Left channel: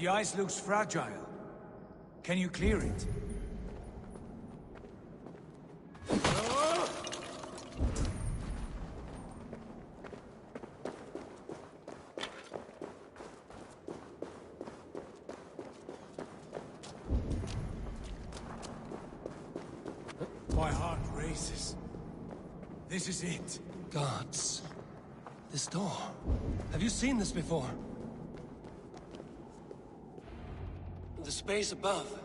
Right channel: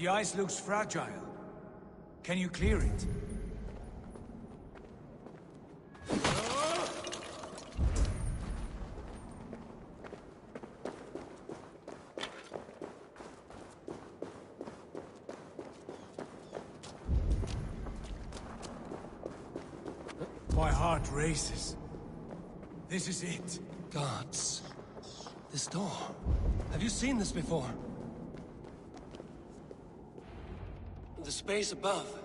The ice looks fragile. Can you clear it? My heart races. This is it. Gods. This door. Have you seen this before? The space above.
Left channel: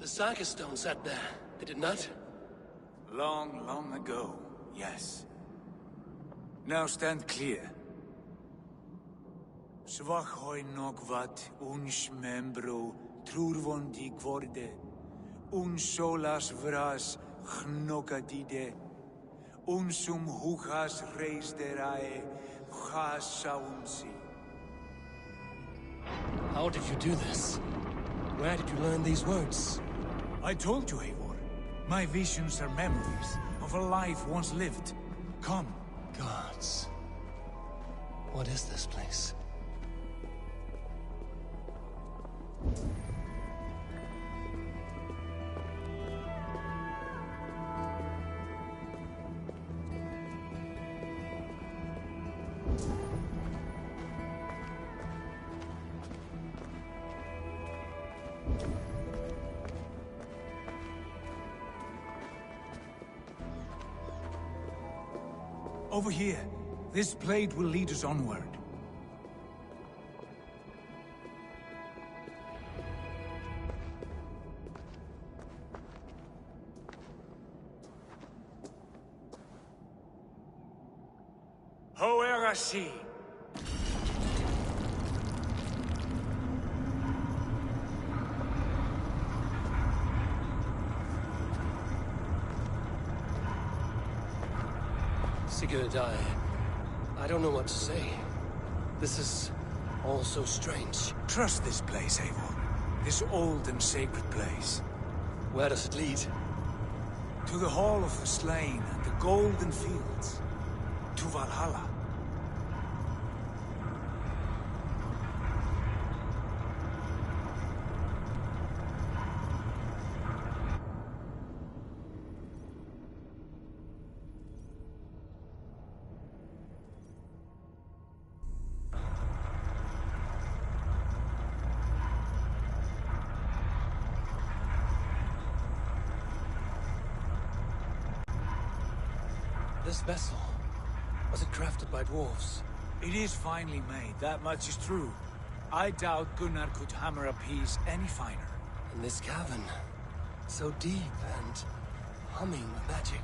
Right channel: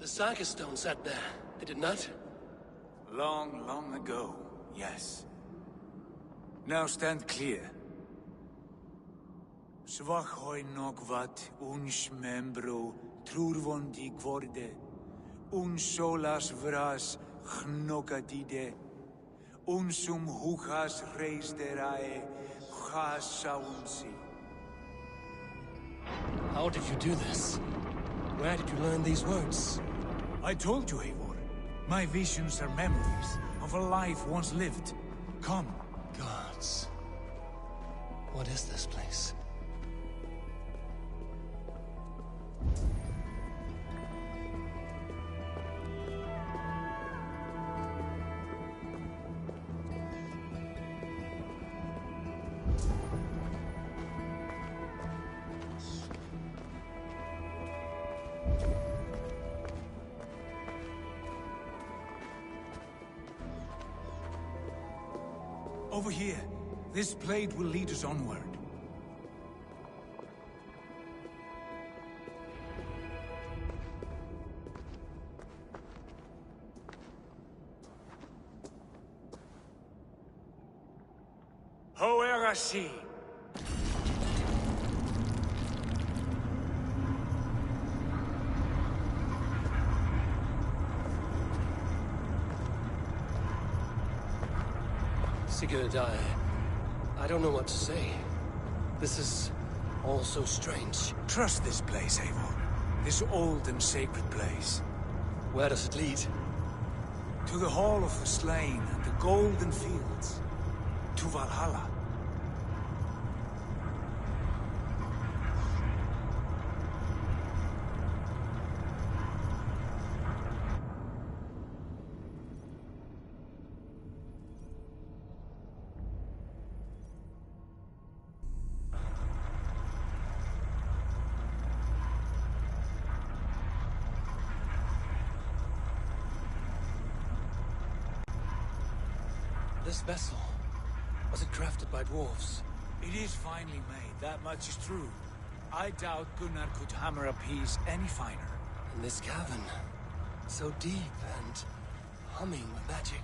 The Saga Stone sat there, did it not? Long, long ago, yes. Now stand clear. Svachoi nokvat uns membro trurvondi gvorde. Un solas vras gnokadide. Unsum huchas reisderae chasaunsi. How did you do this? Where did you learn these words? I told you, Eivor. My visions are memories of a life once lived. Come. Gods. What is this place? Over here. This blade will lead us onward. Hoerasi. Sigurd, I don't know what to say. This is all so strange. Trust this place, Eivor. This old and sacred place. Where does it lead? To the Hall of the Slain and the Golden Fields. To Valhalla. This vessel, was it crafted by dwarves? It is finely made, that much is true. I doubt Gunnar could hammer a piece any finer. In this cavern, so deep and humming with magic.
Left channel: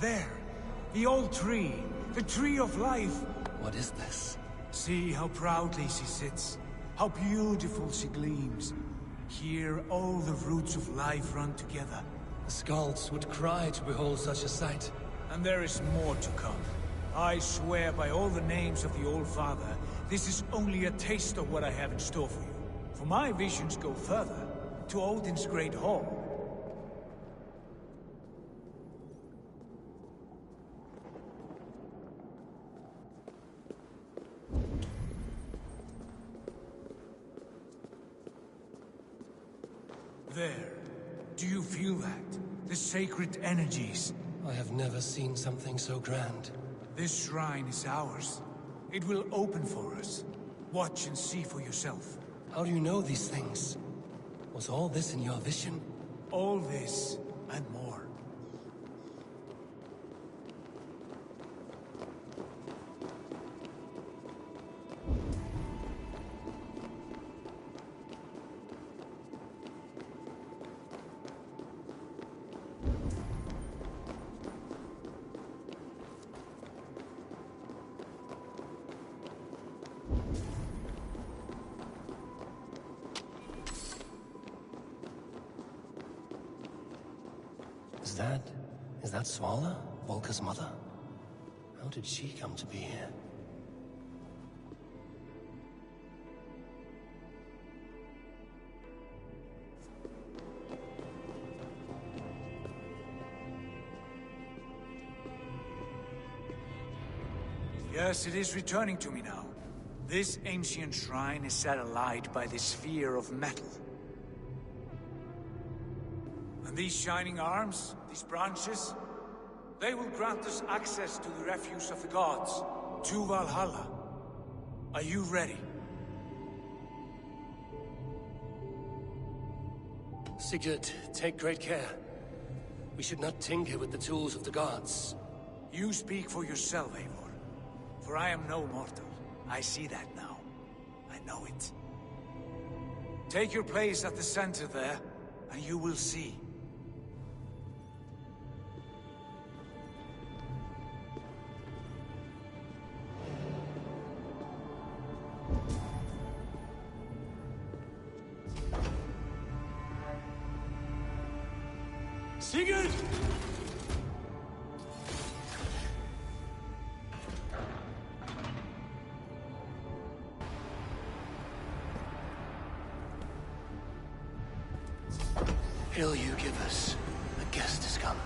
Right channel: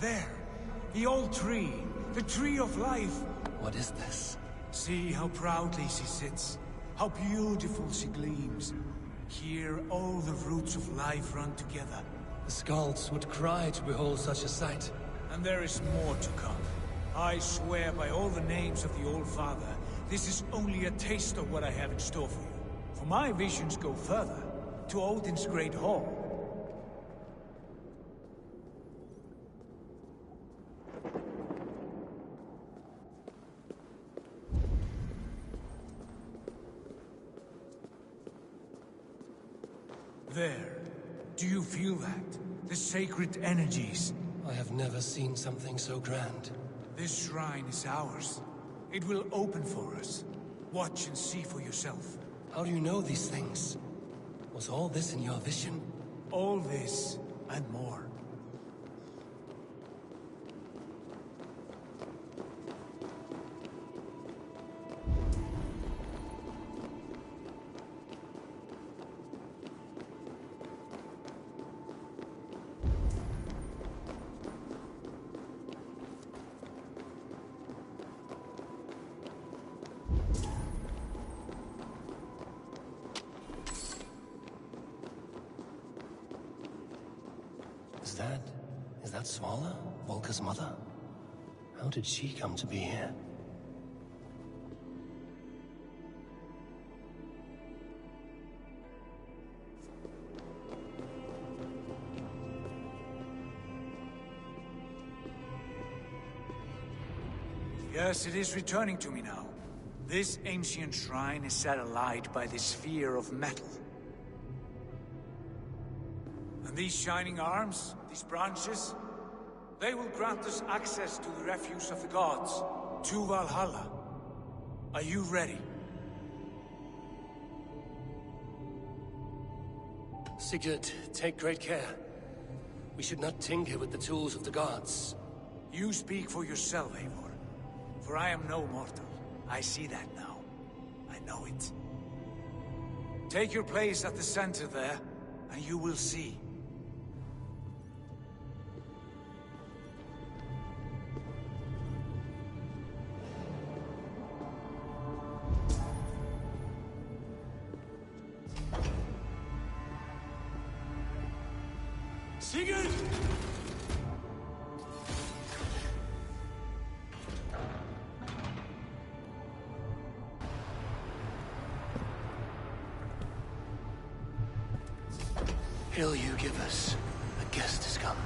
There! The old tree! The tree of life! What is this? See how proudly she sits. How beautiful she gleams. Here all the roots of life run together. The Skalds would cry to behold such a sight. And there is more to come. I swear by all the names of the Old Father, this is only a taste of what I have in store for you. For my visions go further, to Odin's Great Hall. There. Do you feel that? The sacred energies. I have never seen something so grand. This shrine is ours. It will open for us. Watch and see for yourself. How do you know these things? Was all this in your vision? All this and more. Is that Svala, Volka's mother? How did she come to be here? Yes, it is returning to me now. This ancient shrine is set alight by this sphere of metal. And these shining arms, these branches, they will grant us access to the refuse of the gods, to Valhalla. Are you ready? Sigurd, take great care. We should not tinker with the tools of the gods. You speak for yourself, Eivor. For I am no mortal. I see that now. I know it. Take your place at the center there, and you will see. Sigurd! Hail you give us. The guest has come.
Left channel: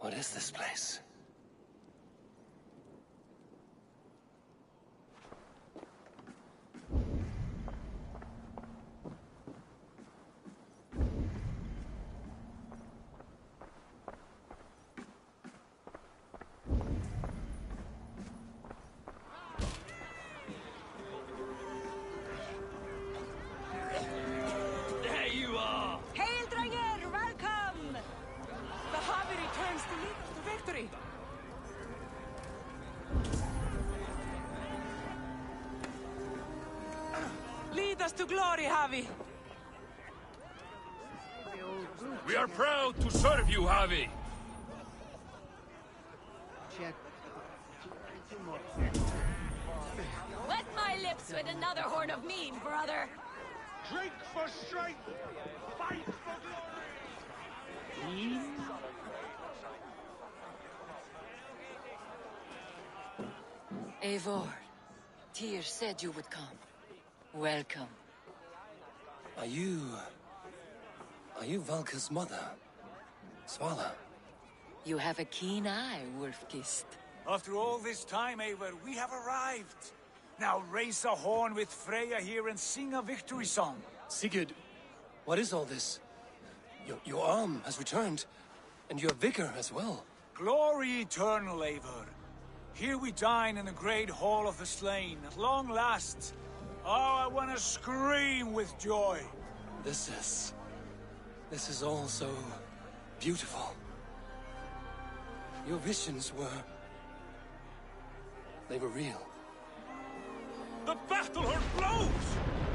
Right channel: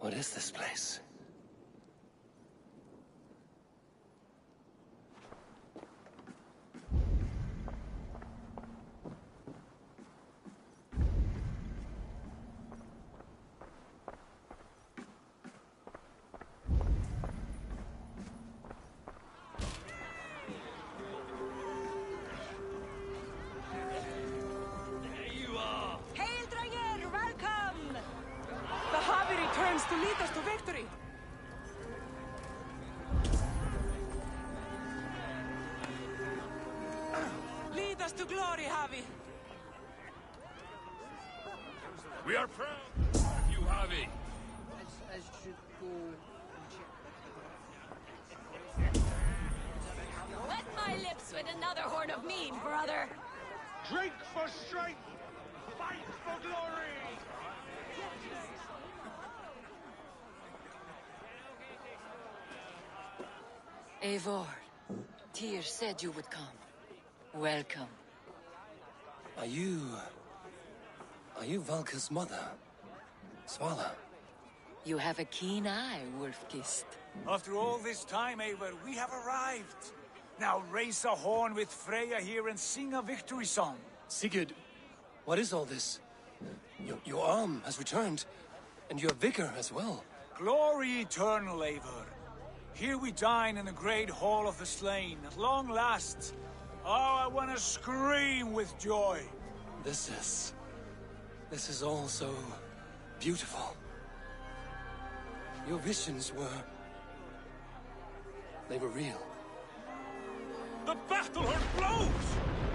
What is this place? To lead us to victory. Lead us to glory, Havi. We are proud to serve you, Havi. Wet my lips with another horn of mead, brother. Drink for strength, fight for glory. Eivor, Tyr said you would come. Welcome. Are you Valka's mother? Svala? You have a keen eye, Wolf-Kissed. After all this time, Eivor, we have arrived. Now raise a horn with Freya here and sing a victory song. Sigurd, what is all this? Your arm has returned, and your vigor as well. Glory eternal, Eivor. Here we dine in the great hall of the slain, at long last. Oh, I want to scream with joy. This is all so beautiful. Your visions they were real. The battle horn blows!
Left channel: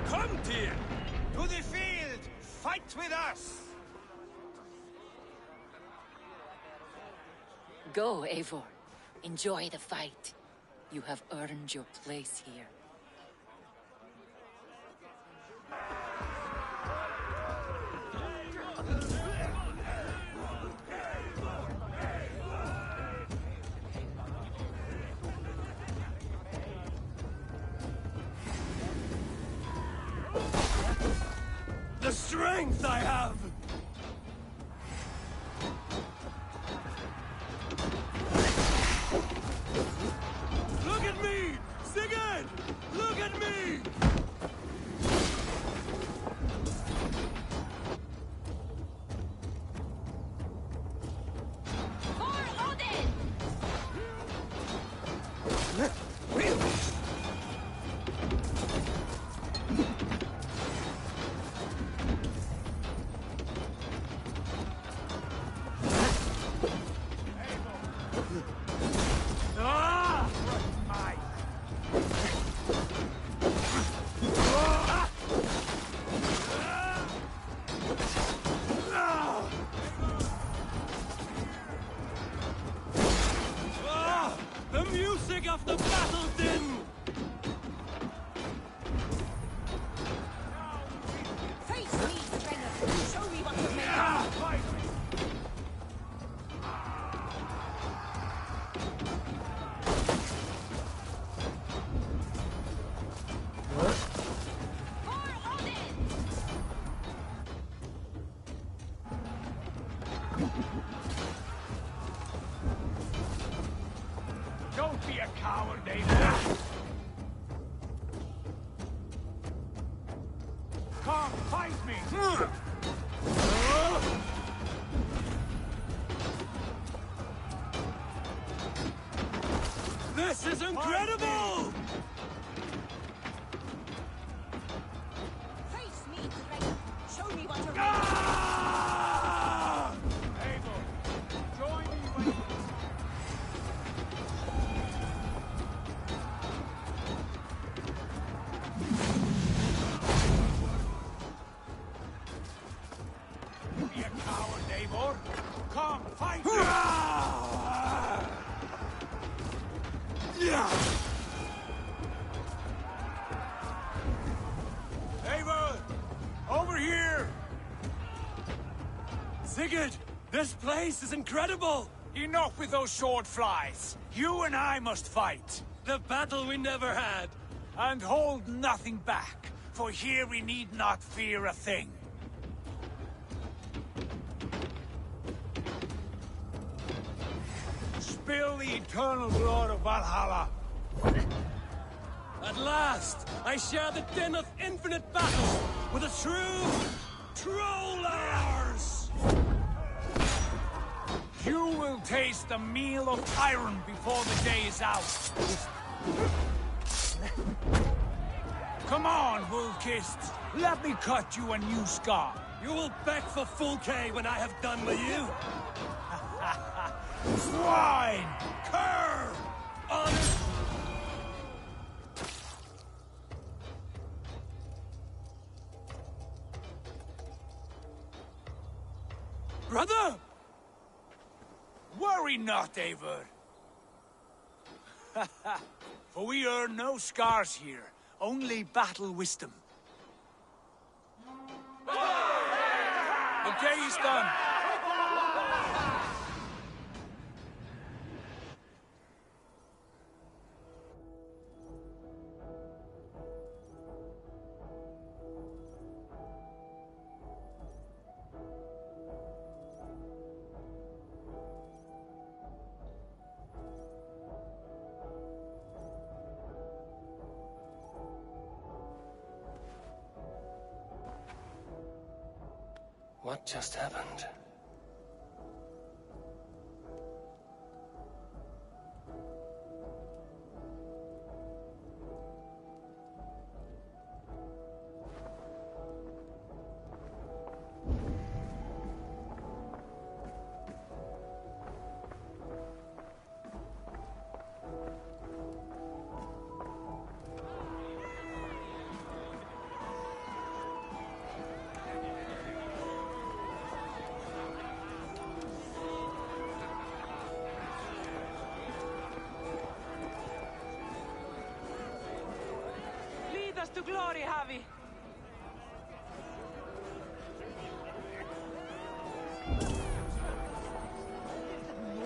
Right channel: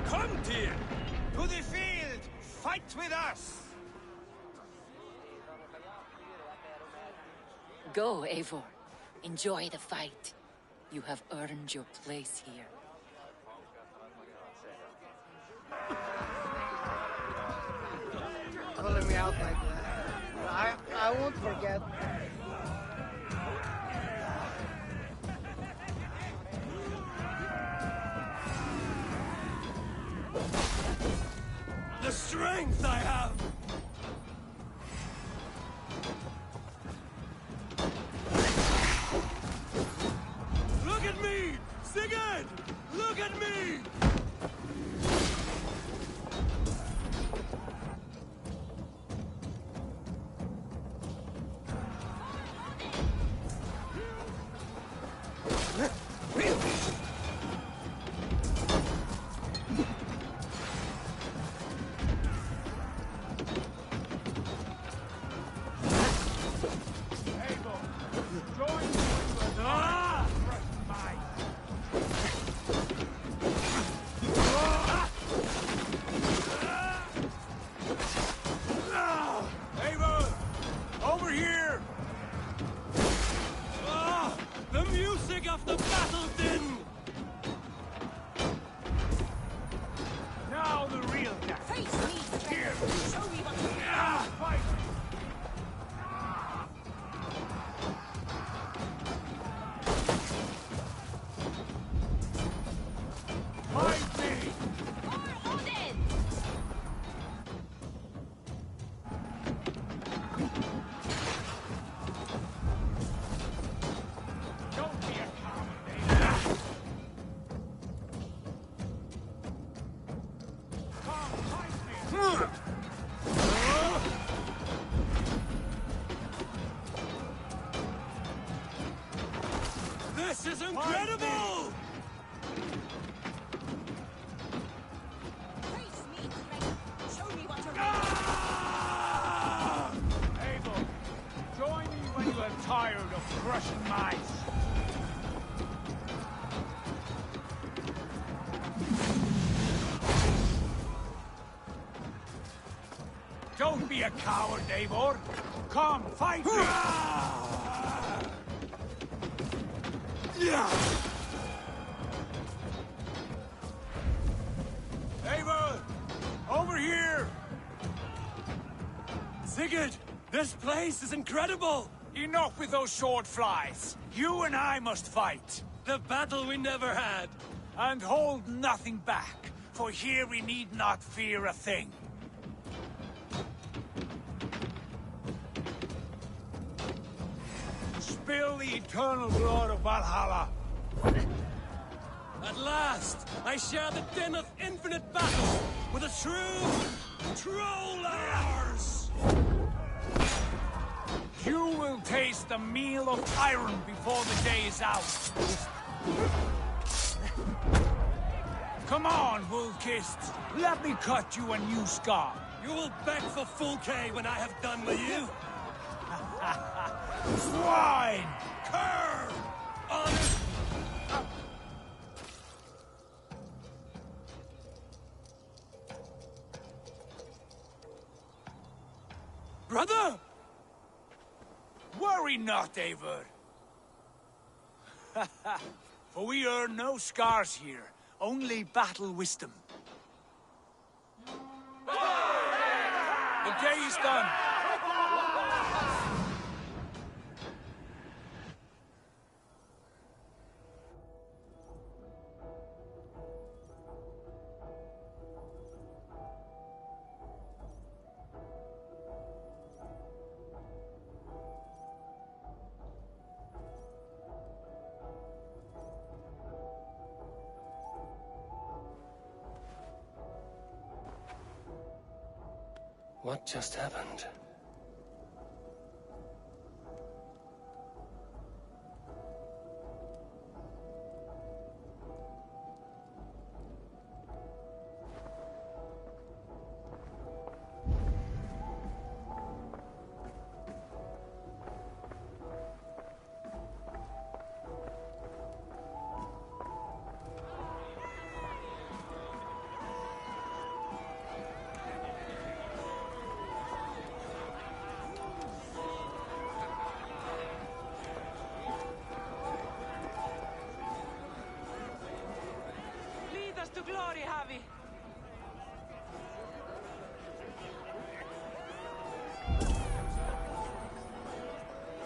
Come, Tyr! To the field! Fight with us! Go, Eivor. Enjoy the fight. You have earned your place here. I won't forget. The strength I have! Look at me! Sigurd! Look at me! Of the battle din! Now the real guy. Face me, strength. Show me what you're made of. Fight me. For Odin! Don't be a coward, David. Come, fight me. This is incredible! Face me, strength. Show me what you're made of. Abel, join me when you are tired of crushing mice. Don't be a coward, Eivor. Come, fight me! Eivor, over here! Sigurd, this place is incredible! Enough with those sword flies. You and I must fight. The battle we never had. And hold nothing back, for here we need not fear a thing. Spill the eternal blood of Valhalla. At last, I share the din of infinite battle with a true trollers! You will taste the meal of iron before the day is out. Come on, Wolf-Kissed. Let me cut you a new scar. You will beg for full K when I have done with you. Swine! Cur! Honest! Brother! Worry not, Eivor. For we earn no scars here, only battle wisdom. The day is done. What just happened? Lead us to glory, Javi.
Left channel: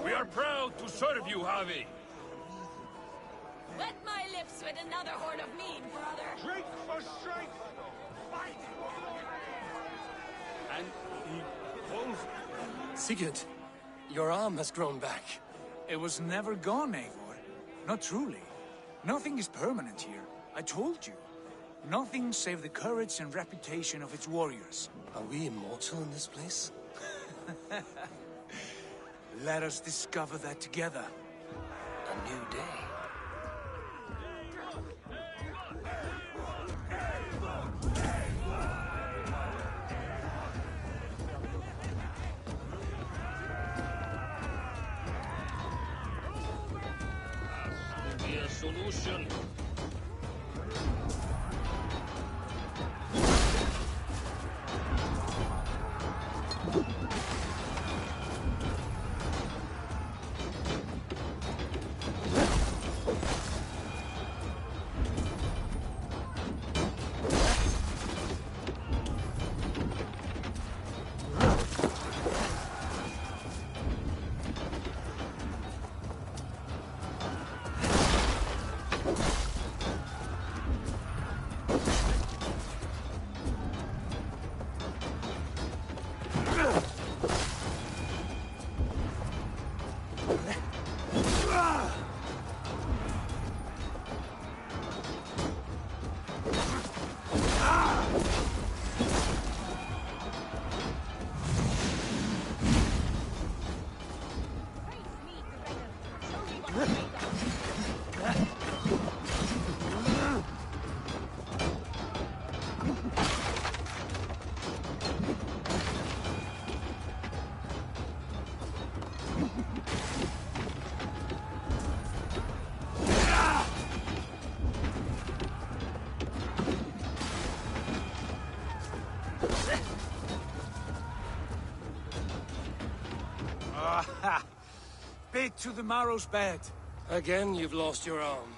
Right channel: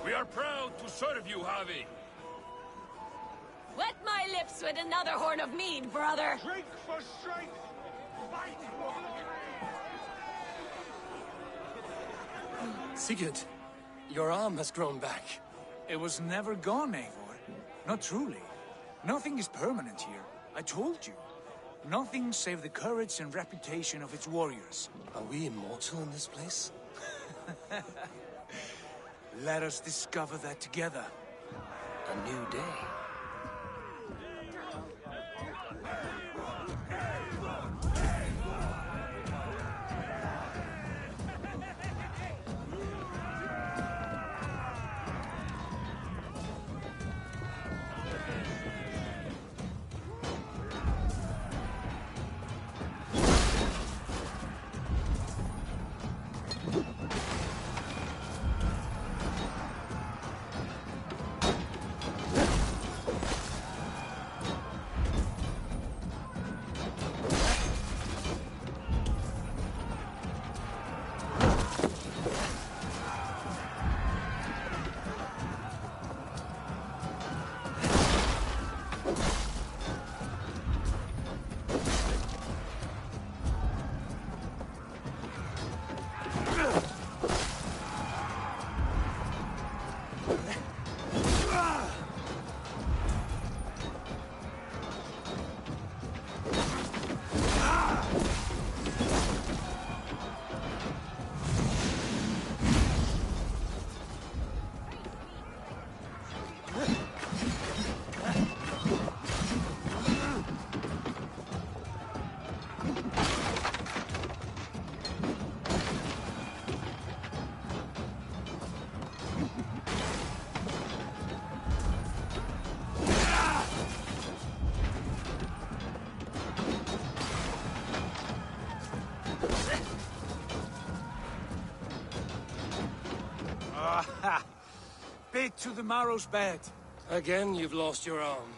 We are proud to serve you, Javi. Wet my lips with another horn of mead, brother. Drink for strength! Fight for glory! Sigurd, your arm has grown back. It was never gone, Eivor. Not truly. Nothing is permanent here. I told you. Nothing save the courage and reputation of its warriors. Are we immortal in this place? Let us discover that together. A new day. Bit to the marrow's bed. Again, you've lost your arm.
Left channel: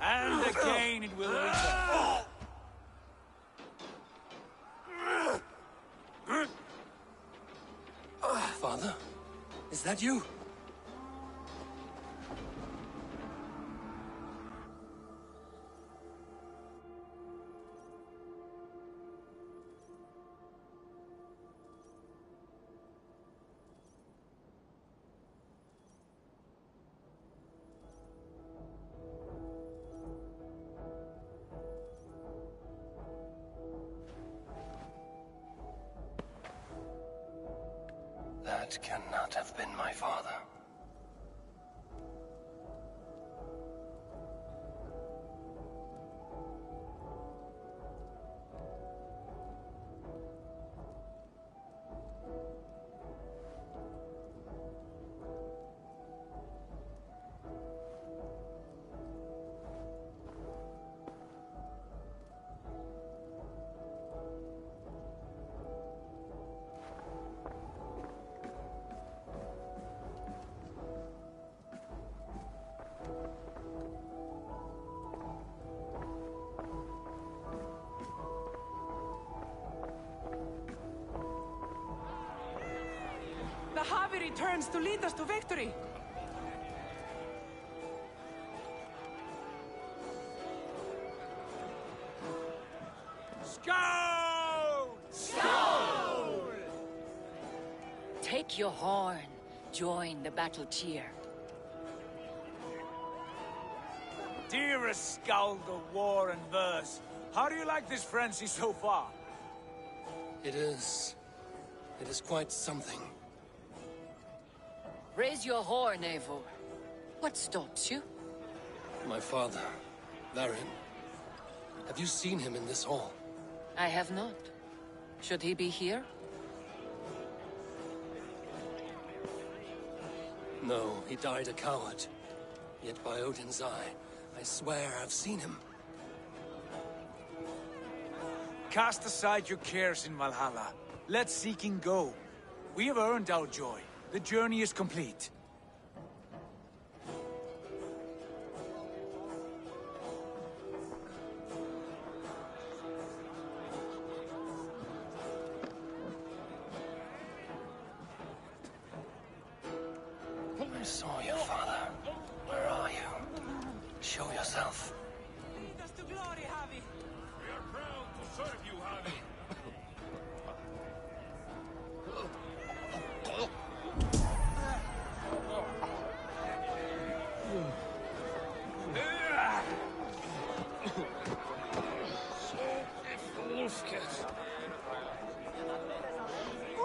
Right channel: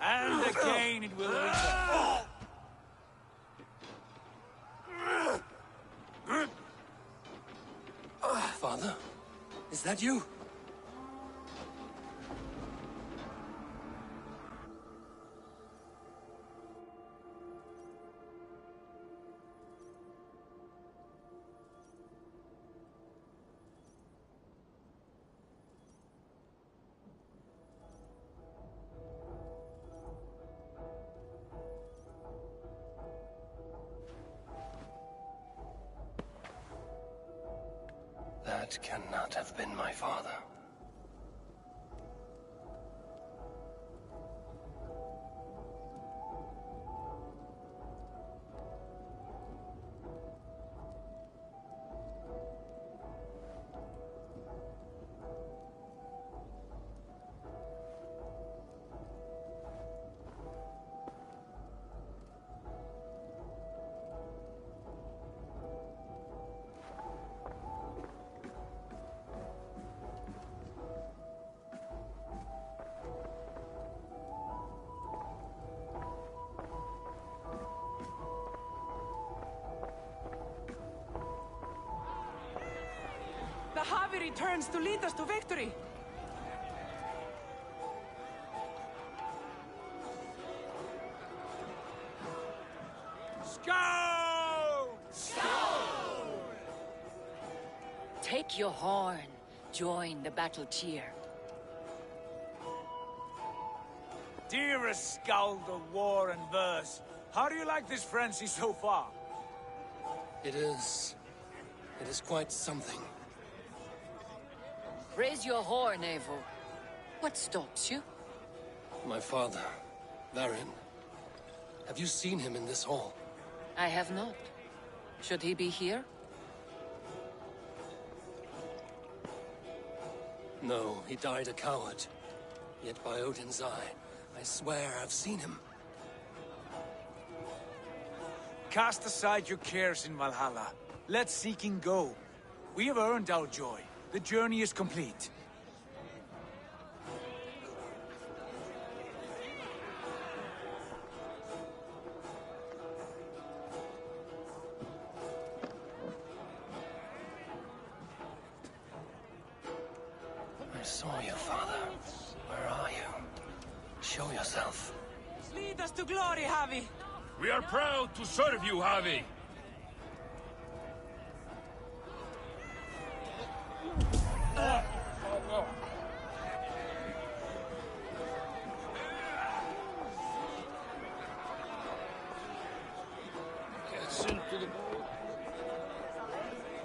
And again it will return. Father? Is that you? That cannot have been my father. The Javi returns to lead us to victory. Skoll! Skoll! Take your horn. Join the battle cheer. Dearest Skald of war and verse, how do you like this frenzy so far? It is quite something. Raise your horn, Eivor. What stops you? My father, Varin. Have you seen him in this hall? I have not. Should he be here? No, he died a coward. Yet by Odin's eye, I swear I've seen him. Cast aside your cares in Valhalla. Let seeking go. We have earned our joy. The journey is complete. I saw you, Father. Where are you? Show yourself. Lead us to glory, Javi. We are proud to serve you, Javi.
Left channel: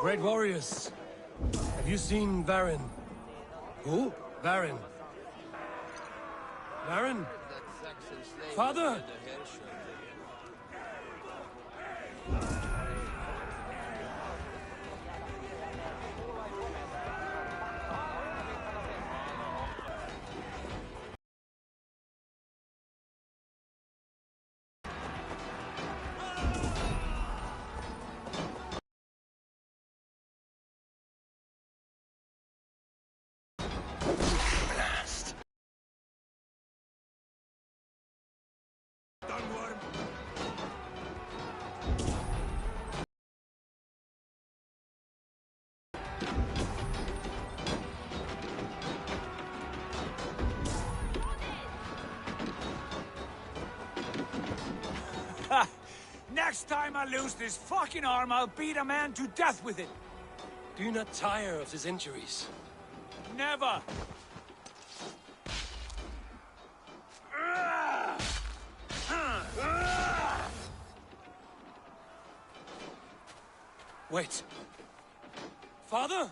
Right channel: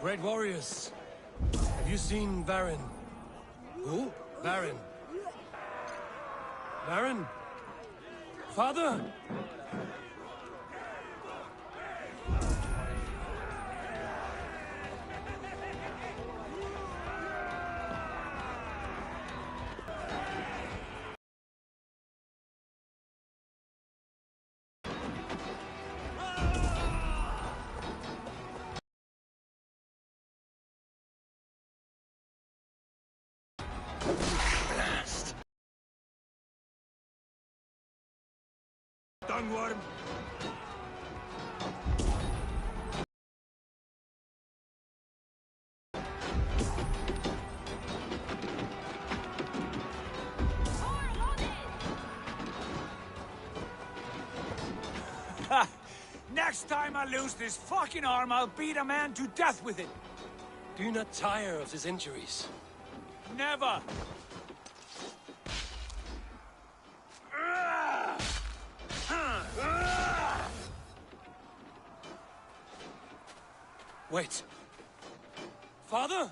Great warriors. Have you seen Varin? Who? Varin. Varin? Father? Blast. Dunworm! Next time I lose this fucking arm, I'll beat a man to death with it. Do you not tire of his injuries? Never! Wait. Father?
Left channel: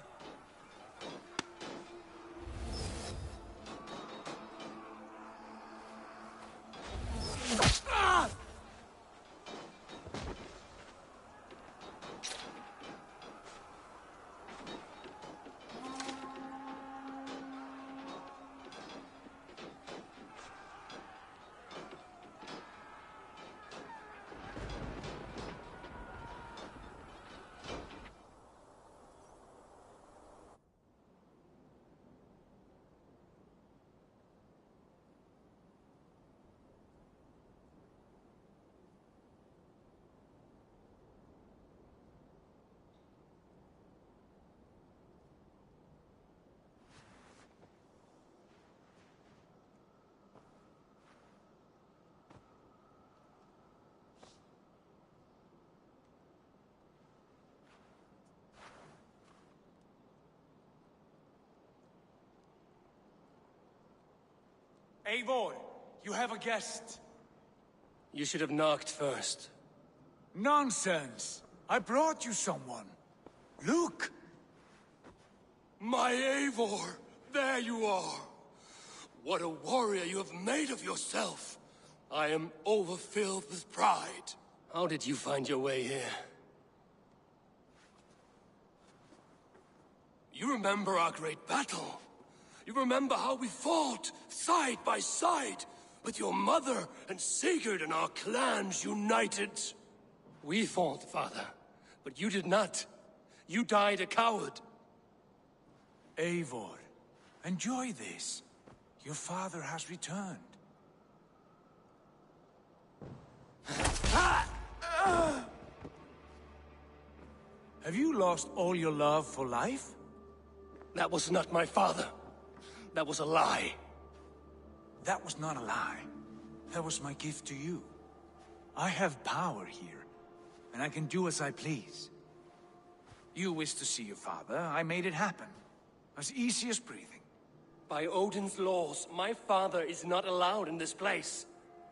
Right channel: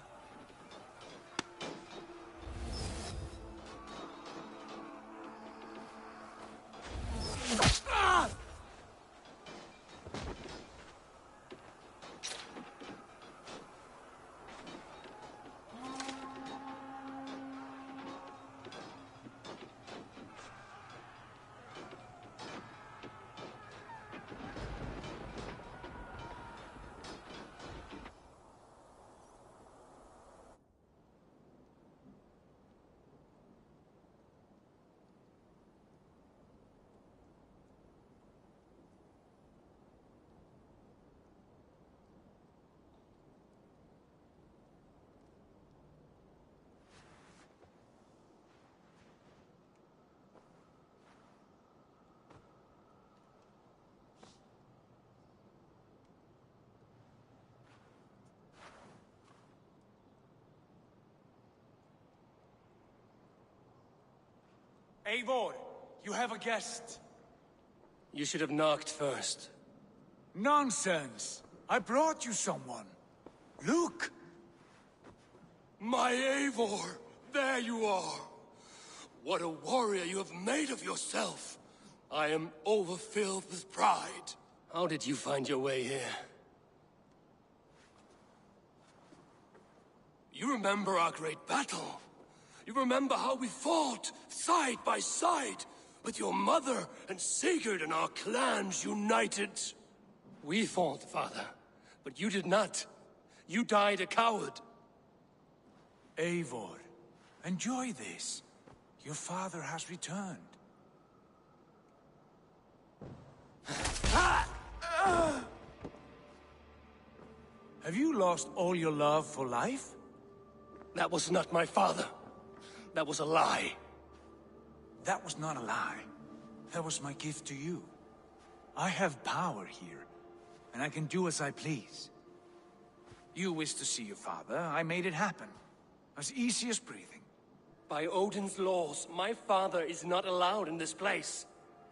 Eivor, you have a guest. You should have knocked first. Nonsense! I brought you someone. Look! My Eivor! There you are! What a warrior you have made of yourself! I am overfilled with pride. How did you find your way here? You remember our great battle? You remember how we fought, side by side, with your mother and Sigurd and our clans united? We fought, father, but you did not. You died a coward. Eivor, enjoy this. Your father has returned. Have you lost all your love for life? That was not my father. That was a lie. That was not a lie. That was my gift to you. I have power here, and I can do as I please. You wish to see your father, I made it happen. As easy as breathing. By Odin's laws, my father is not allowed in this place.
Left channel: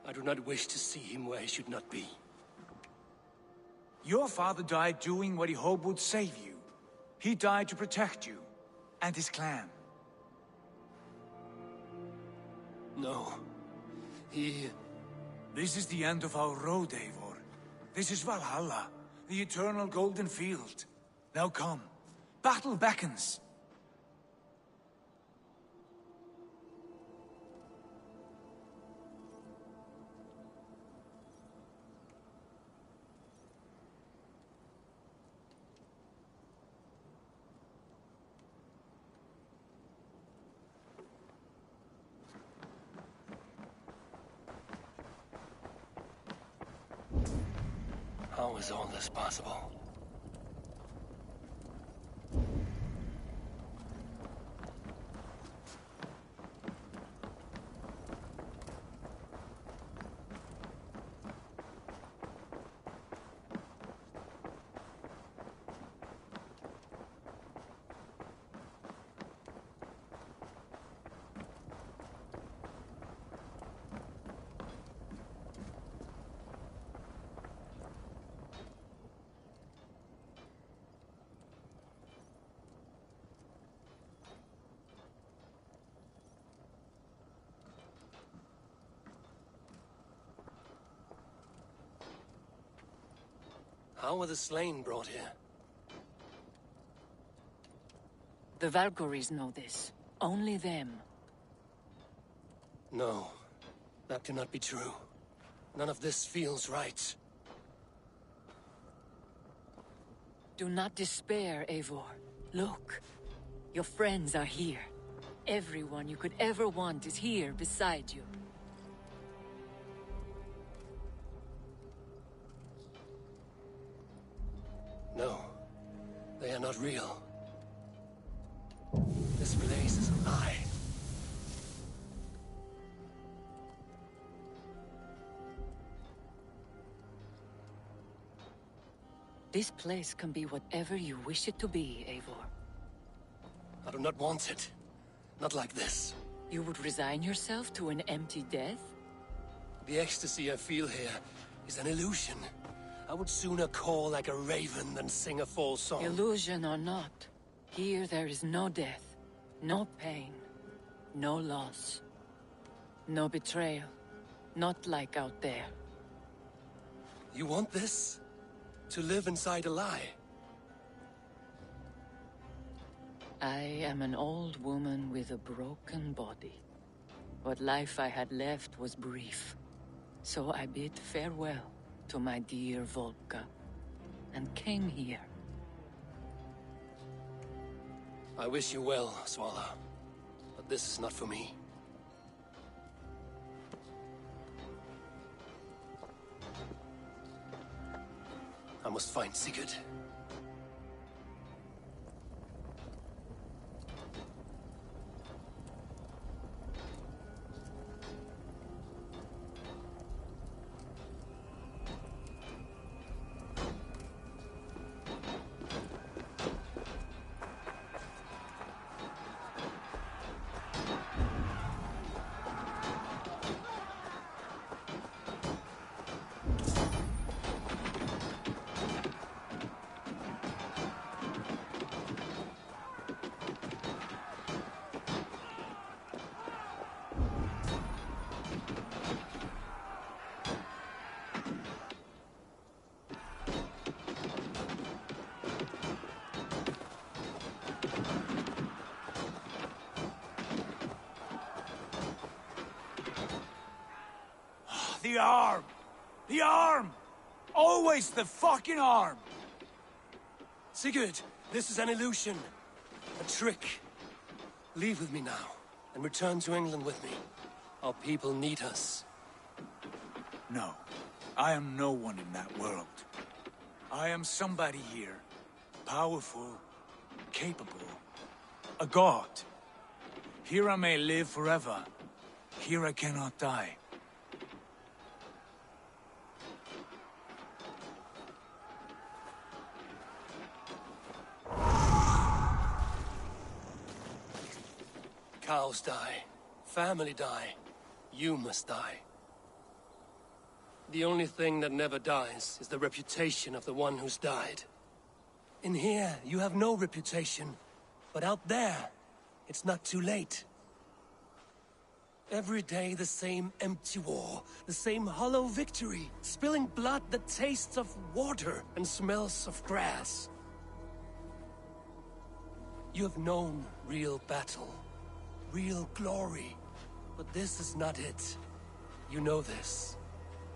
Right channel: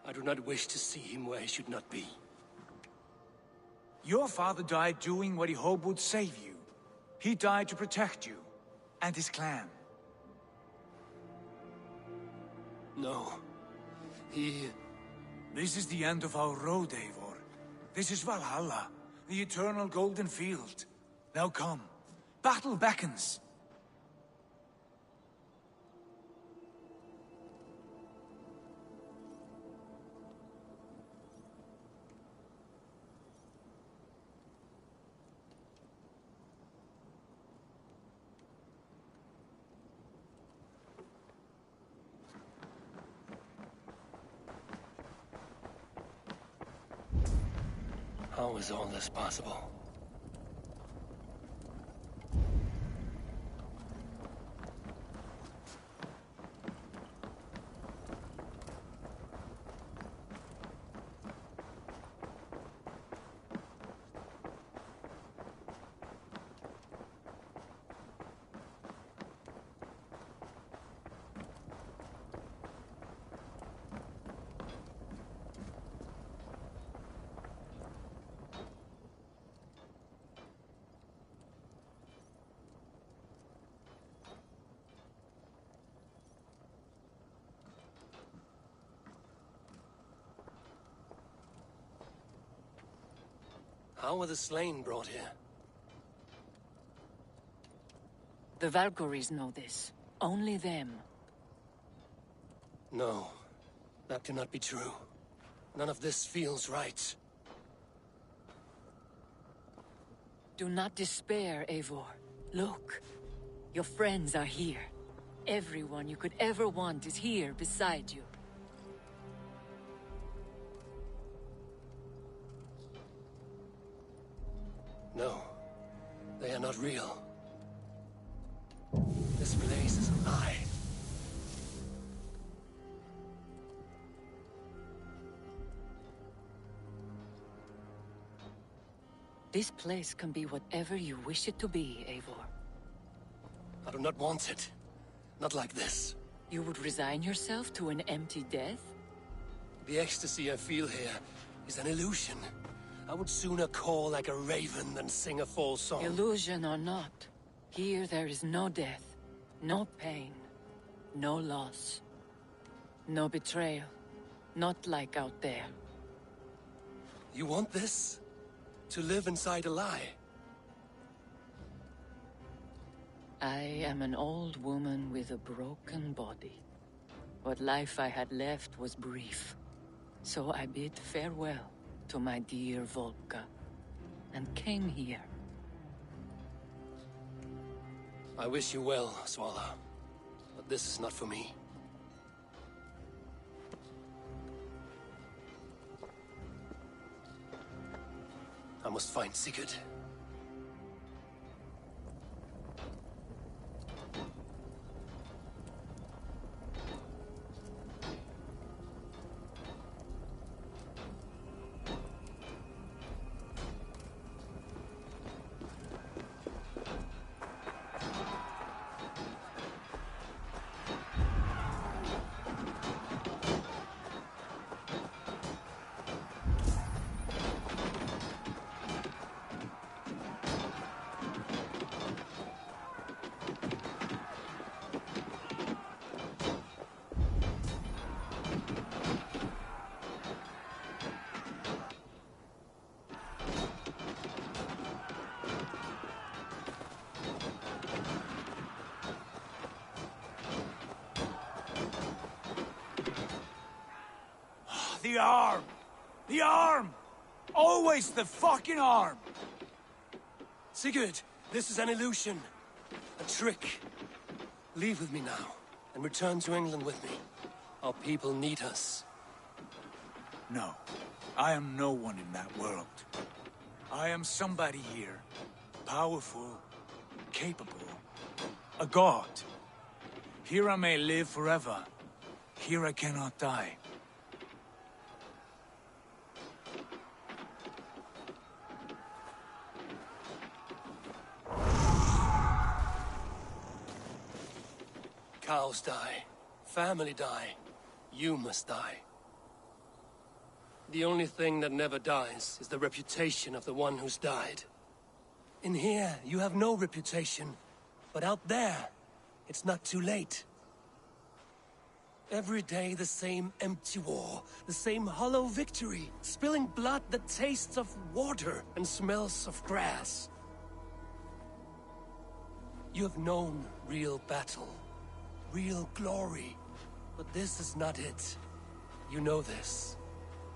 I do not wish to see him where he should not be. Your father died doing what he hoped would save you. He died to protect you, and his clan. No. He... This is the end of our road, Eivor. This is Valhalla, the eternal golden field. Now come. Battle beckons. How is all this possible? How were the slain brought here? The Valkyries know this. Only them. No, that cannot be true. None of this feels right. Do not despair, Eivor. Look. Your friends are here. Everyone you could ever want is here beside you. No, they are not real. This place is a lie. This place can be whatever you wish it to be, Eivor. I do not want it. Not like this. You would resign yourself to an empty death? The ecstasy I feel here is an illusion. I would sooner call like a raven than sing a false song. Illusion or not, here there is no death, no pain, no loss, no betrayal, not like out there. You want this? To live inside a lie? I am an old woman with a broken body. What life I had left was brief, so I bid farewell to my dear Volka, and came here. I wish you well, Swala, but this is not for me. I must find Sigurd. The arm! The arm! Always the fucking arm! Sigurd, this is an illusion. A trick. Leave with me now, and return to England with me. Our people need us. No. I am no one in that world. I am somebody here. Powerful. Capable. A god. Here I may live forever. Here I cannot die. Cows die. Family die. You must die. The only thing that never dies is the reputation of the one who's died. In here, you have no reputation. But out there, it's not too late. Every day the same empty war, the same hollow victory, spilling blood that tastes of water and smells of grass. You have known real battle. Real glory. But this is not it. You know this.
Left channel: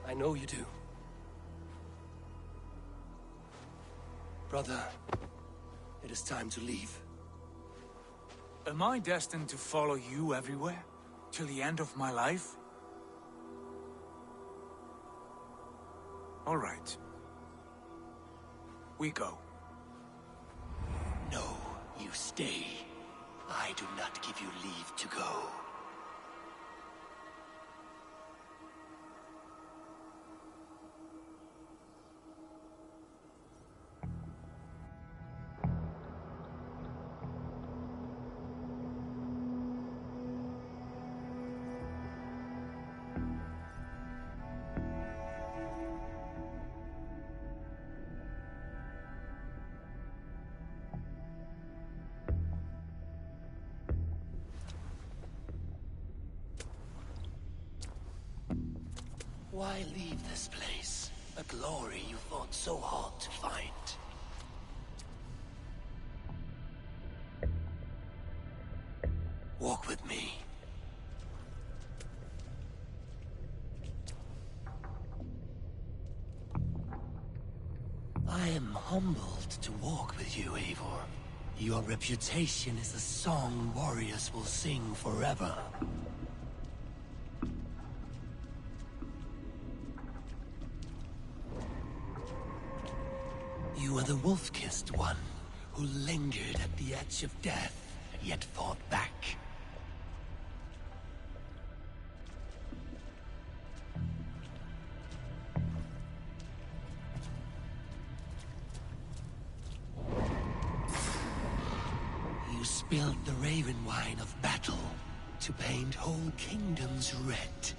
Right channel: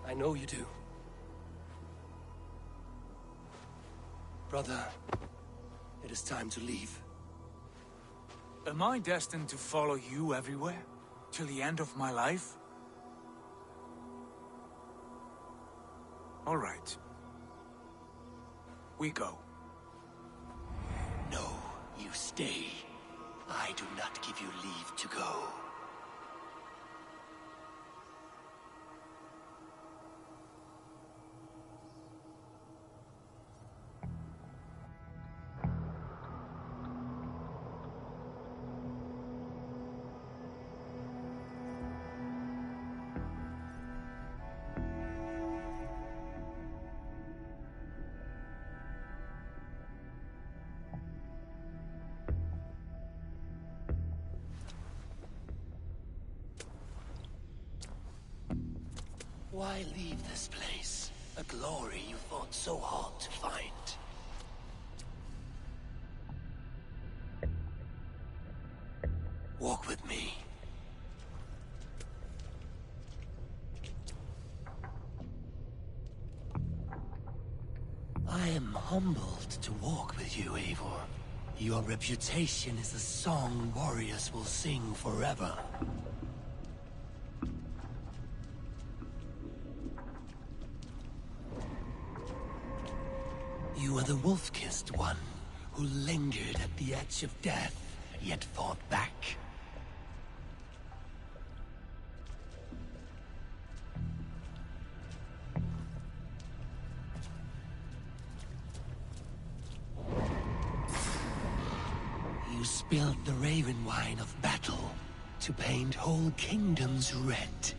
I know you do. Brother, it is time to leave. Am I destined to follow you everywhere? Till the end of my life? All right. We go. No, you stay. I do not give you leave to go. Why leave this place? A glory you fought so hard to find. Walk with me. I am humbled to walk with you, Eivor. Your reputation is a song warriors will sing forever. You are the wolf-kissed one, who lingered at the edge of death, yet fought back. You spilled the raven wine of battle to paint whole kingdoms red.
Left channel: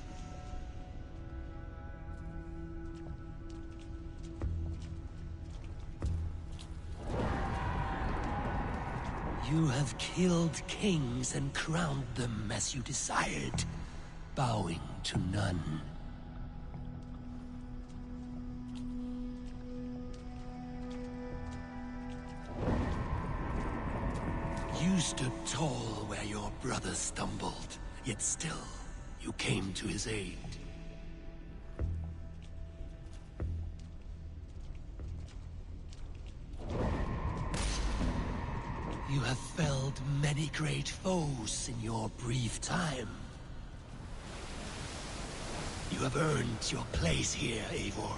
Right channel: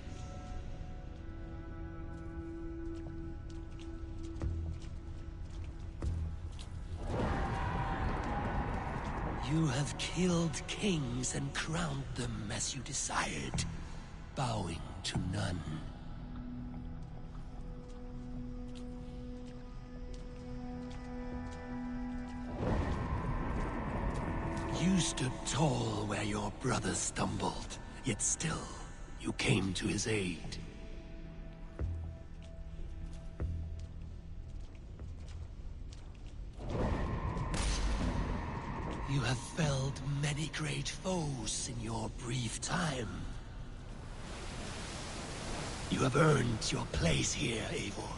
You have killed kings and crowned them as you desired, bowing to none. You stood tall where your brother stumbled, yet still, you came to his aid. You have felled many great foes in your brief time. You have earned your place here, Eivor.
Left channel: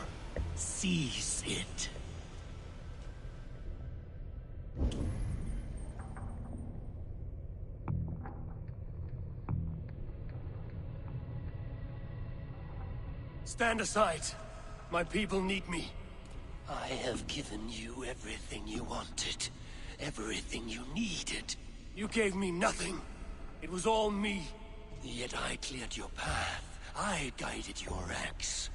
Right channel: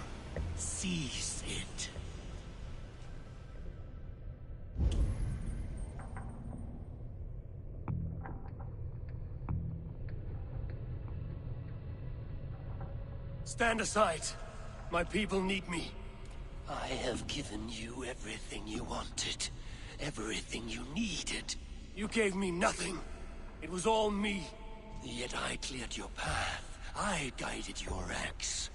Seize it. Stand aside. My people need me. I have given you everything you wanted. Everything you needed. You gave me nothing. It was all me. Yet I cleared your path. I guided your axe.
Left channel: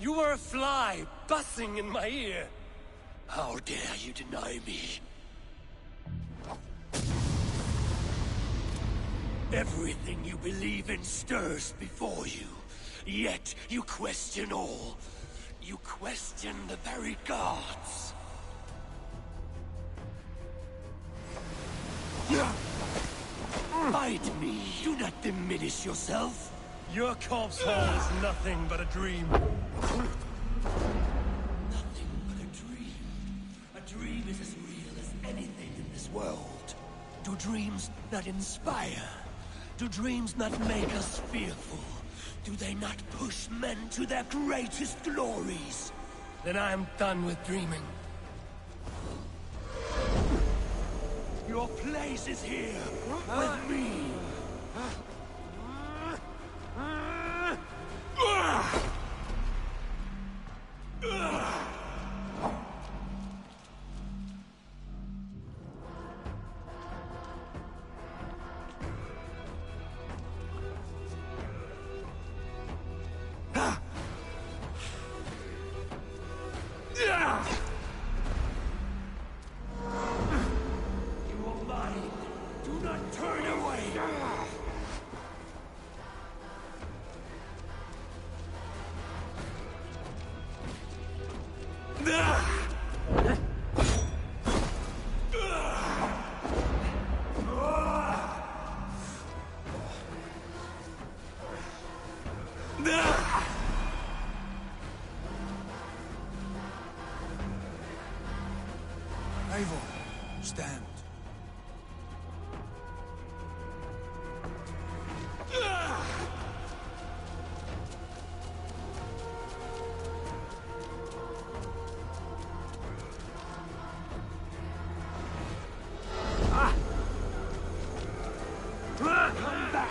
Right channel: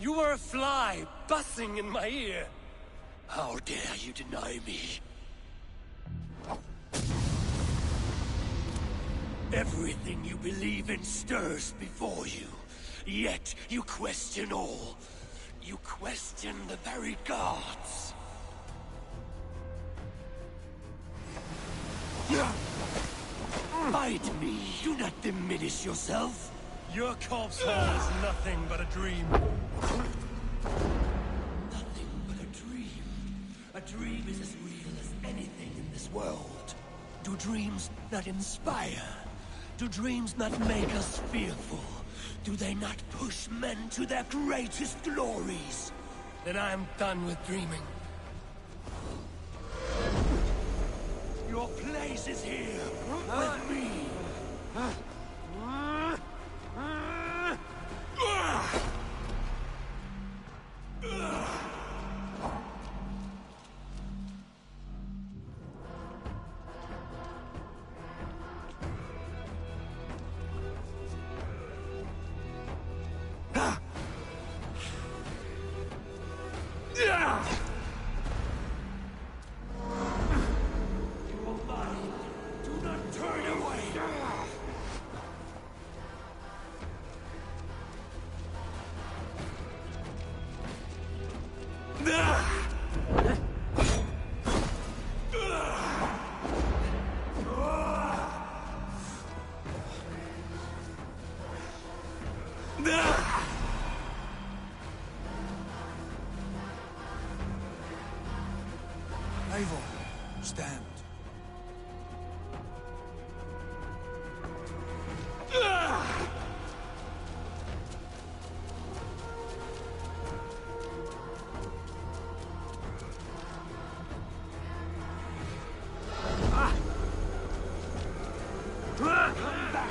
You were a fly, buzzing in my ear. How dare you deny me? Everything you believe in stirs before you. Yet you question all. You question the very gods. Fight me. Do not diminish yourself. Your corpse hole is nothing but a dream. Nothing but a dream. A dream is as real as anything in this world. Do dreams not inspire? Do dreams not make us fearful? Do they not push men to their greatest glories? Then I am done with dreaming. Your place is here, with me. Eivor, stand. Come back!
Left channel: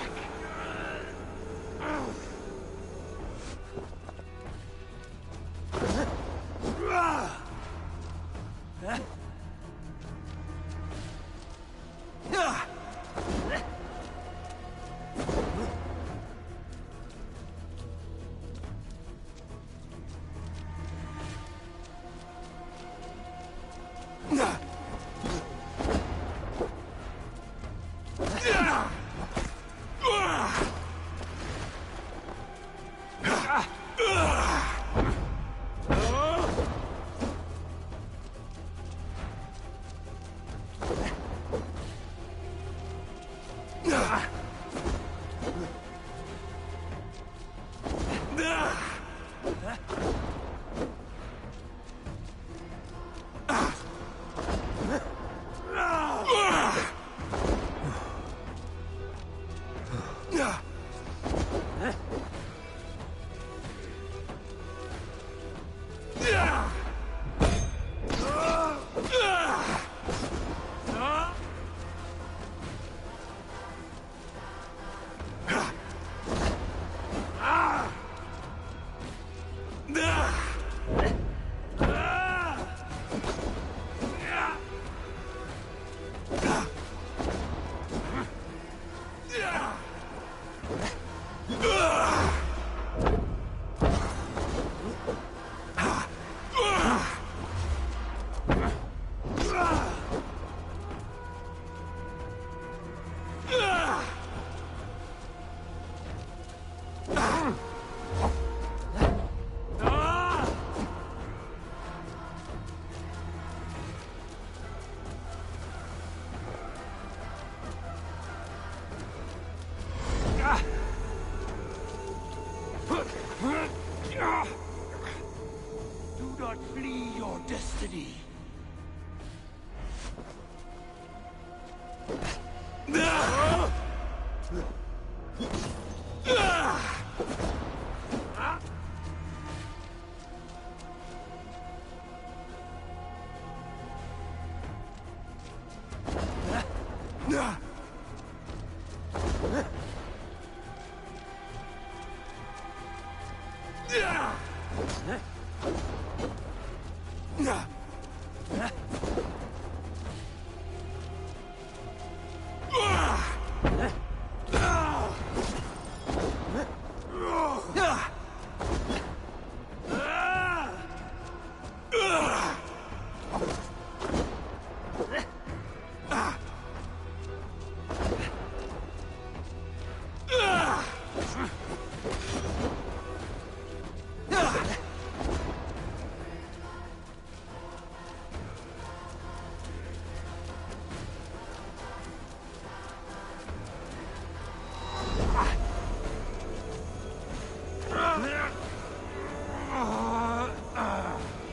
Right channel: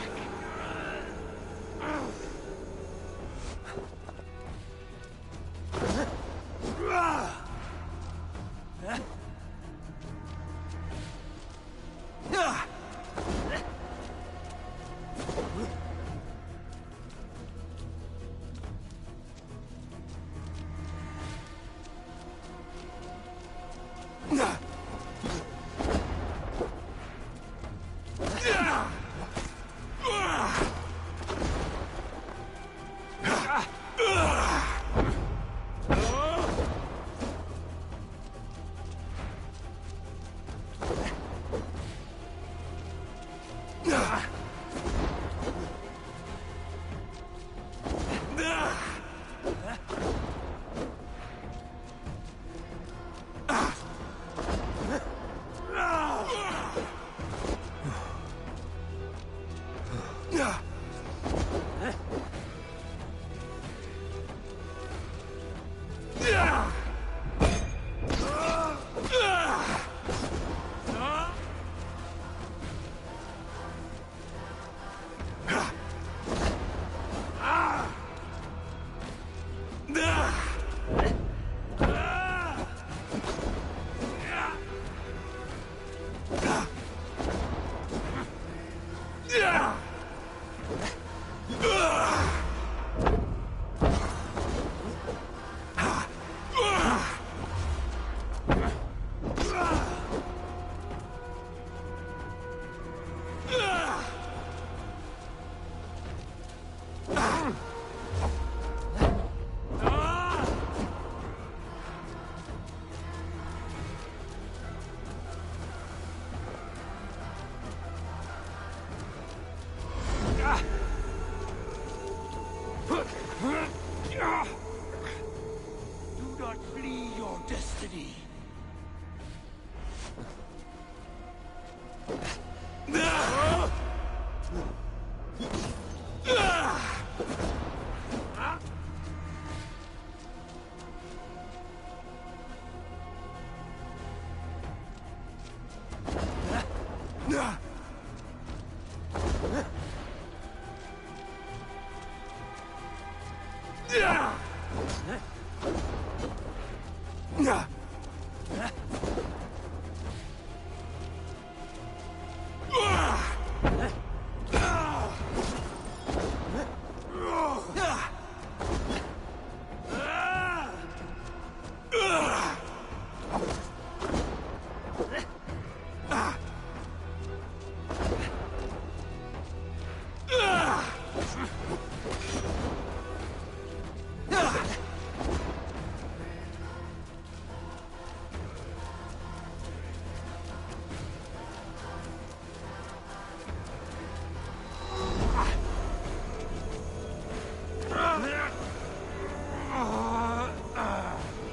Do not flee your destiny.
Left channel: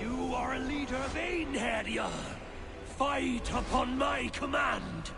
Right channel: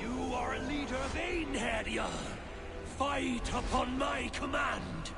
You are a leader of Einherjar. Fight upon my command.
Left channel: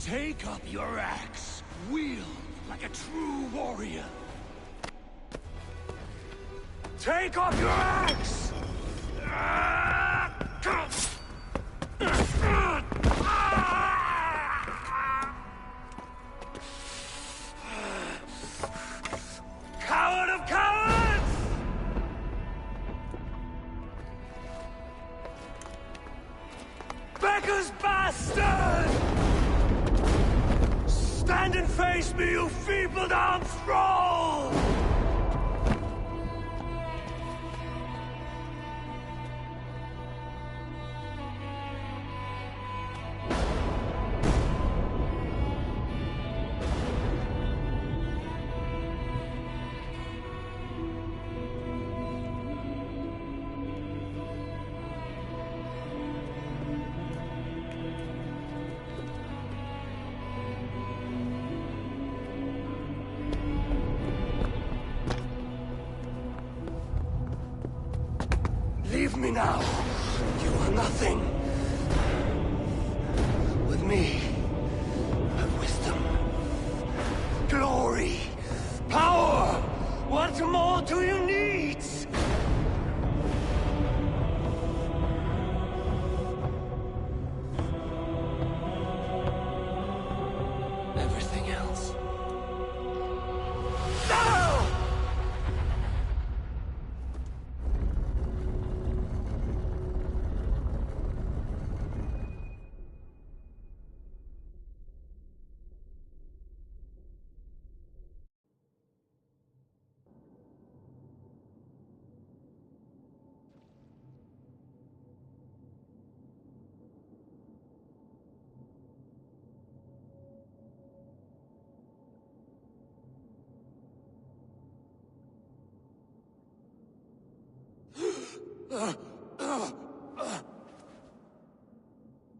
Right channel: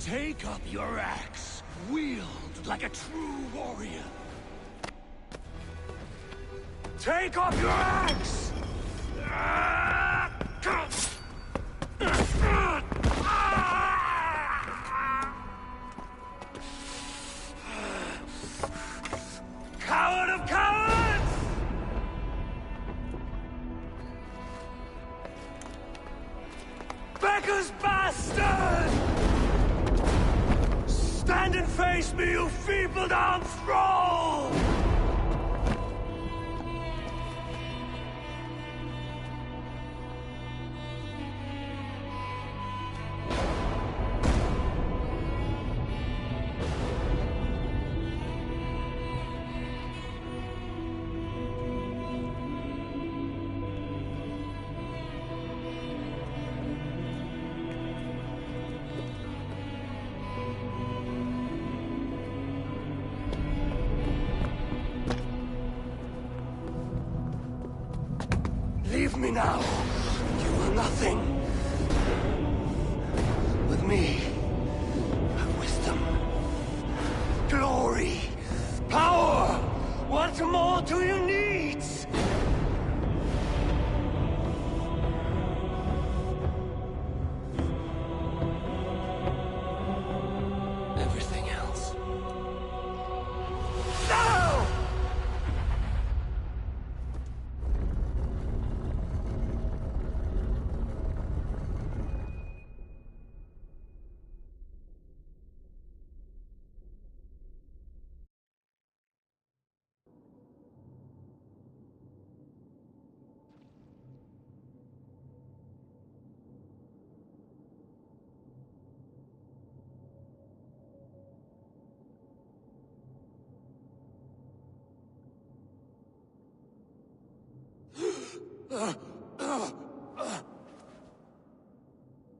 Take up your axe, wield like a true warrior. Take up your axe! Coward of cowards! beggar's bastard! Stand and face me, you feeble-down thrall! Leave me now. You are nothing. With me, have wisdom, glory, power. What more do you need? Everything else. No!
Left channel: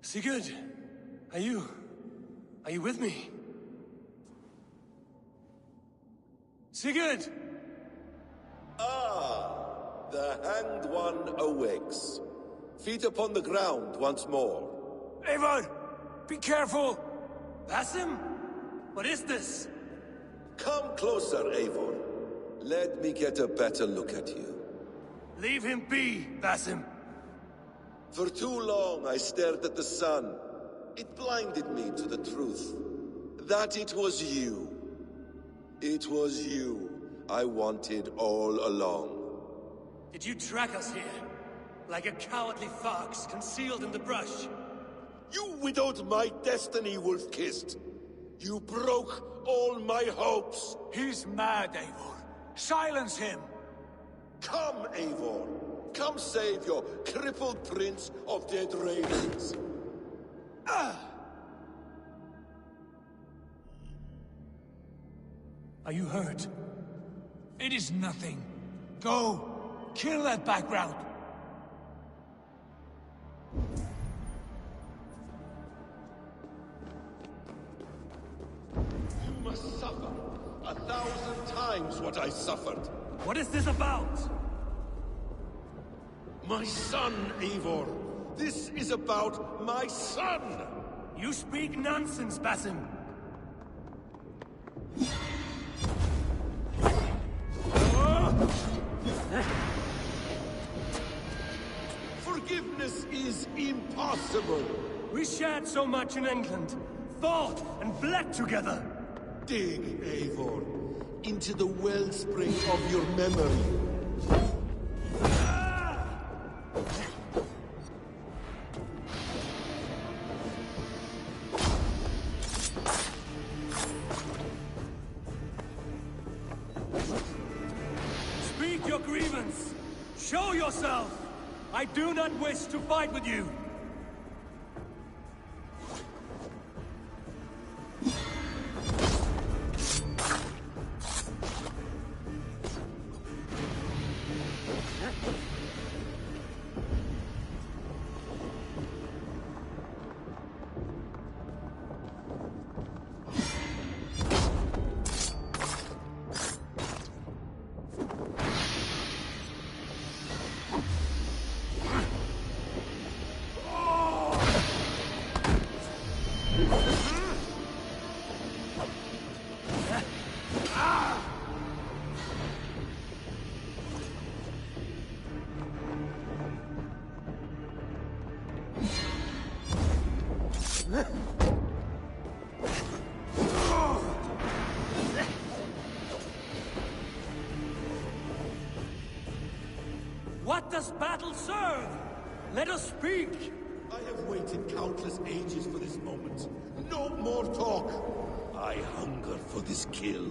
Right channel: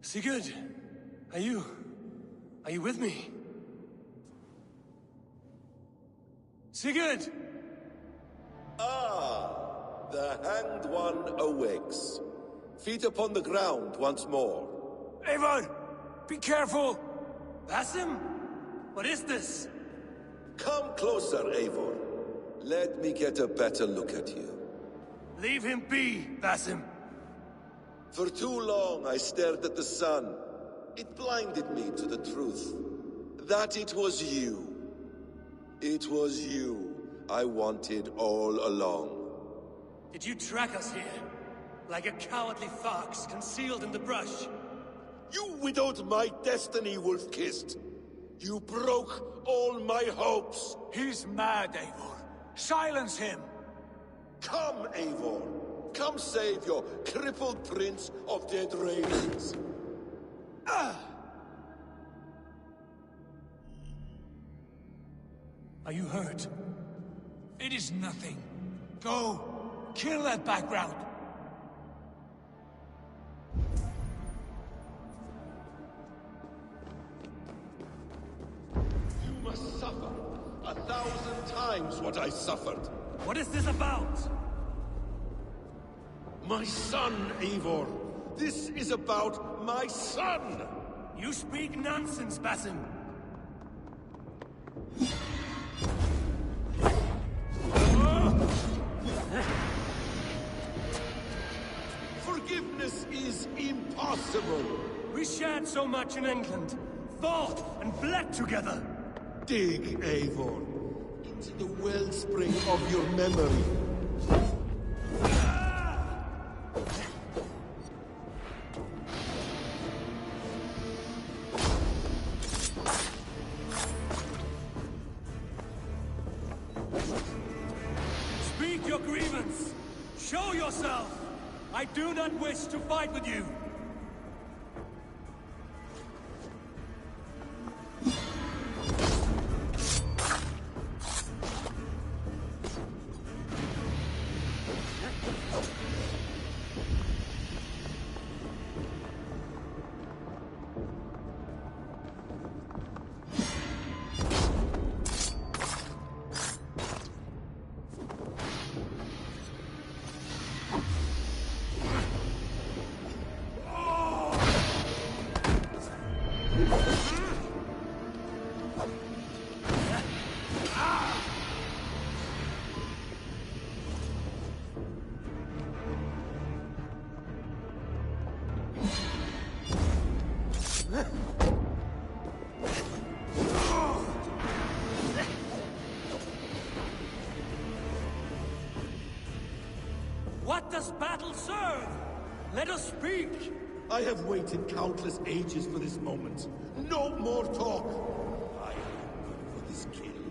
Sigurd, are you with me? Sigurd! Ah, the Hanged One awakes. Feet upon the ground once more. Eivor! Be careful! Basim? What is this? Come closer, Eivor. Let me get a better look at you. Leave him be, Basim. For too long I stared at the sun. It blinded me to the truth. That it was you. It was you I wanted all along. Did you track us here? Like a cowardly fox concealed in the brush? You widowed my destiny, wolf-kissed. You broke all my hopes. He's mad, Eivor. Silence him! Come, Eivor. Come save your crippled prince of dead ravens. Are you hurt? It is nothing. Go! Kill that background! You must suffer 1,000 times what I suffered. What is this about? My son, Eivor. This is about my son! You speak nonsense, Basim. Forgiveness is impossible. We shared so much in England, fought and bled together. Dig, Eivor, into the wellspring of your memory. Speak your grievance. Show yourself. I do not wish to fight with you. What does battle serve? Let us speak. I have waited countless ages for this moment. No more talk. I hunger for this kill.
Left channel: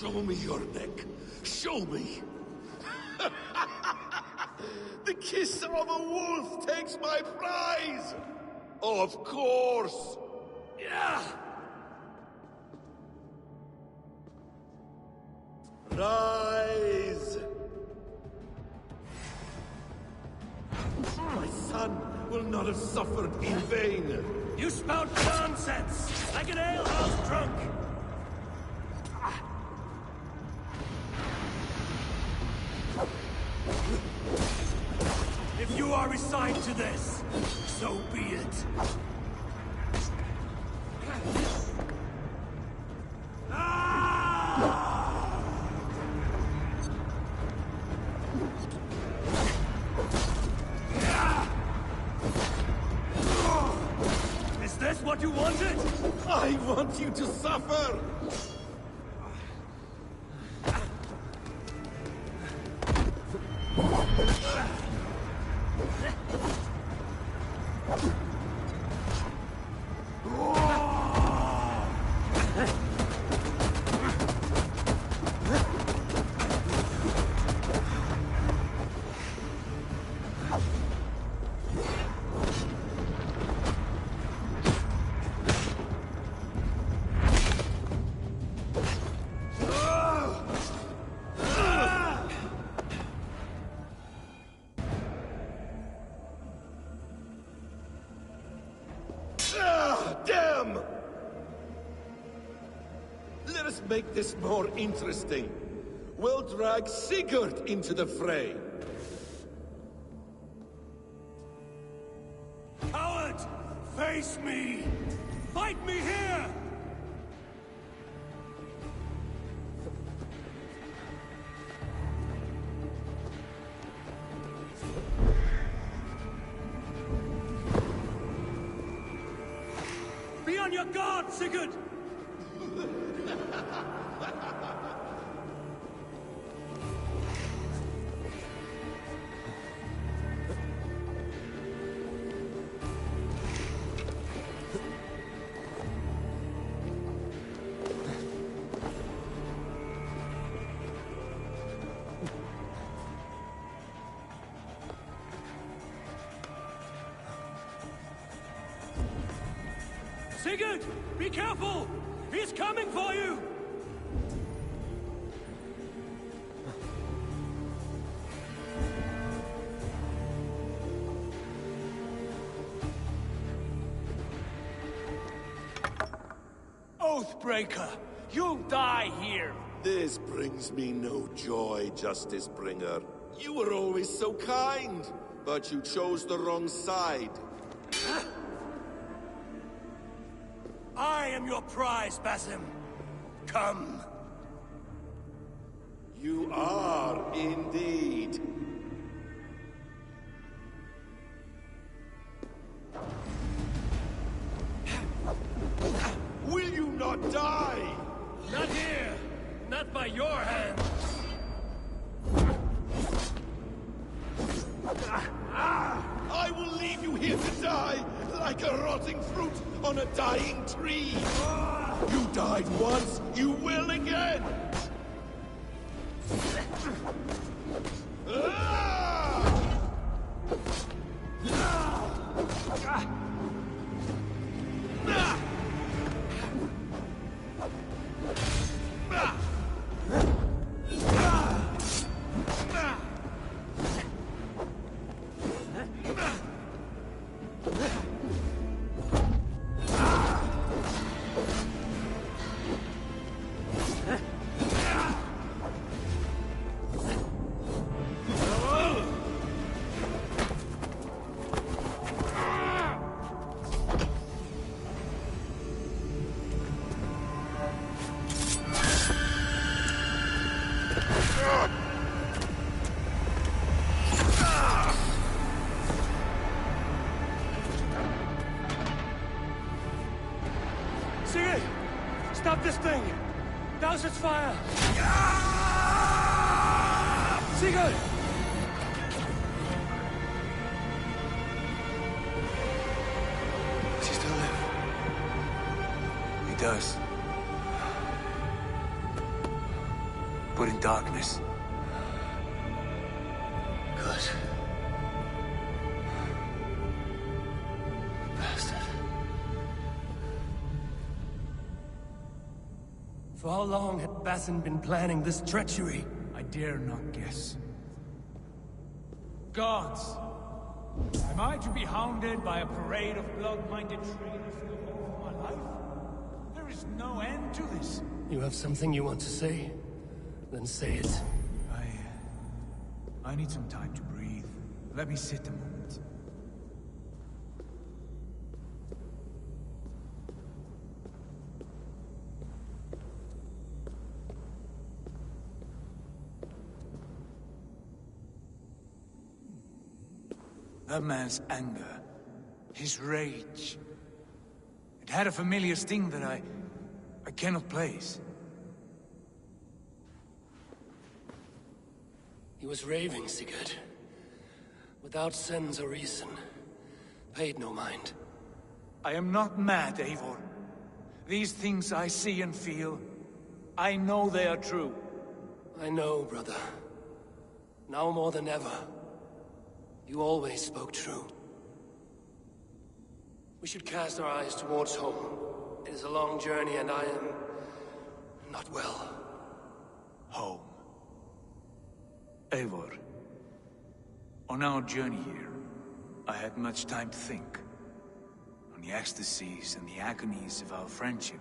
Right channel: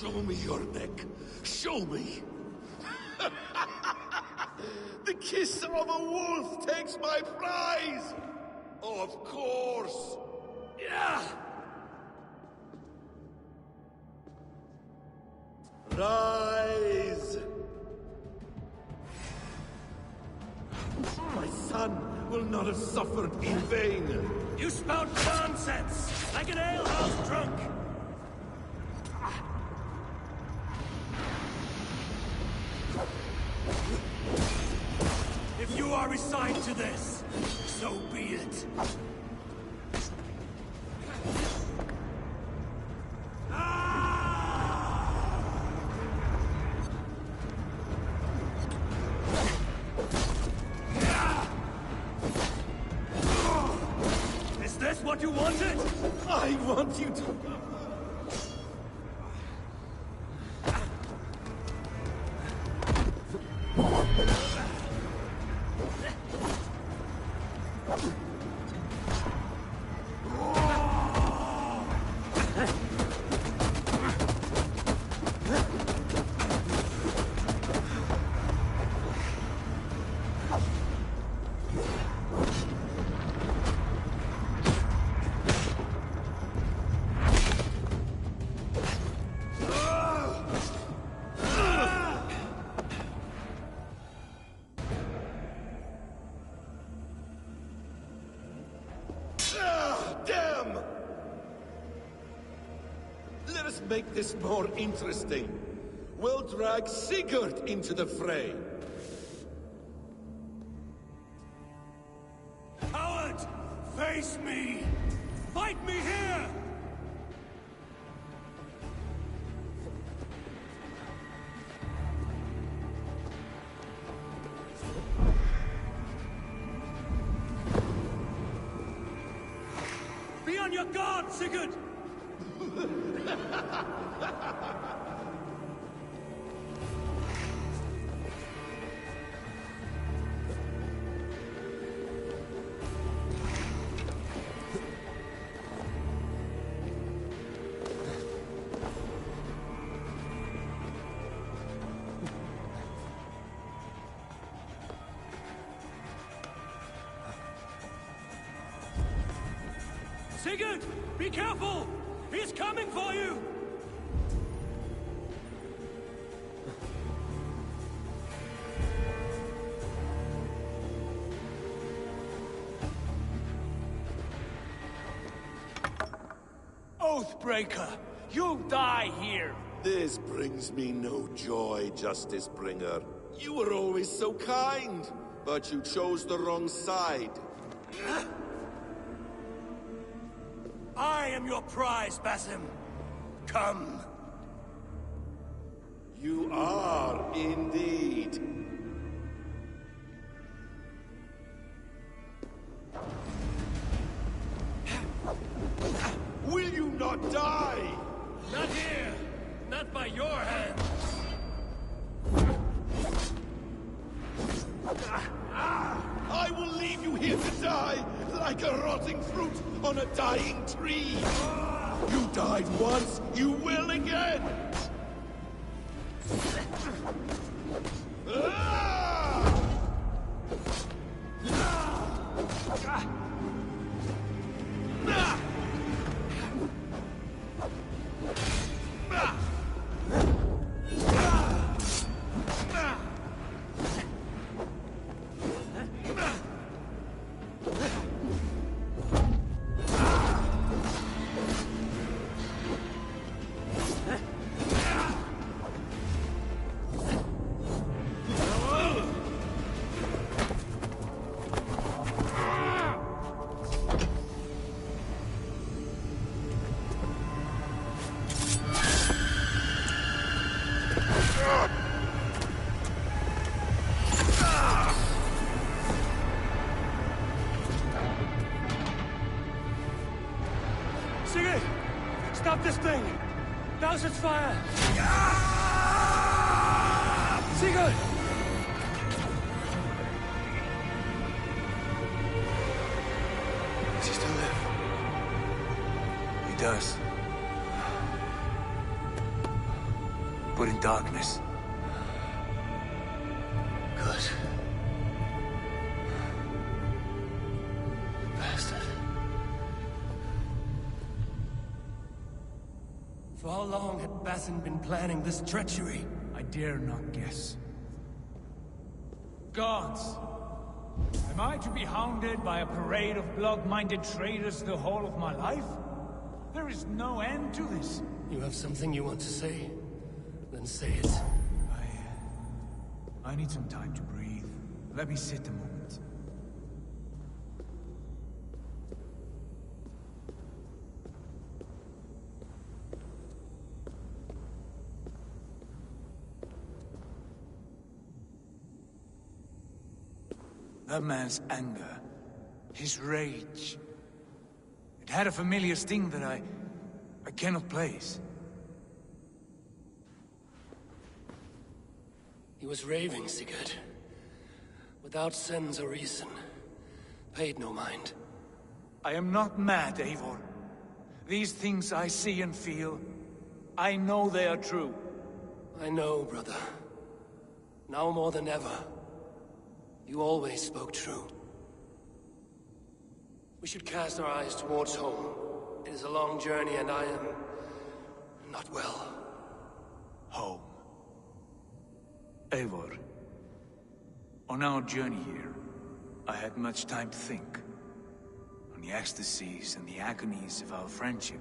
Show me your neck. Show me. The kiss of a wolf takes my prize. Of course. Yeah. Rise. My son will not have suffered in vain. You spout nonsense, like an alehouse drunk. If you are resigned to this, so be it. Is this what you wanted? I want you to suffer. Damn! Let us make this more interesting. We'll drag Sigurd into the fray. Coward! Face me! Fight me here! Be on your guard, Sigurd! Sigurd! Be careful! He's coming for you! Oathbreaker! You'll die here! This brings me no joy, Justice Bringer. You were always so kind, but you chose the wrong side. I am your prize, Basim. Come. You are indeed. your hands! I will leave you here to die, like a rotting fruit on a dying tree. You died once, you will again! Sigurd! Stop this thing! Douse its fire! Sigurd! Does he still live? He does. But in darkness. Good. Bastard. For how long had Bassin been planning this treachery? I dare not guess. Gods! Am I to be hounded by a parade of blood-minded traitors the whole of my life? There is no end to this. You have something you want to say? Then say it. I need some time to breathe. Let me sit a moment. That man's anger, his rage, it had a familiar sting that I cannot place. He was raving, Sigurd. Without sense or reason. Paid no mind. I am not mad, Eivor. These things I see and feel, I know they are true. I know, brother. Now more than ever. You always spoke true. We should cast our eyes towards home. It is a long journey and I am not well. Home. Eivor, on our journey here, I had much time to think. On the ecstasies and the agonies of our friendship.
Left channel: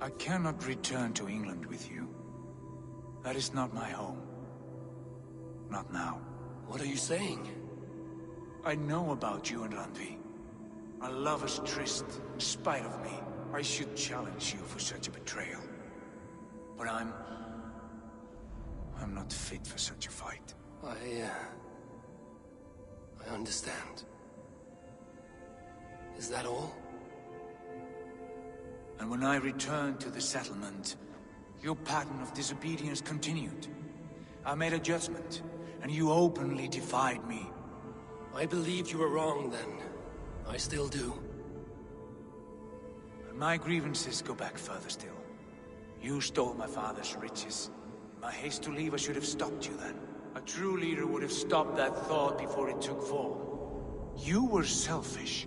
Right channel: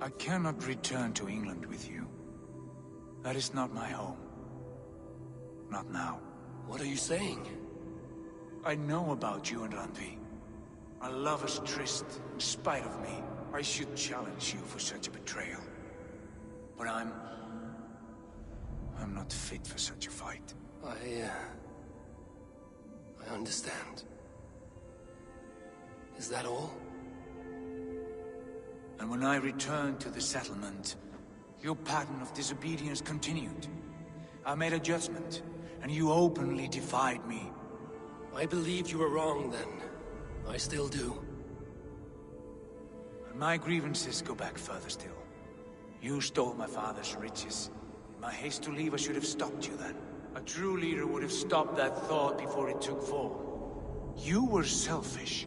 I cannot return to England with you. That is not my home. Not now. What are you saying? I know about you and Randvi. Our lovers tryst, in spite of me. I should challenge you for such a betrayal. But I'm not fit for such a fight. I understand. Is that all? And when I returned to the settlement, your pattern of disobedience continued. I made a judgment, and you openly defied me. I believed you were wrong then. I still do. And my grievances go back further still. You stole my father's riches. In my haste to leave, I should have stopped you then. A true leader would have stopped that thought before it took form. You were selfish.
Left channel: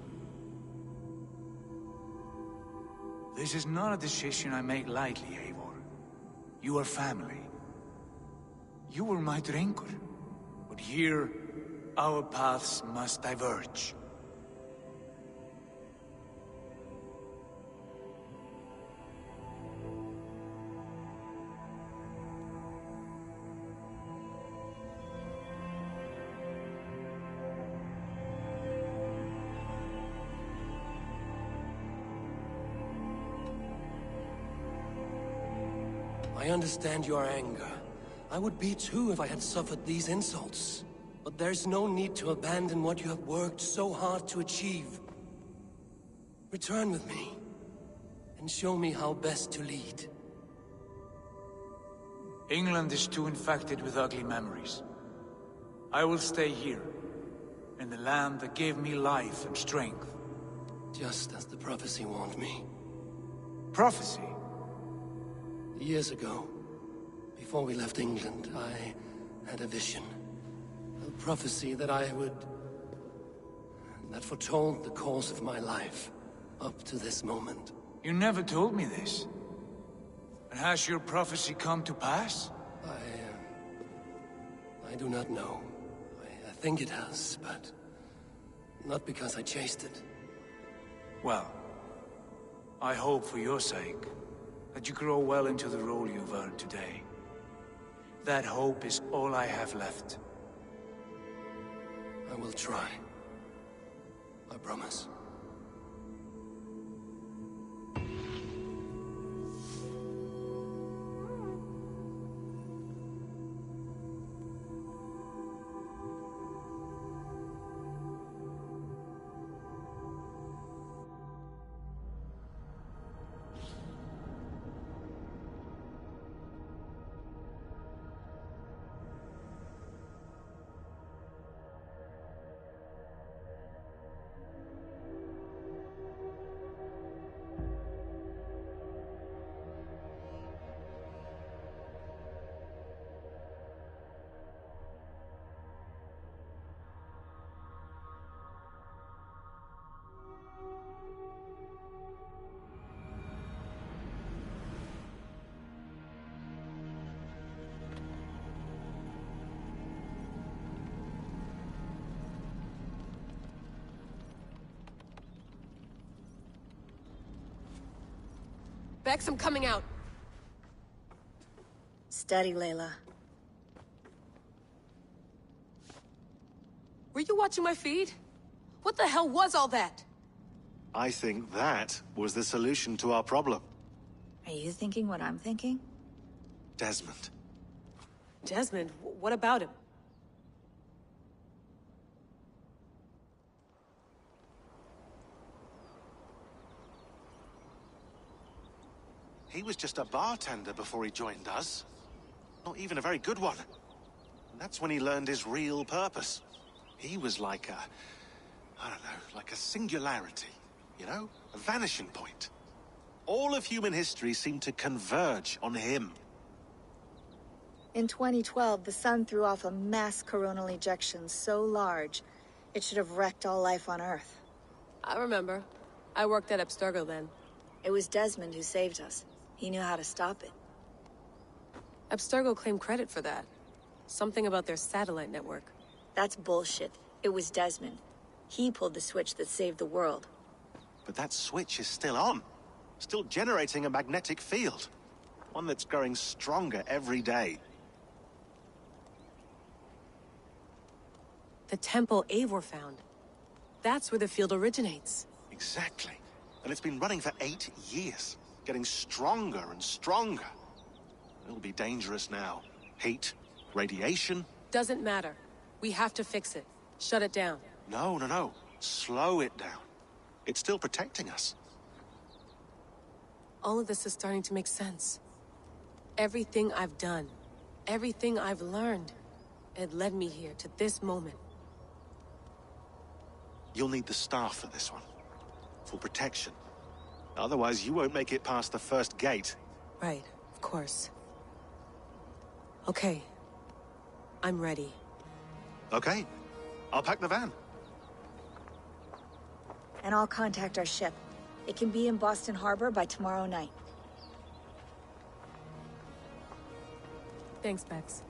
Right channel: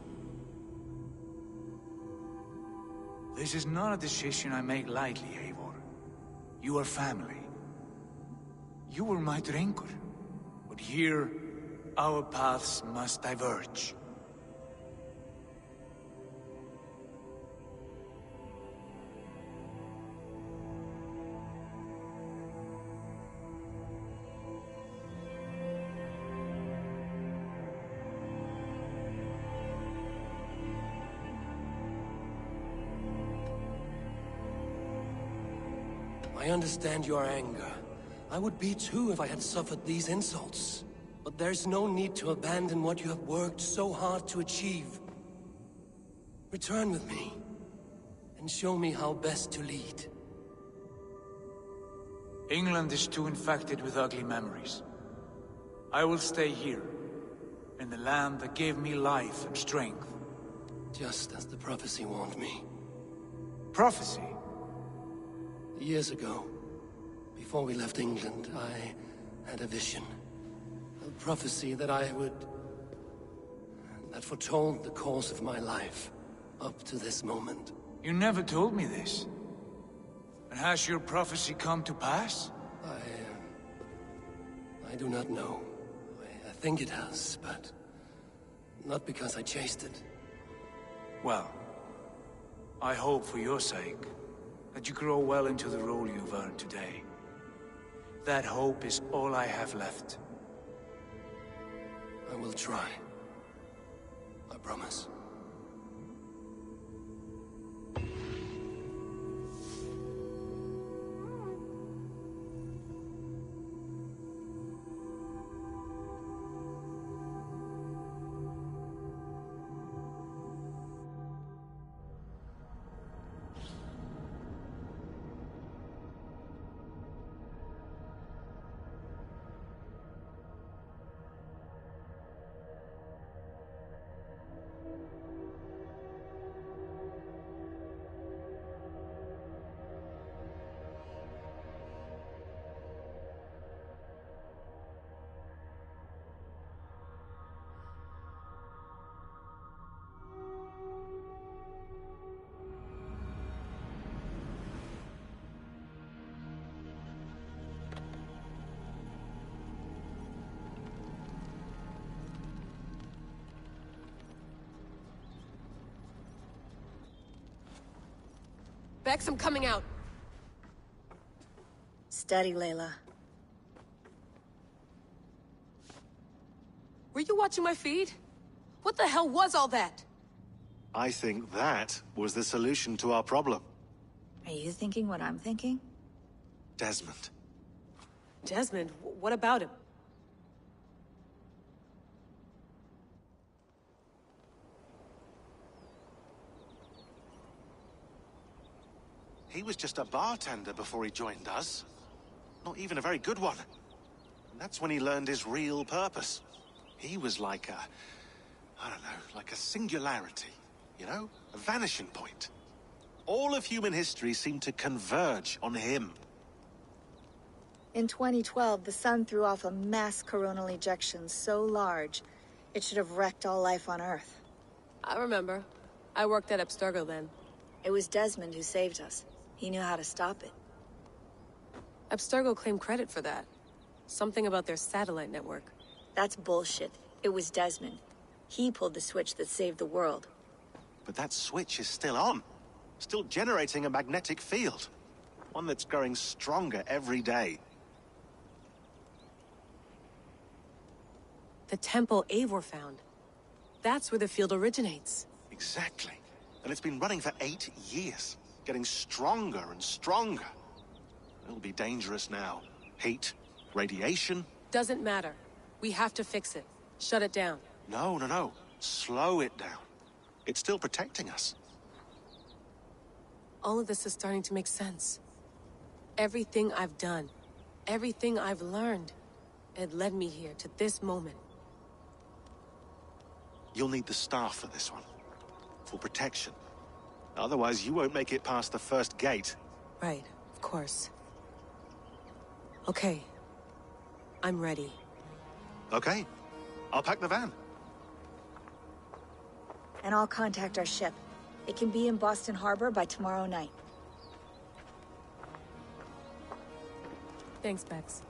This is not a decision I make lightly, Eivor. You are family. You were my drengur. But here, our paths must diverge. I understand your anger. I would be too if I had suffered these insults. But there's no need to abandon what you have worked so hard to achieve. Return with me, and show me how best to lead. England is too infected with ugly memories. I will stay here, in the land that gave me life and strength. Just as the prophecy warned me. Prophecy? Years ago, before we left England, I had a vision. A prophecy that that foretold the course of my life, up to this moment. You never told me this. And has your prophecy come to pass? I do not know. I think it has, but not because I chased it. Well, I hope for your sake that you grow well into the role you've earned today. That hope is all I have left. I will try. I promise. Bex, I'm coming out. Steady, Layla. Were you watching my feed? What the hell was all that? I think that was the solution to our problem. Are you thinking what I'm thinking? Desmond. Desmond? What about him? He was just a bartender before he joined us. Not even a very good one. And that's when he learned his real purpose. He was like I don't know, like a singularity, you know? A vanishing point. All of human history seemed to converge on him. In 2012, the sun threw off a mass coronal ejection so large, it should have wrecked all life on Earth. I remember. I worked at Abstergo then. It was Desmond who saved us. He knew how to stop it. Abstergo claimed credit for that. Something about their satellite network. That's bullshit. It was Desmond. He pulled the switch that saved the world. But that switch is still on. Still generating a magnetic field. One that's growing stronger every day. The temple Eivor found. That's where the field originates. Exactly. And it's been running for 8 years. Getting stronger and stronger. It'll be dangerous now. Heat, radiation. Doesn't matter. We have to fix it. Shut it down. No. Slow it down. It's still protecting us. All of this is starting to make sense. Everything I've done, everything I've learned, it led me here to this moment. You'll need the staff for this one. For protection. Otherwise, you won't make it past the first gate. Right, of course. Okay. I'm ready. Okay. I'll pack the van. And I'll contact our ship. It can be in Boston Harbor by tomorrow night. Thanks, Bex.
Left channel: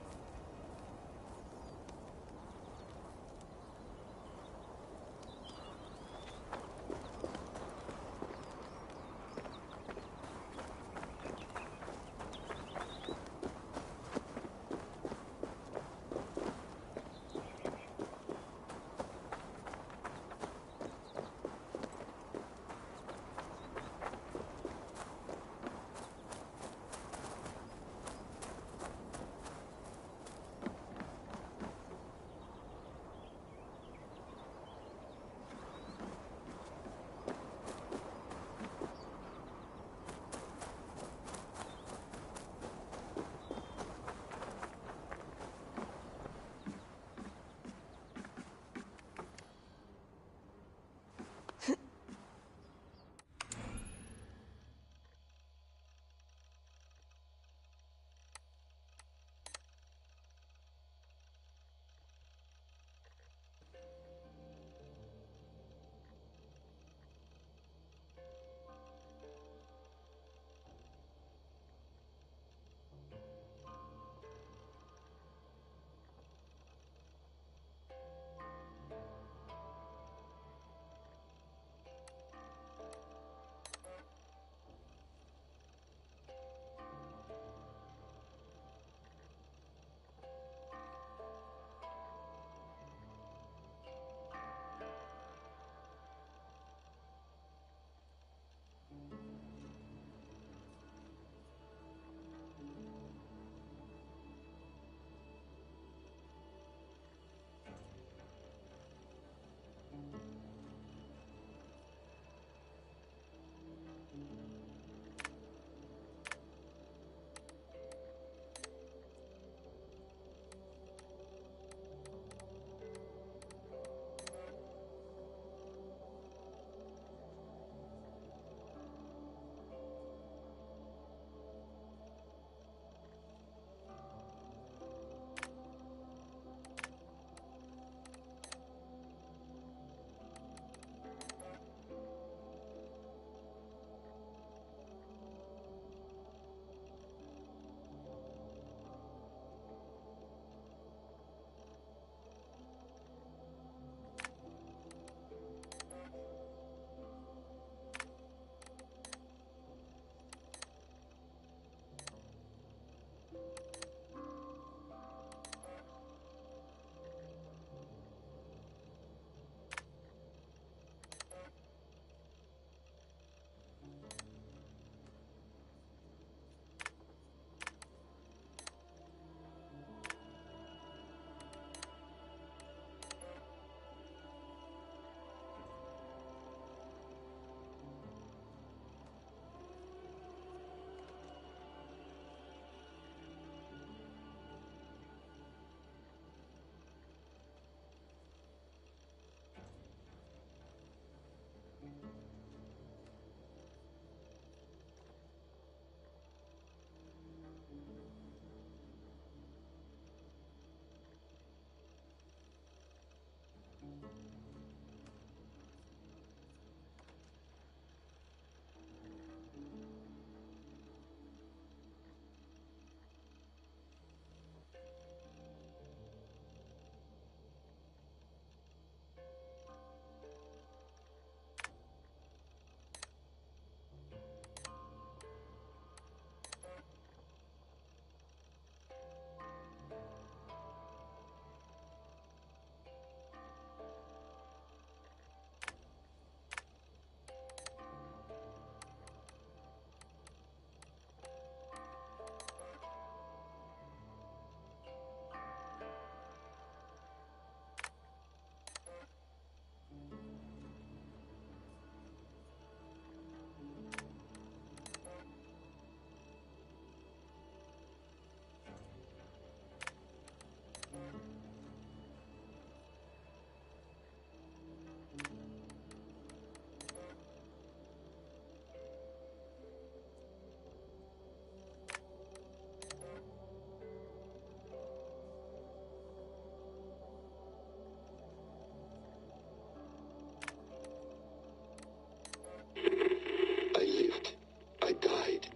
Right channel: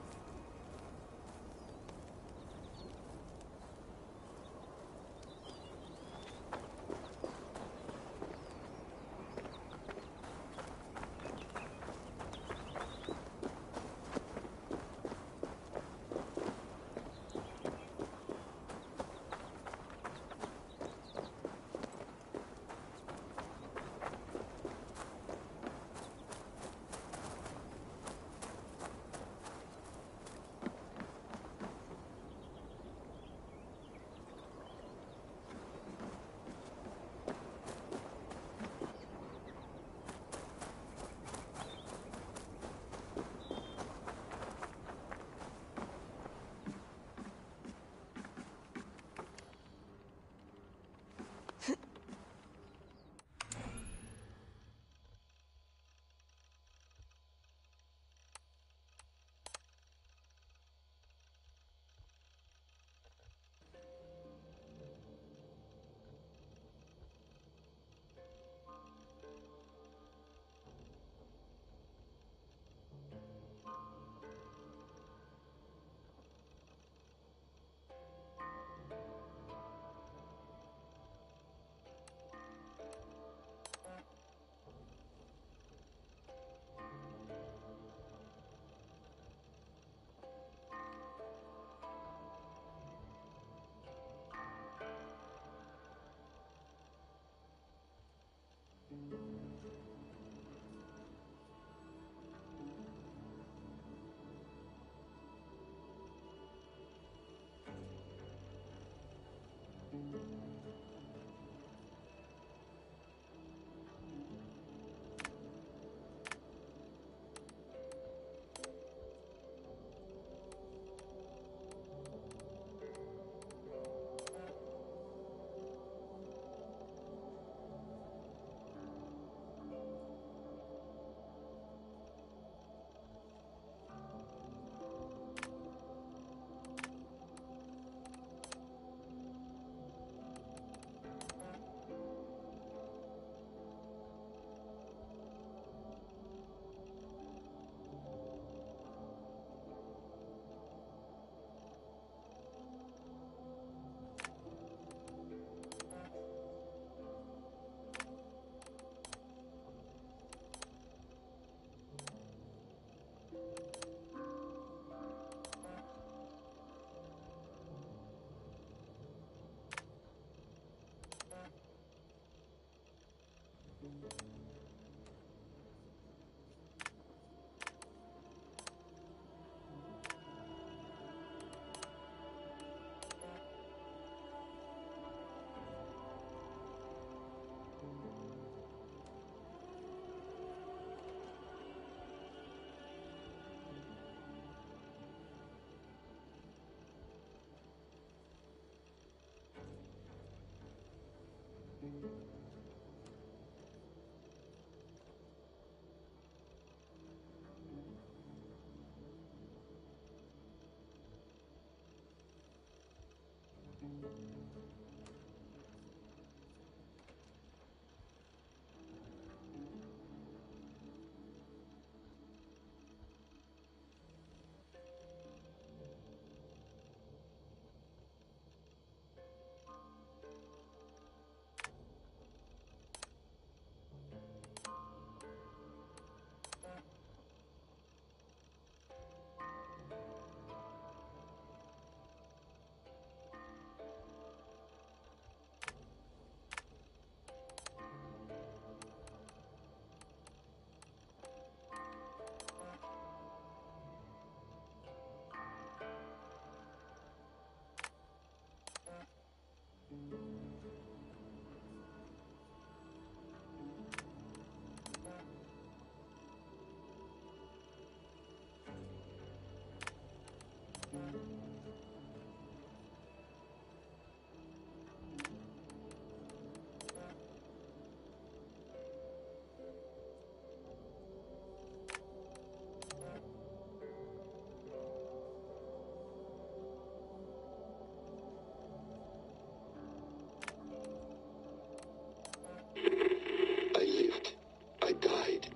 I lived, I died,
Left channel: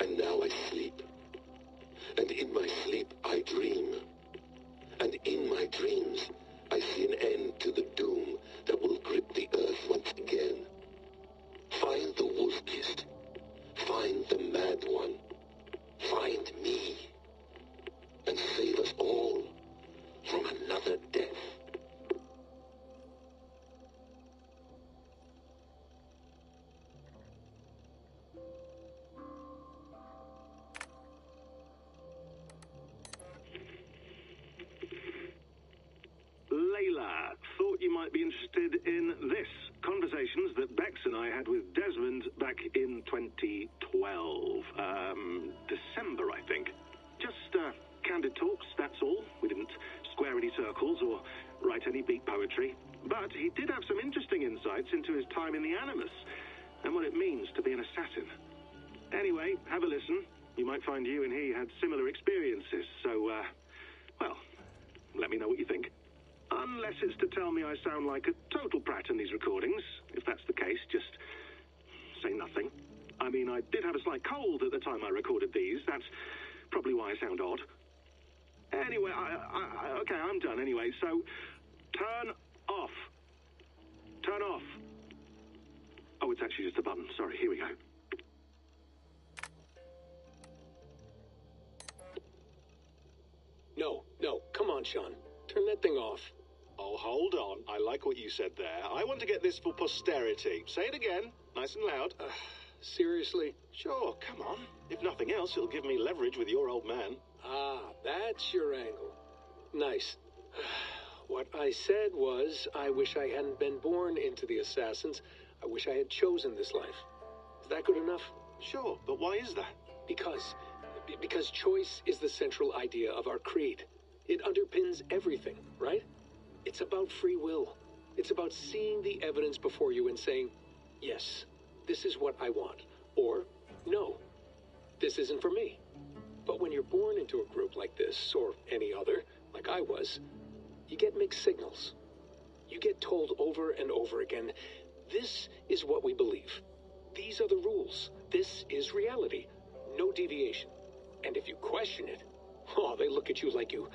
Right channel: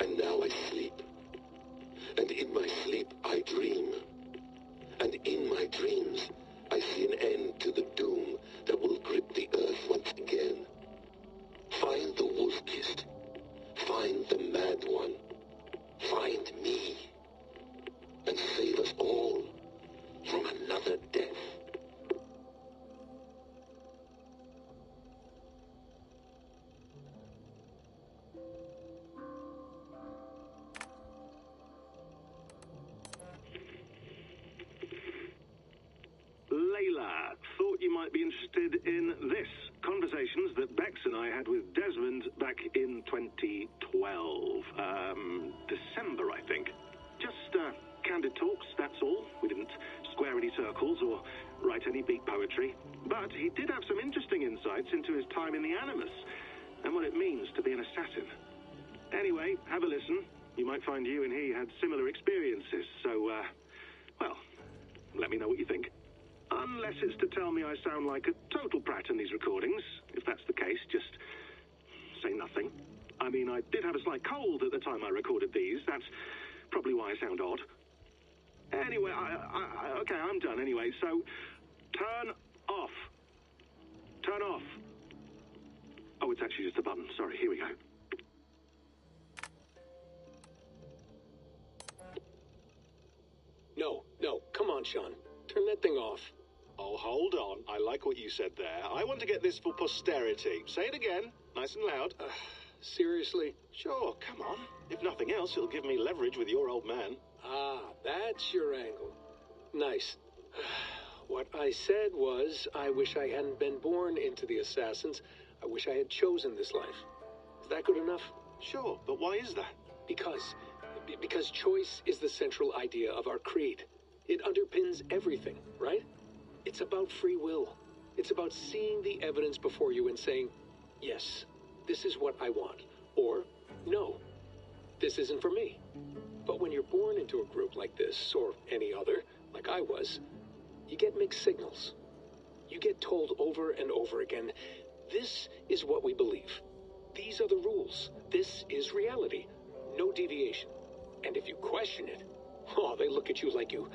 and now I sleep. And in my sleep I dream. And in my dreams I see an end to the doom that will grip the earth once again. Find the wolf-kissed. Find the mad one. Find me. And save us all from another death. Layla, thought you might be interested in this. Conversations that Bex and I had with Desmond back in 2012. December, I think. Just candid talks, that's all. We didn't square any circles or write any beat poetry. But he did have some interesting insights into his time in the Animus and what it means to be an assassin. Anyway, have a listen. You might find you and he had similar experiences. So, well, let me know what you think. Unless it's to tell me I sound like a total prat in these recordings. If that's the case, just say nothing. I mean, I did have a slight cold at the time I recorded these. That's probably why I sound odd. Anyway, okay, I'm done anyway, so turn off. Turn off. Oh, it's actually just a button. Sorry, here we go. No, come on, Sean. Turn that thing off. Oh, hold on. I like what you said there. I want to get this for posterity. Say it again, nice and loud. Seriously? Sure, come on. If nothing else, it'll give me leverage with your old man. Ah, that's your angle. Nice. What I said was, I wish I hadn't been born into the Assassins. I wish I had chosen this life. Is that good enough? Sure, but why is that? Because choice is the central idea of our creed. It underpins everything, right? It's about free will. It's about seeing the evidence before you and saying, yes, this is what I want. Or, no, this isn't for me. But when you're born into a group like this, or any other, like I was, you get mixed signals. You get told over and over again, this is what we believe. These are the rules. This is reality. No deviation. And if you question it, oh, they look at you like you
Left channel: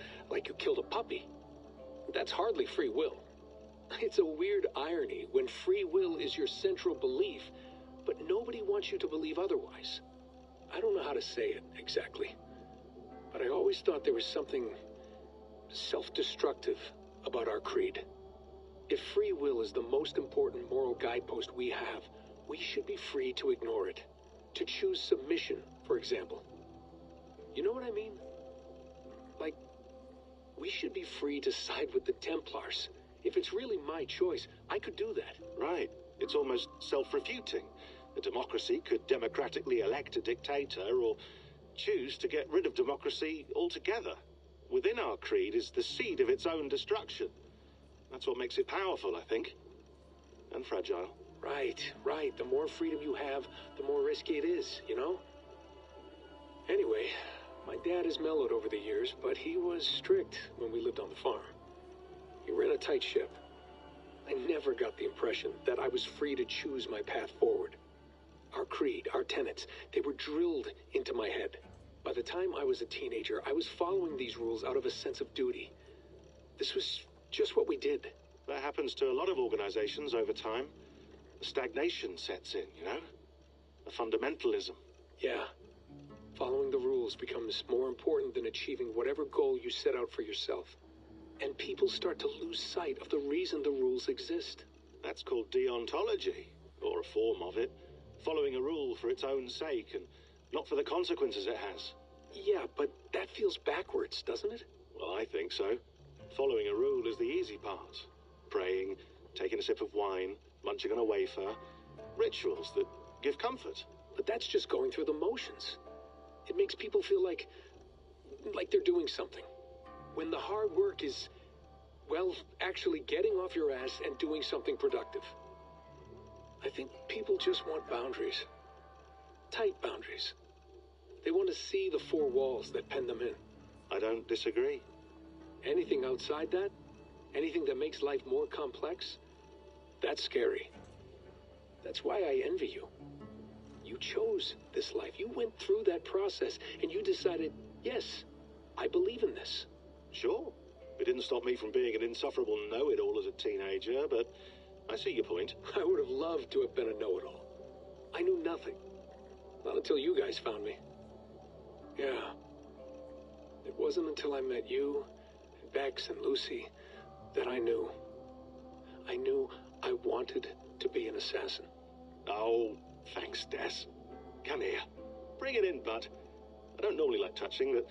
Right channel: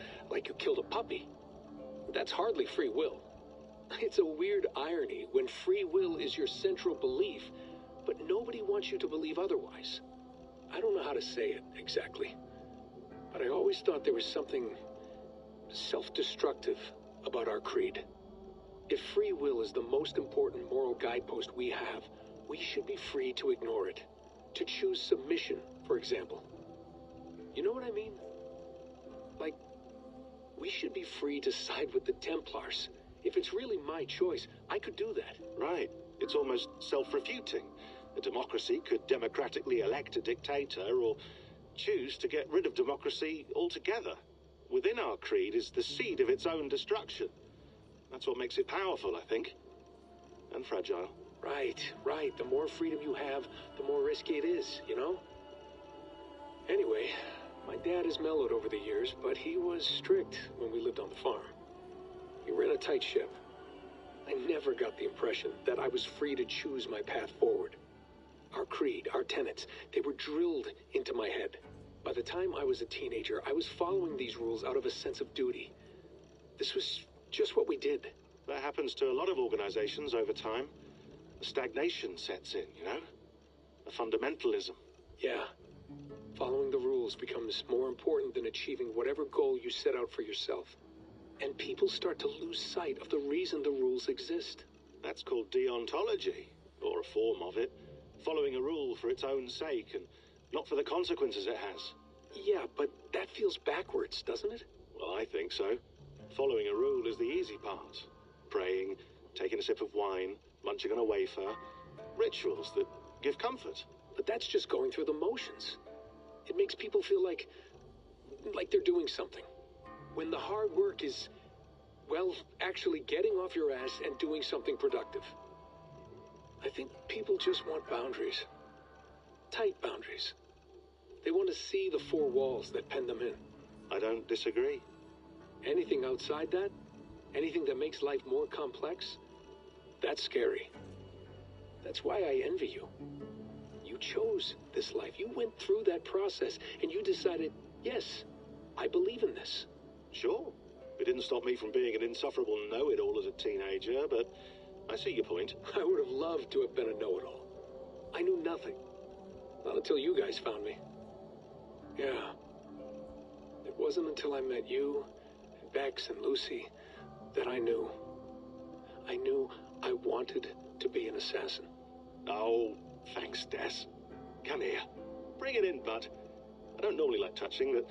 killed a puppy. That's hardly free will. It's a weird irony when free will is your central belief, but nobody wants you to believe otherwise. I don't know how to say it exactly, but I always thought there was something self-destructive about our creed. If free will is the most important moral guidepost we have, we should be free to ignore it. To choose submission, for example. You know what I mean? Like, we should be free to side with the Templars. If it's really my choice, I could do that. Right. It's almost self-refuting. A democracy could democratically elect a dictator or choose to get rid of democracy altogether. Within our creed is the seed of its own destruction. That's what makes it powerful, I think. And fragile. Right. The more freedom you have, the more risky it is, you know? Anyway, my dad has mellowed over the years, but he was strict when we lived on the farm. He ran a tight ship. I never got the impression that I was free to choose my path forward. Our creed, our tenets, they were drilled into my head. By the time I was a teenager, I was following these rules out of a sense of duty. This was just what we did. That happens to a lot of organizations over time. A stagnation sets in, you know? A fundamentalism. Yeah. Following the rules becomes more important than achieving whatever goal you set out for yourself. And people start to lose sight of the reason the rules exist. That's called deontology, or a form of it. Following a rule for its own sake and not for the consequences it has. Yeah, but that feels backwards, doesn't it? Well, I think so. Following a rule is the easy part. Praying, taking a sip of wine, munching on a wafer. Rituals that give comfort. But that's just going through the motions. It makes people feel like they're doing something. When the hard work is, well, actually getting off your ass and doing something productive. I think people just want boundaries. Tight boundaries. They want to see the four walls that pen them in. I don't disagree. Anything outside that, anything that makes life more complex, that's scary. That's why I envy you. You chose this life. You went through that process and you decided, yes, I believe in this. Sure. It didn't stop me from being an insufferable know-it-all as a teenager, but I see your point. I would have loved to have been a know-it-all. I knew nothing. Not until you guys found me. Yeah. It wasn't until I met you, and Bex and Lucy, that I knew. I knew I wanted to be an assassin. Oh, thanks, Des. Come here. Bring it in, bud. I don't normally like touching, but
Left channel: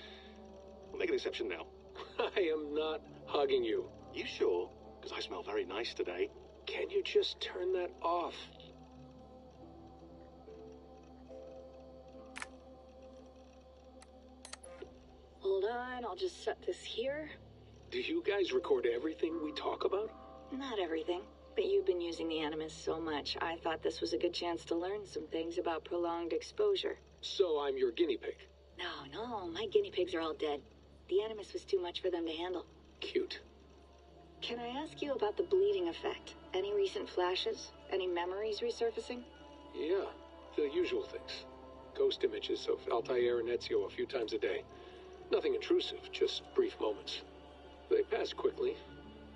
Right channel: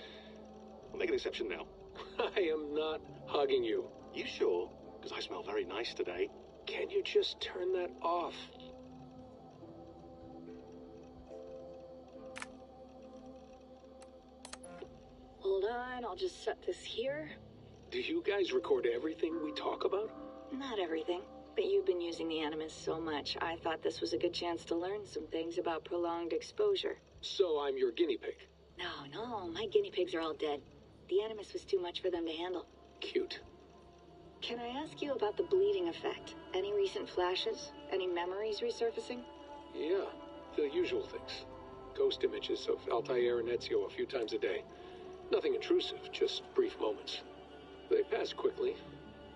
I'll make an exception now. I am not hugging you. You sure? Because I smell very nice today. Can you just turn that off? Hold on, I'll just set this here. Do you guys record everything we talk about? Not everything, but you've been using the Animus so much, I thought this was a good chance to learn some things about prolonged exposure. So I'm your guinea pig? No, my guinea pigs are all dead. The Animus was too much for them to handle. Cute. Can I ask you about the bleeding effect? Any recent flashes? Any memories resurfacing? Yeah, the usual things. Ghost images of Altair and Ezio a few times a day. Nothing intrusive, just brief moments. They pass quickly,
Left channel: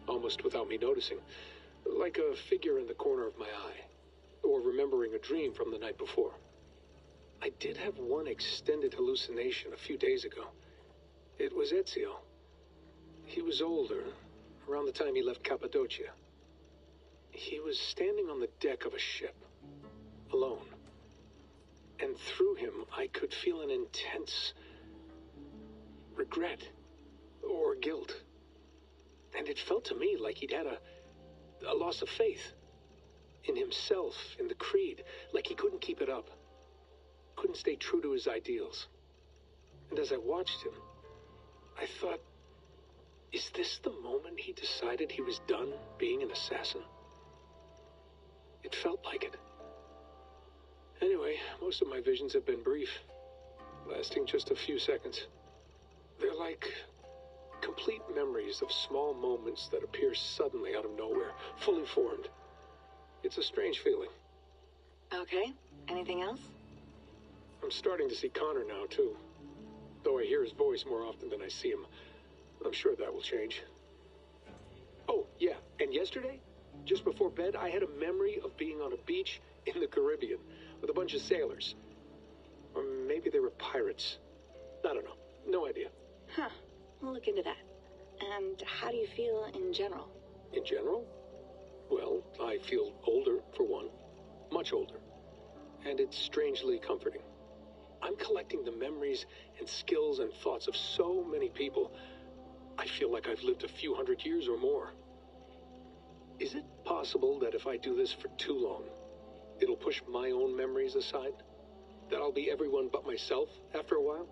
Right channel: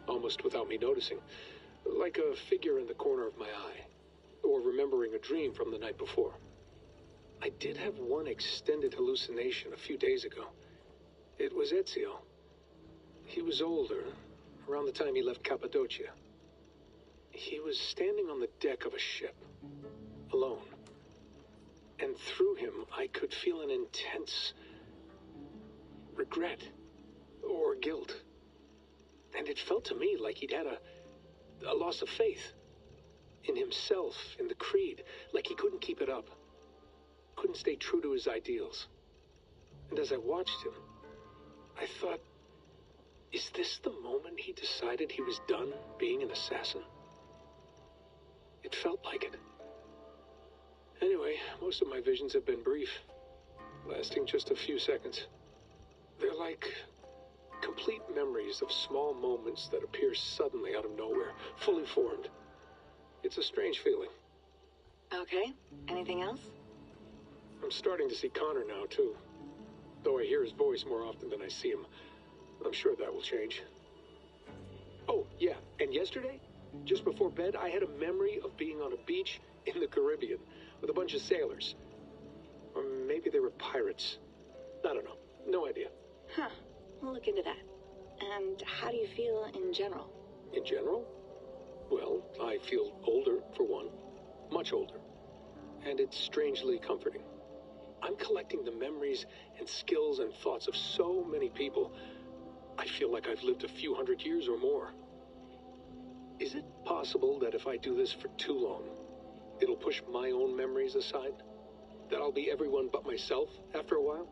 almost without me noticing. Like a figure in the corner of my eye. Or remembering a dream from the night before. I did have one extended hallucination a few days ago. It was Ezio. He was older, around the time he left Cappadocia. He was standing on the deck of a ship, alone. And through him, I could feel an intense regret or guilt. And it felt to me like he'd had a loss of faith in himself, in the creed, like he couldn't keep it up, couldn't stay true to his ideals. And as I watched him, I thought, is this the moment he decided he was done being an assassin? It felt like it. Anyway, most of my visions have been brief, lasting just a few seconds. They're like complete memories of small moments that appear suddenly out of nowhere, fully formed. It's a strange feeling. Okay, anything else? I'm starting to see Connor now, too. Though I hear his voice more often than I see him. I'm sure that will change. Oh, yeah, and yesterday, just before bed, I had a memory of being on a beach in the Caribbean with a bunch of sailors. Or maybe they were pirates. I don't know. No idea. Huh. We'll look into that. And how do you feel in general? In general? Well, I feel older, for one. Much older. And it's strangely comforting. I'm collecting the memories and skills and thoughts of so many people. I feel like I've lived a few hundred years or more. Is it possible that if I do this for too long, it'll push my own memories aside? That I'll be everyone but myself after a while?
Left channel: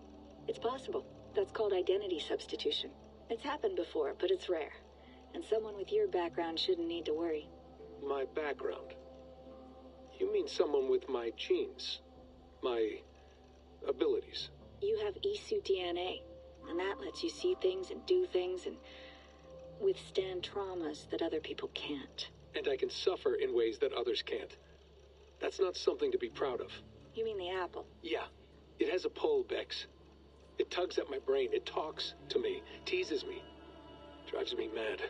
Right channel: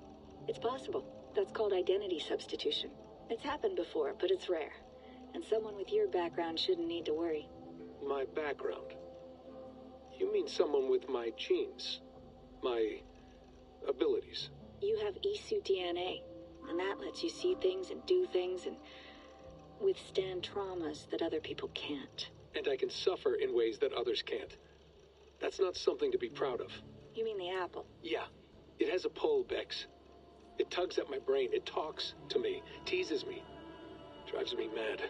It's possible. That's called identity substitution. It's happened before, but it's rare. And someone with your background shouldn't need to worry. My background? You mean someone with my genes? My abilities? You have E-suit DNA, and that lets you see things and do things and withstand traumas that other people can't. And I can suffer in ways that others can't. That's not something to be proud of. You mean the apple? Yeah. It has a pull, Bex. It tugs at my brain. It talks to me. Teases me. Drives me mad.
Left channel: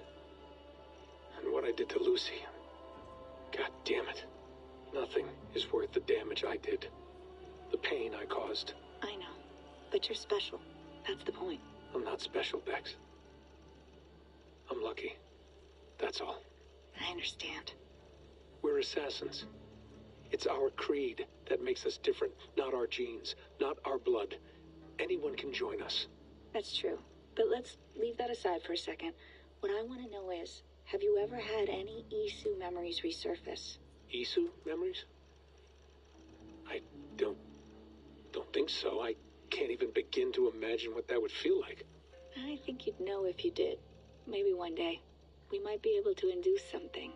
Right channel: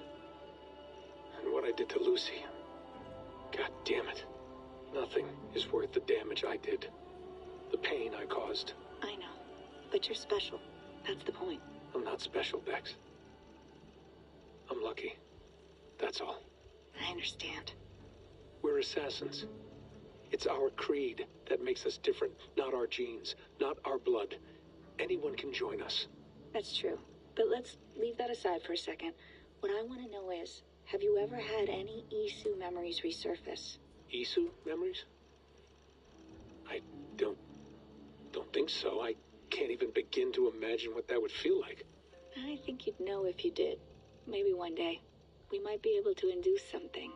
And what I did to Lucy... God damn it. Nothing is worth the damage I did. The pain I caused. I know. But you're special. That's the point. I'm not special, Bex. I'm lucky. That's all. I understand. We're assassins. It's our creed that makes us different, not our genes, not our blood. Anyone can join us. That's true. But let's leave that aside for a second. What I want to know is, have you ever had any Isu memories resurface? Isu memories? I don't think so. I can't even begin to imagine what that would feel like. I think you'd know if you did. Maybe one day. We might be able to induce something.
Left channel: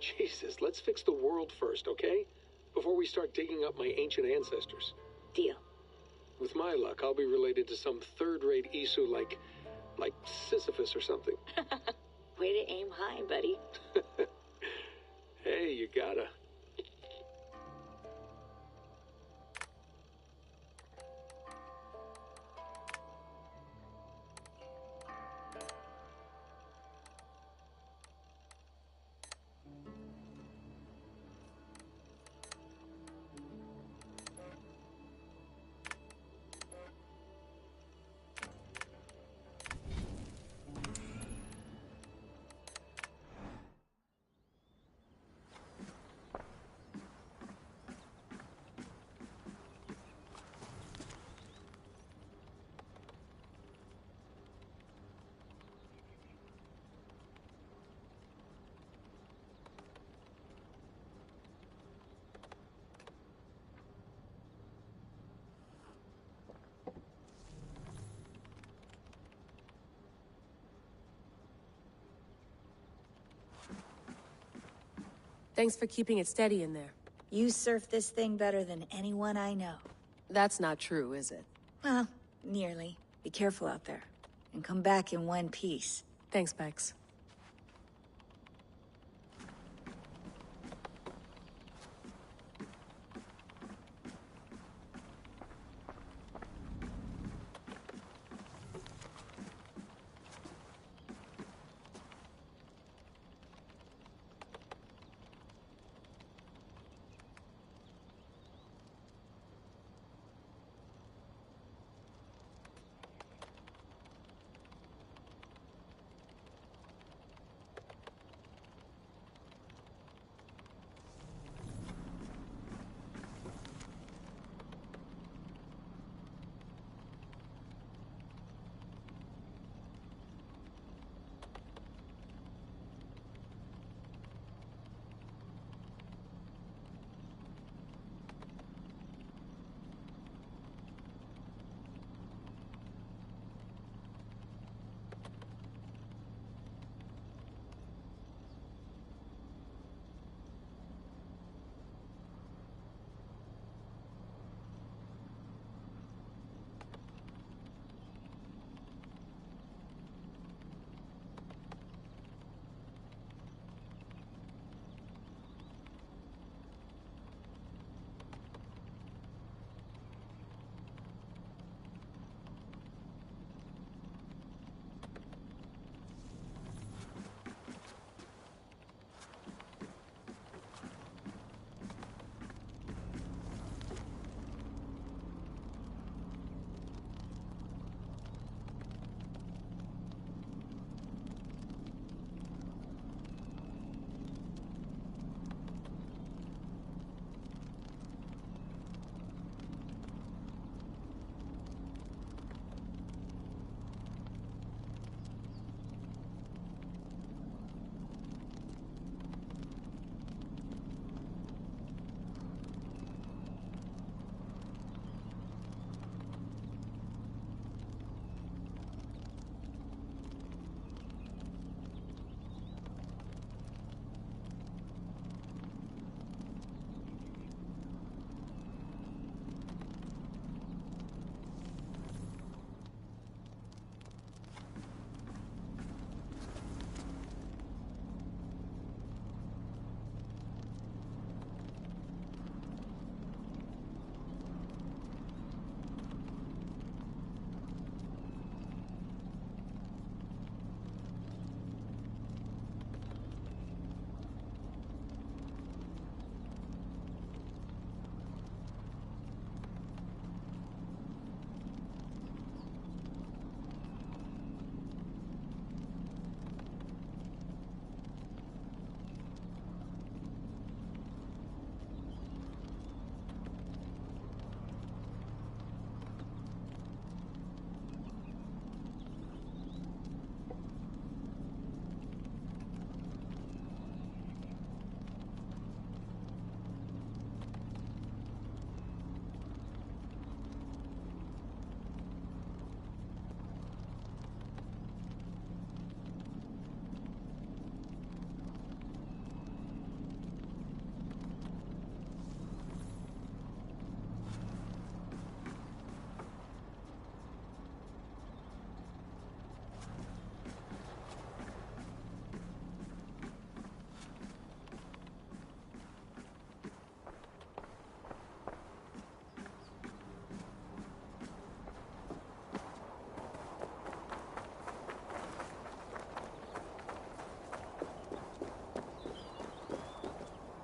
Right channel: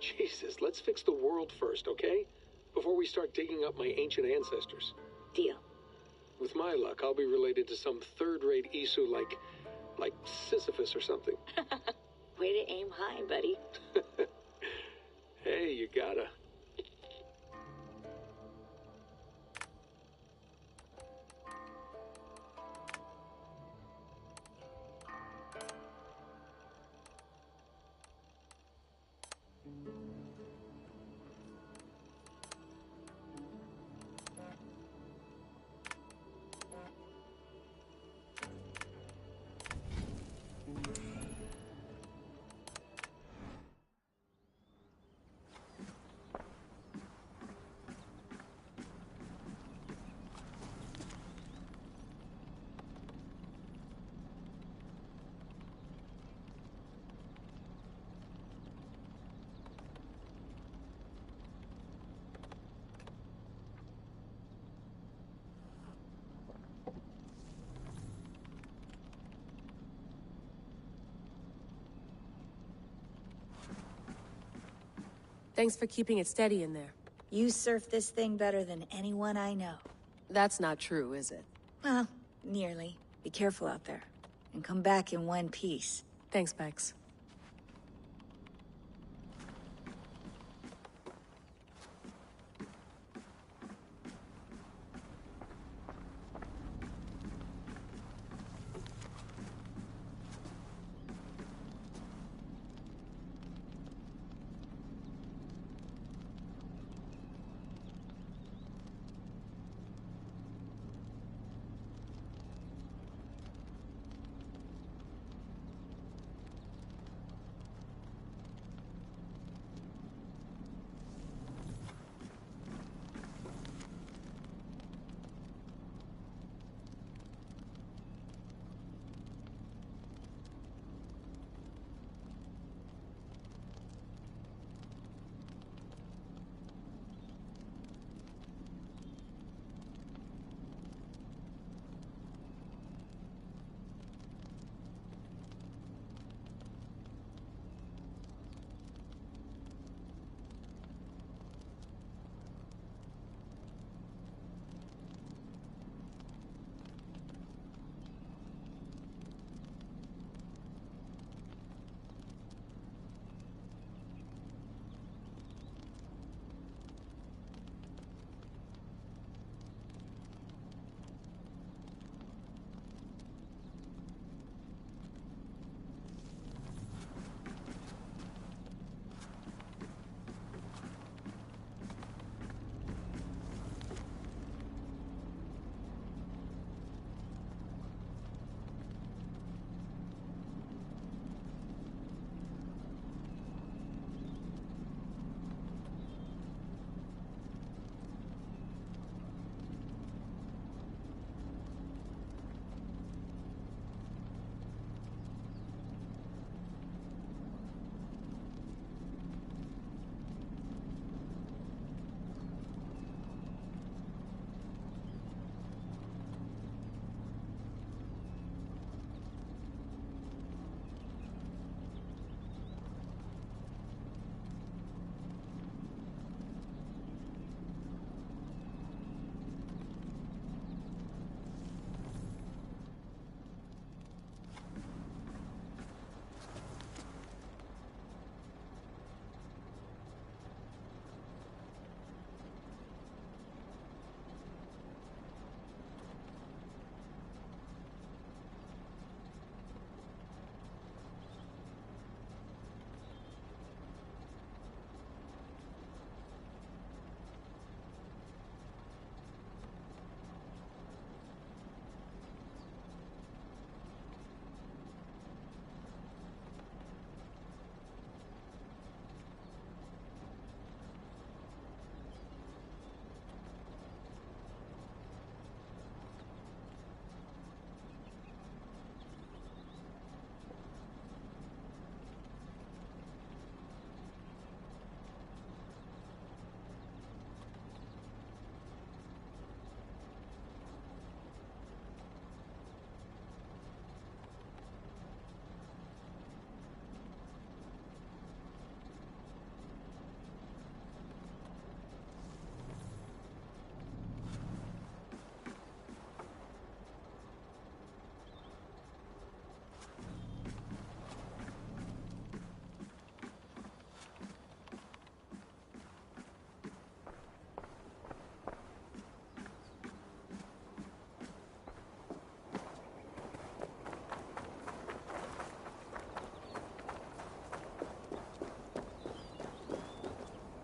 Jesus, let's fix the world first, okay? Before we start digging up my ancient ancestors. Deal. With my luck, I'll be related to some third-rate Isu like Sisyphus or something. Way to aim high, buddy. Hey, you gotta. Thanks for keeping it steady in there. You surf this thing better than anyone I know. That's not true, is it? Well, nearly. Be careful out there. And come back in one piece. Thanks, Bex.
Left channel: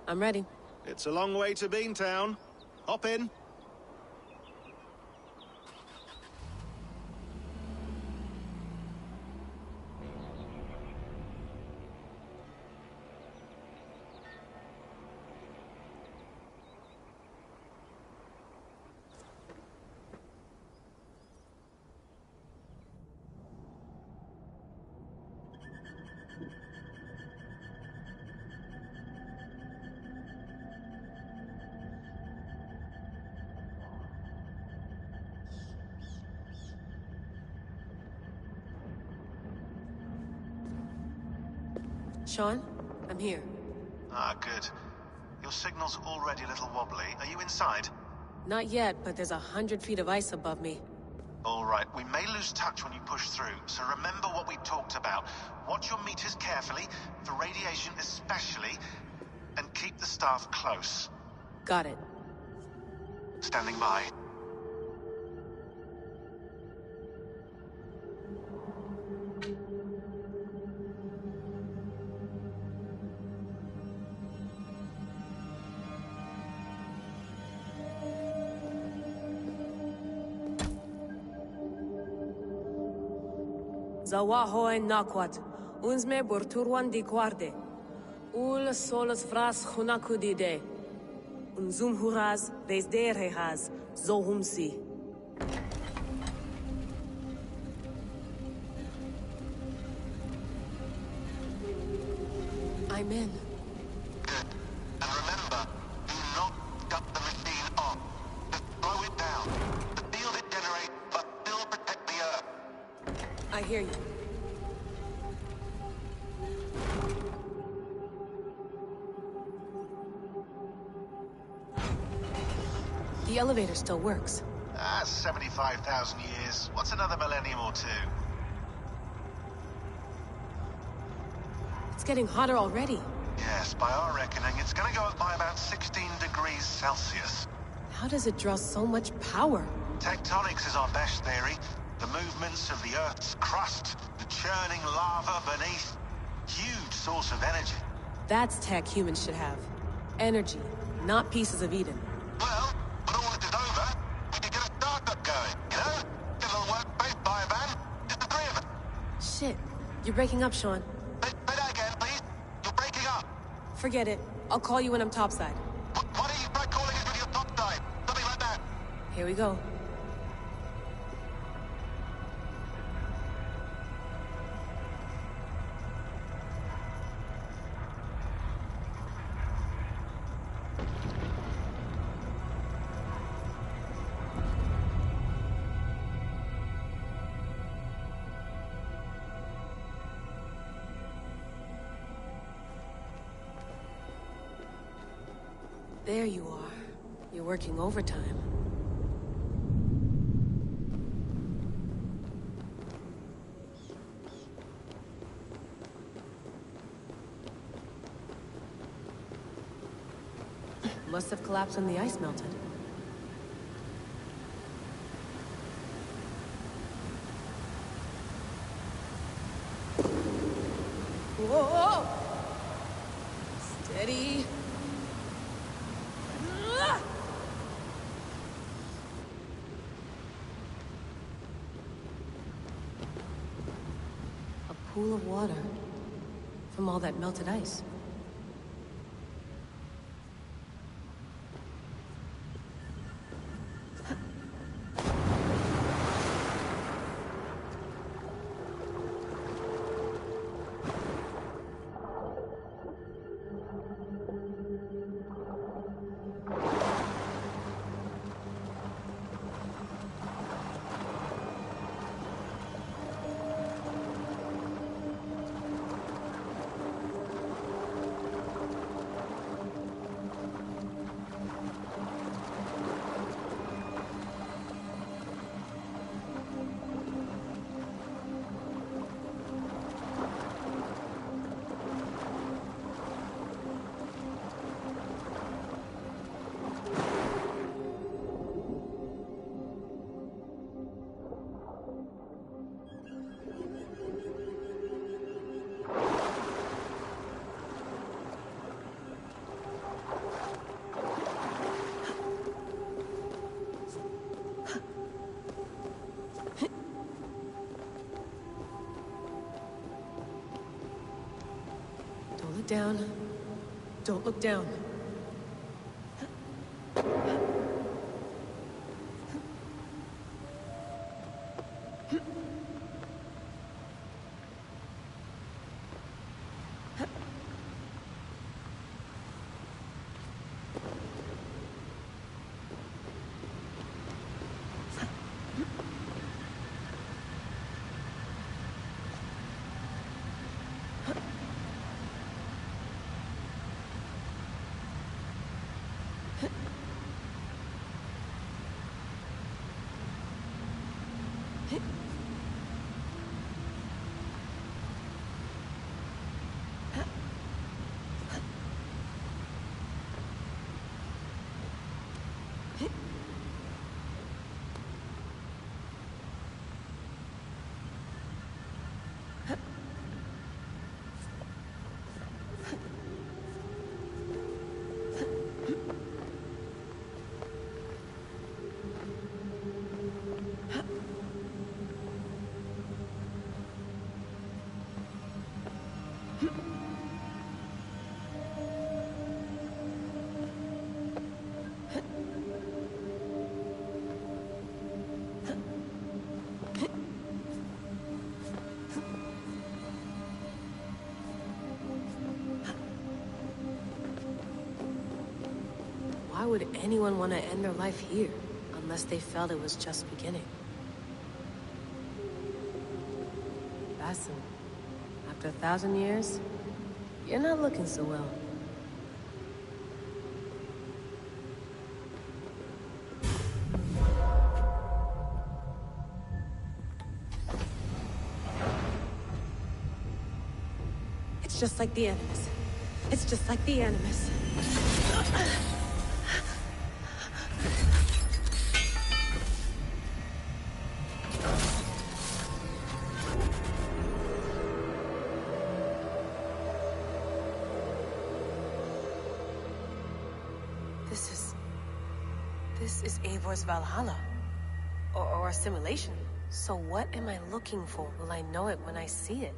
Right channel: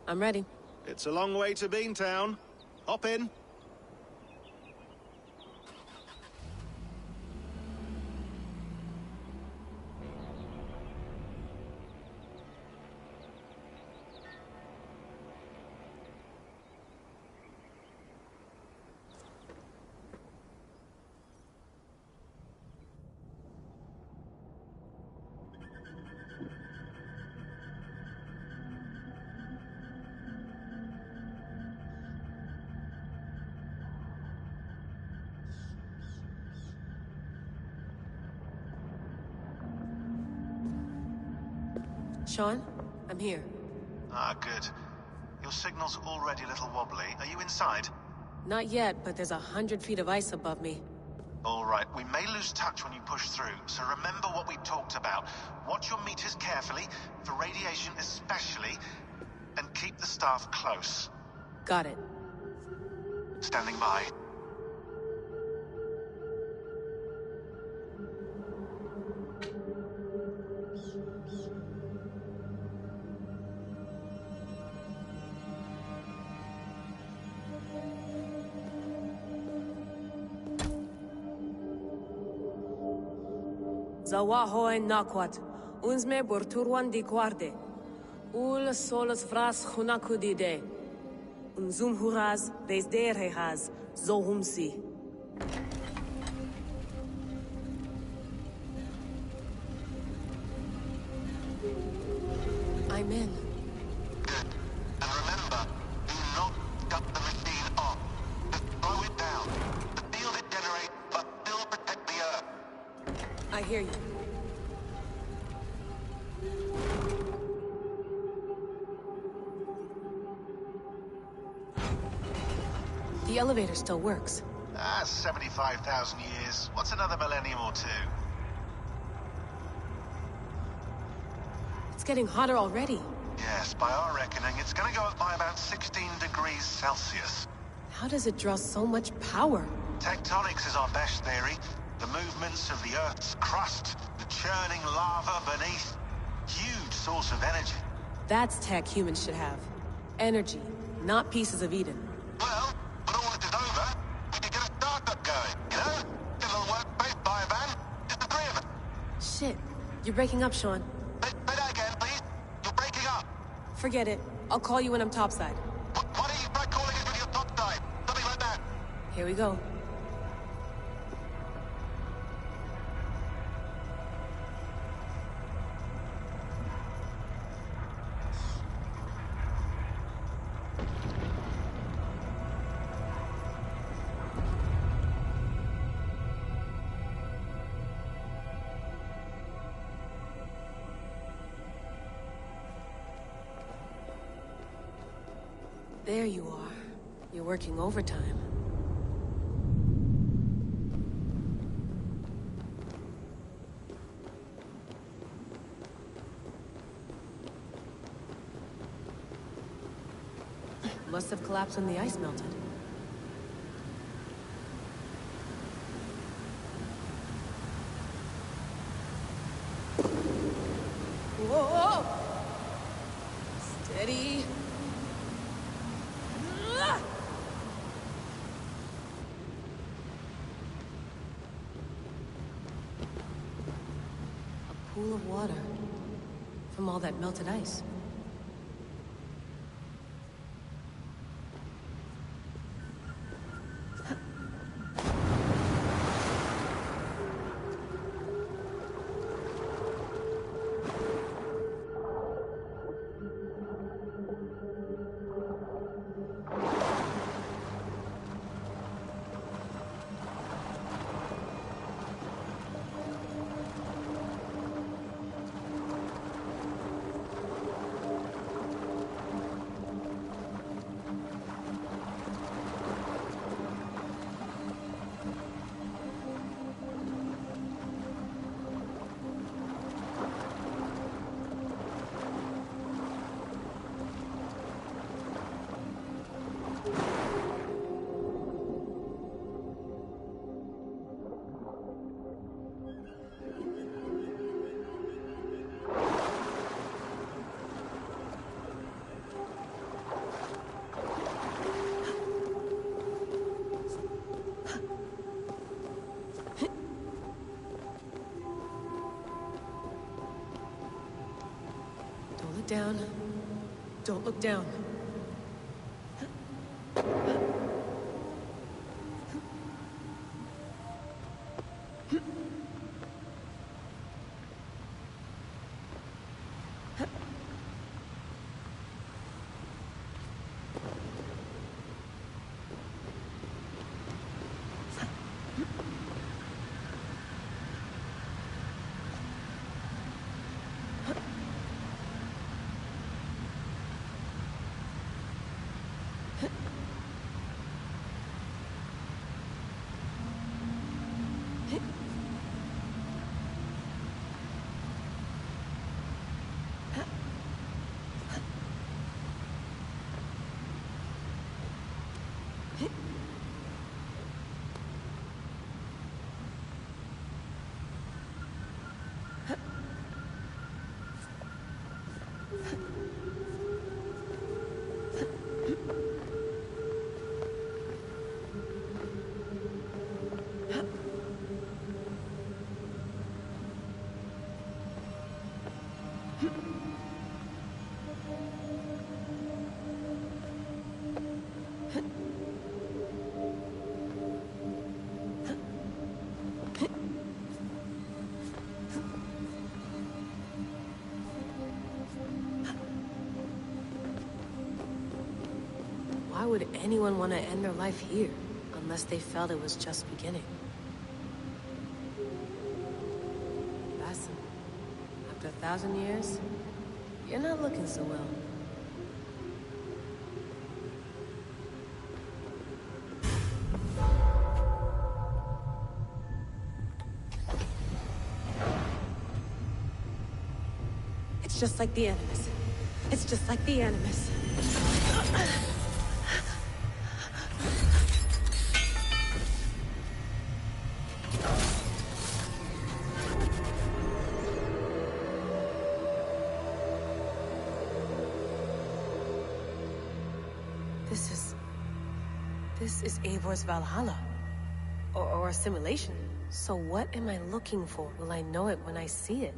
I'm ready. It's a long way to Beantown. Hop in. Sean, I'm here. Ah, good. Your signal's already a little wobbly. Are you inside? Not yet, but there's 100 feet of ice above me. All right, we may lose touch when you push through, so remember what we talked about. Watch your meters carefully, for radiation especially, and keep the staff close. Got it. Standing by. Zawahoy nakwat, unzme burturwan di guarde. Ul solos vras hunakudide. Unzum huraz, vesderehaz, zohumsi. I'm in. Good. And remember, do not shut the machine off. Just slow it down. The field it generates, but still protect the Earth. I hear you. The elevator still works. 75,000 years. What's another millennium or two? It's getting hotter already. Yes, by our reckoning, it's gonna go up by about 16 degrees Celsius. How does it draw so much power? Tectonics is our best theory. The movements of the Earth's crust, the churning lava beneath. Huge source of energy. That's tech humans should have. Energy, not pieces of Eden. Well, when all this is over, we could get a startup going, you know? Get a little workspace, buy a van, just the three of us. Shit, you're breaking up, Sean. Say that again, please. You're breaking up. Forget it. I'll call you when I'm topside. Why don't you try calling us with your topside? Something like that. Here we go. There you are. You're working overtime. Must have collapsed when the ice melted. Whoa! Steady. A pool of water from all that melted ice. Slow it down. Don't look down. Why would anyone want to end their life here, unless they felt it was just beginning? Basim, after 1,000 years, you're not looking so well. It's just like the Animus. It's just like the Animus. This is Eivor's Valhalla. Or a simulation. So what am I looking for? Will I know it when I see it?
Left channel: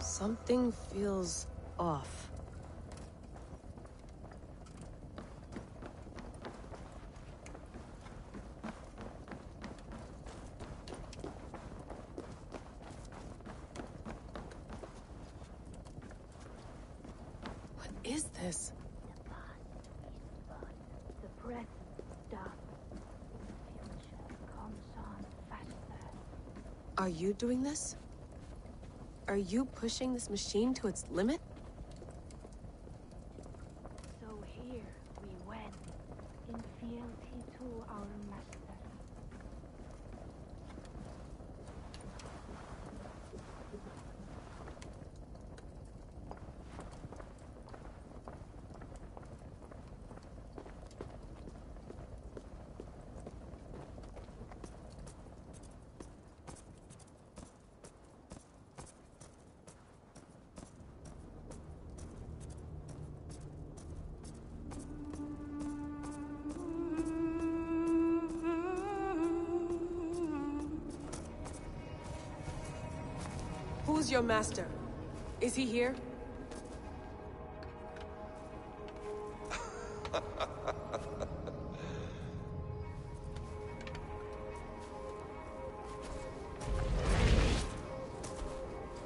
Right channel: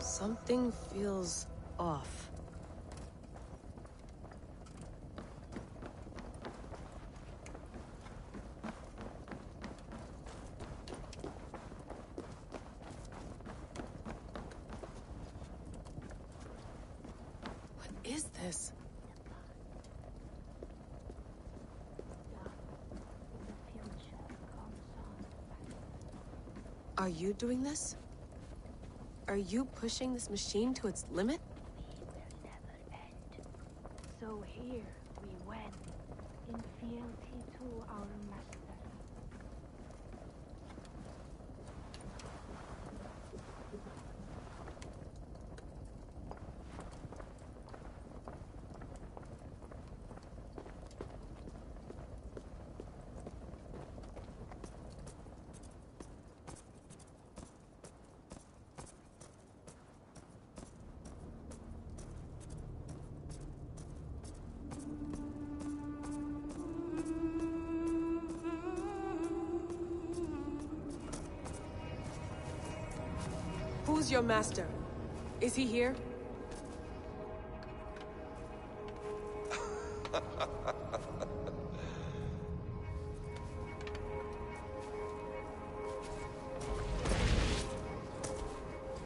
Something feels off. What is this? Are you doing this? Are you pushing this machine to its limit? So here we went, in fealty to our master. Who's your master? Is he here?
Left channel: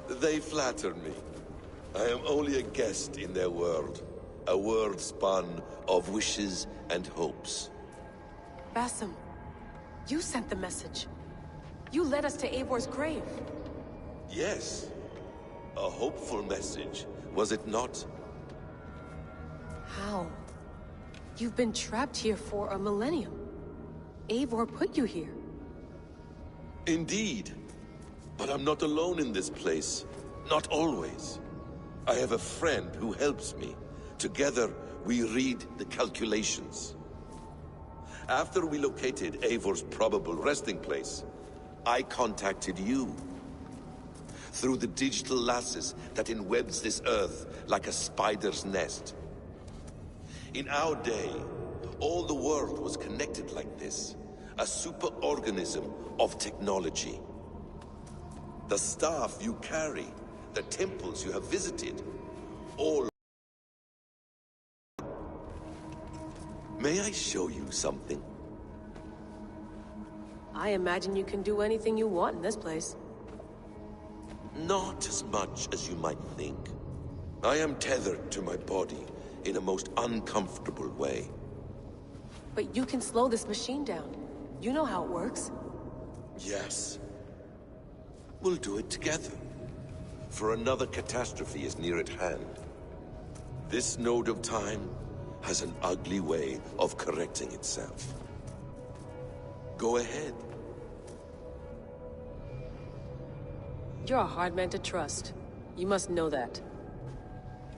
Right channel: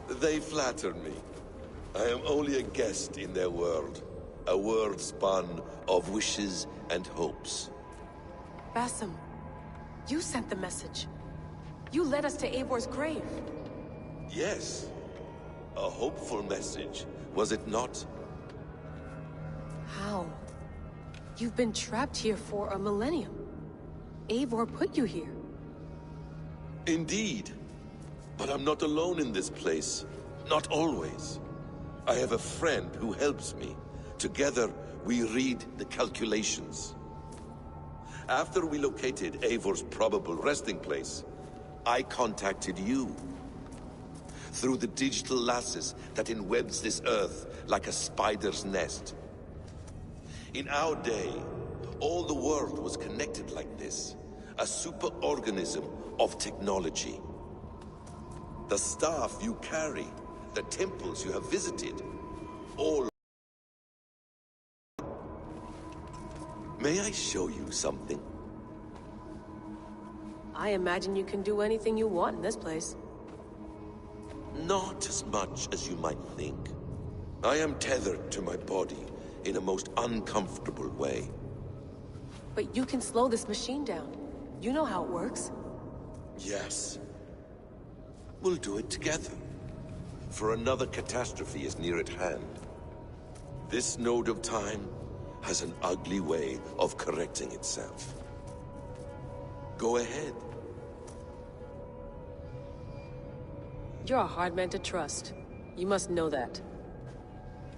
They flatter me. I am only a guest in their world. A world spun of wishes and hopes. Basim, you sent the message. You led us to Eivor's grave. Yes. A hopeful message, was it not? How? You've been trapped here for a millennium. Eivor put you here. Indeed. But I'm not alone in this place. Not always. I have a friend who helps me. Together, we read the calculations. After we located Eivor's probable resting place, I contacted you. Through the digital lasses that enwebs this Earth like a spider's nest. In our day, all the world was connected like this. A superorganism of technology. The staff you carry, the temples you have visited, all... May I show you something? I imagine you can do anything you want in this place. Not as much as you might think. I am tethered to my body in a most uncomfortable way. But you can slow this machine down. You know how it works. Yes. We'll do it together. For another catastrophe is near at hand. This node of time has an ugly way of correcting itself. Go ahead. You're a hard man to trust. You must know that.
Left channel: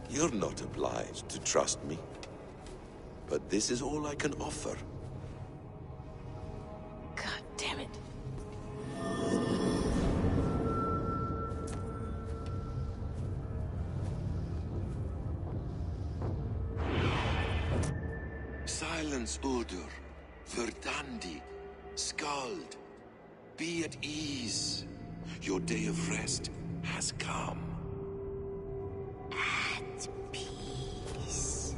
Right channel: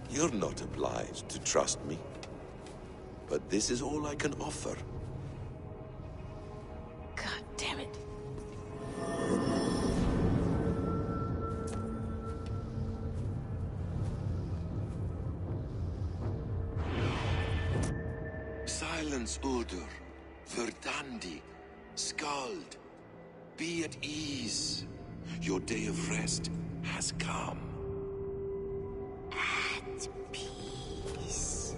You're not obliged to trust me. But this is all I can offer. God damn it. Silence, Uldur. Verdandi. Skald. Be at ease. Your day of rest has come. At peace.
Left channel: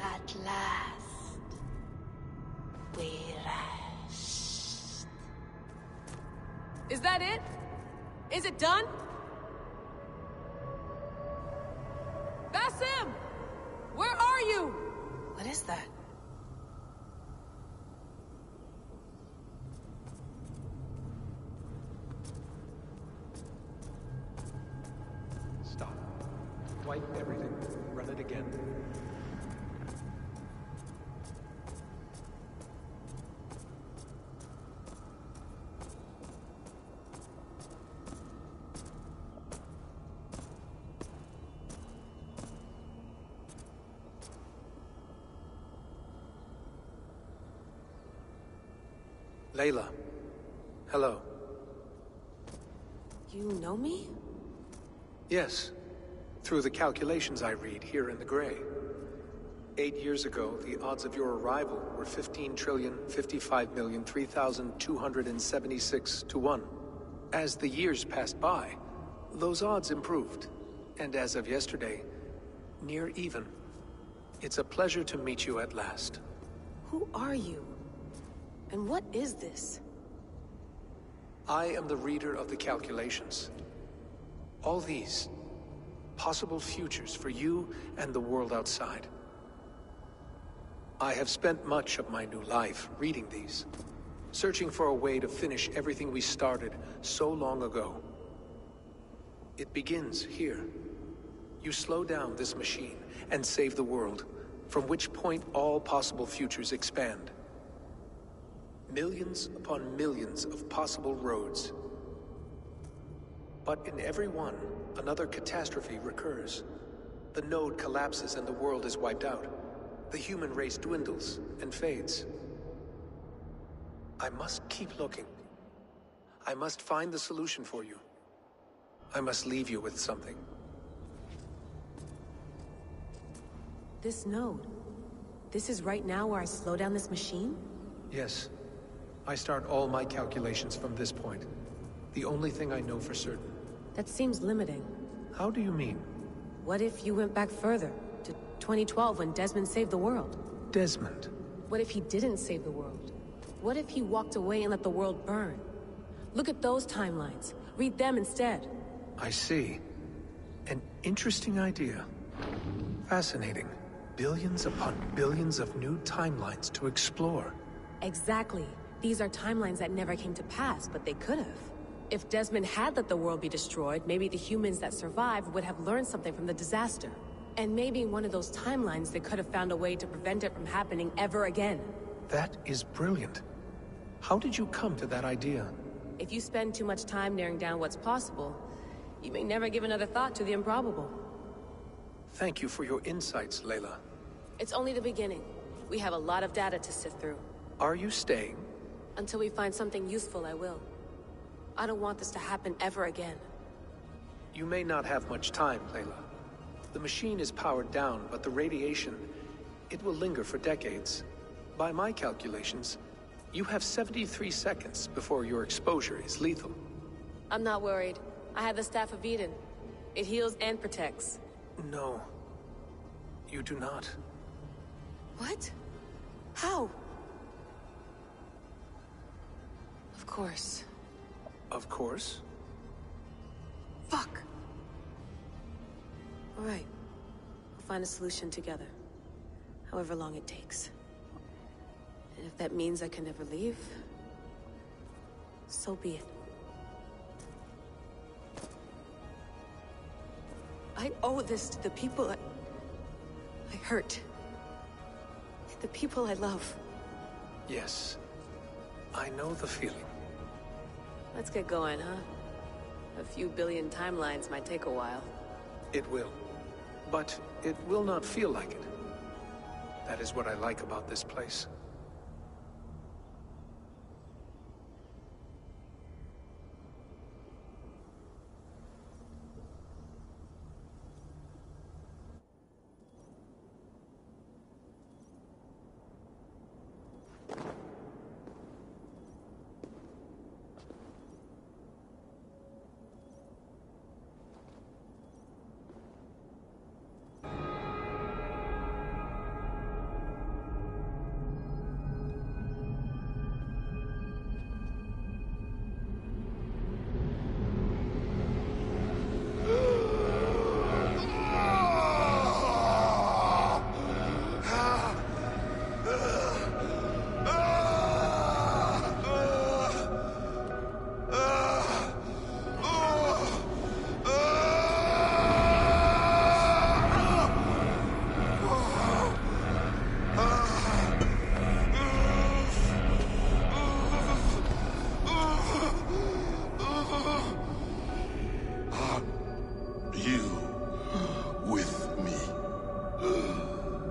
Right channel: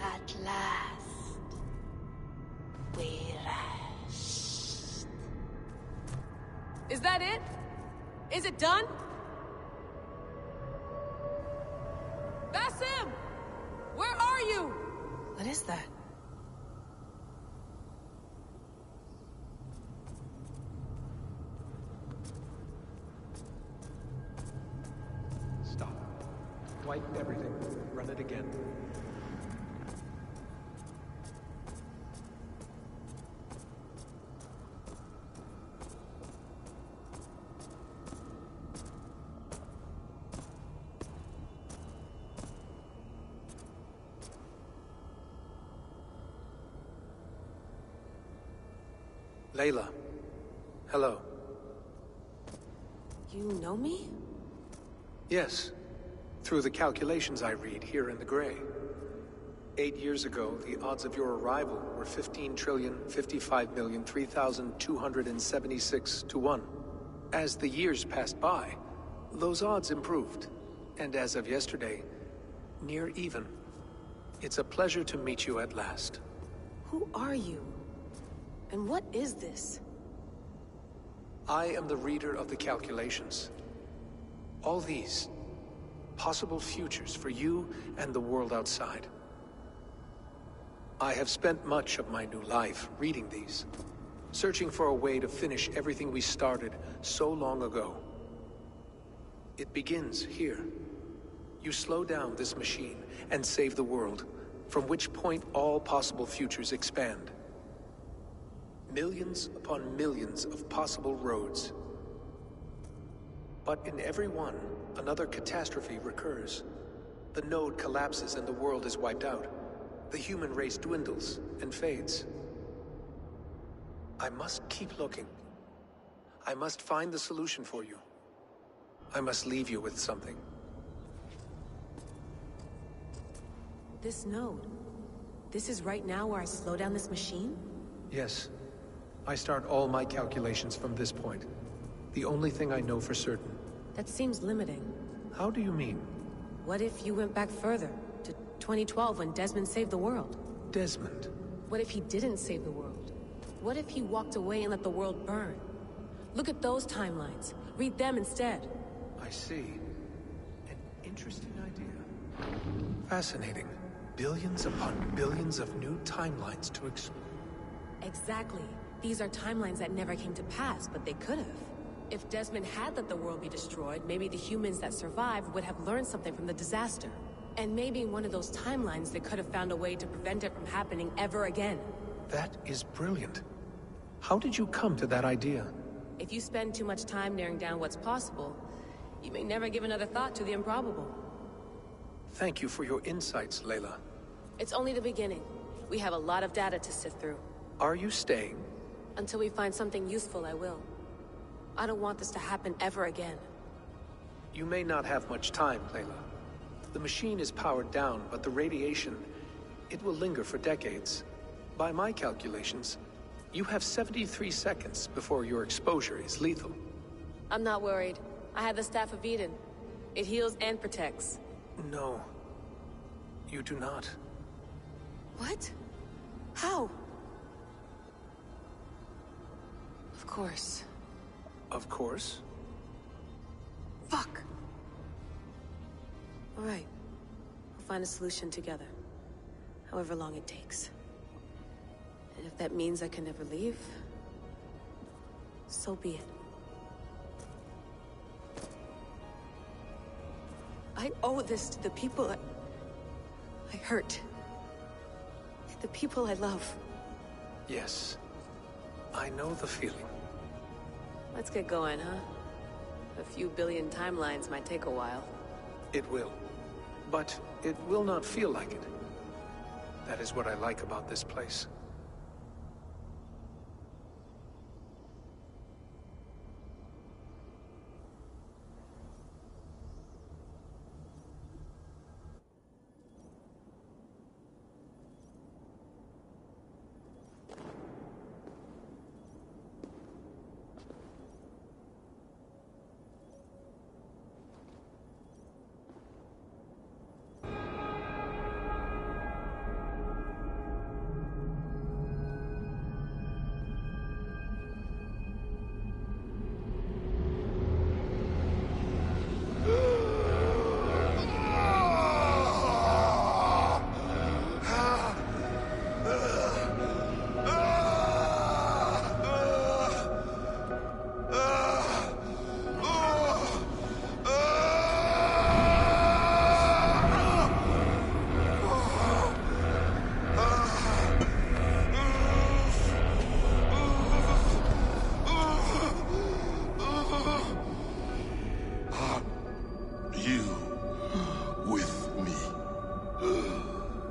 At last. We rest. Is that it? Is it done? Basim! Where are you? What is that? Stop. Wipe everything. Run it again. Layla. Hello. You know me? Yes. Through the calculations I read here in the gray. 8 years ago, the odds of your arrival were 15,055,003,276 to 1. As the years passed by, those odds improved. And as of yesterday, near even. It's a pleasure to meet you at last. Who are you? And what is this? I am the reader of the calculations. All these, possible futures for you and the world outside. I have spent much of my new life reading these, searching for a way to finish everything we started so long ago. It begins here. You slow down this machine and save the world, from which point all possible futures expand. Millions upon millions of possible roads. But in every one, another catastrophe recurs. The node collapses and the world is wiped out. The human race dwindles and fades. I must keep looking. I must find the solution for you. I must leave you with something. This node. This is right now where I slow down this machine? Yes. I start all my calculations from this point. The only thing I know for certain. That seems limiting. How do you mean? What if you went back further, to 2012 when Desmond saved the world? Desmond? What if he didn't save the world? What if he walked away and let the world burn? Look at those timelines. Read them instead. I see. An interesting idea. Fascinating. Billions upon billions of new timelines to explore. Exactly. These are timelines that never came to pass, but they could have. If Desmond had let the world be destroyed, maybe the humans that survived would have learned something from the disaster. And maybe in one of those timelines they could have found a way to prevent it from happening ever again. That is brilliant. How did you come to that idea? If you spend too much time narrowing down what's possible, you may never give another thought to the improbable. Thank you for your insights, Layla. It's only the beginning. We have a lot of data to sift through. Are you staying? Until we find something useful, I will. I don't want this to happen ever again. You may not have much time, Layla. The machine is powered down, but the radiation... it will linger for decades. By my calculations, you have 73 seconds before your exposure is lethal. I'm not worried. I have the Staff of Eden. It heals and protects. No. You do not. What? How? Of course. Of course. Fuck! Alright. We'll find a solution together. However long it takes. And if that means I can never leave, so be it. I owe this to the people I hurt. The people I love. Yes. I know the feeling. Let's get going, huh? A few billion timelines might take a while. It will. But it will not feel like it. That is what I like about this place.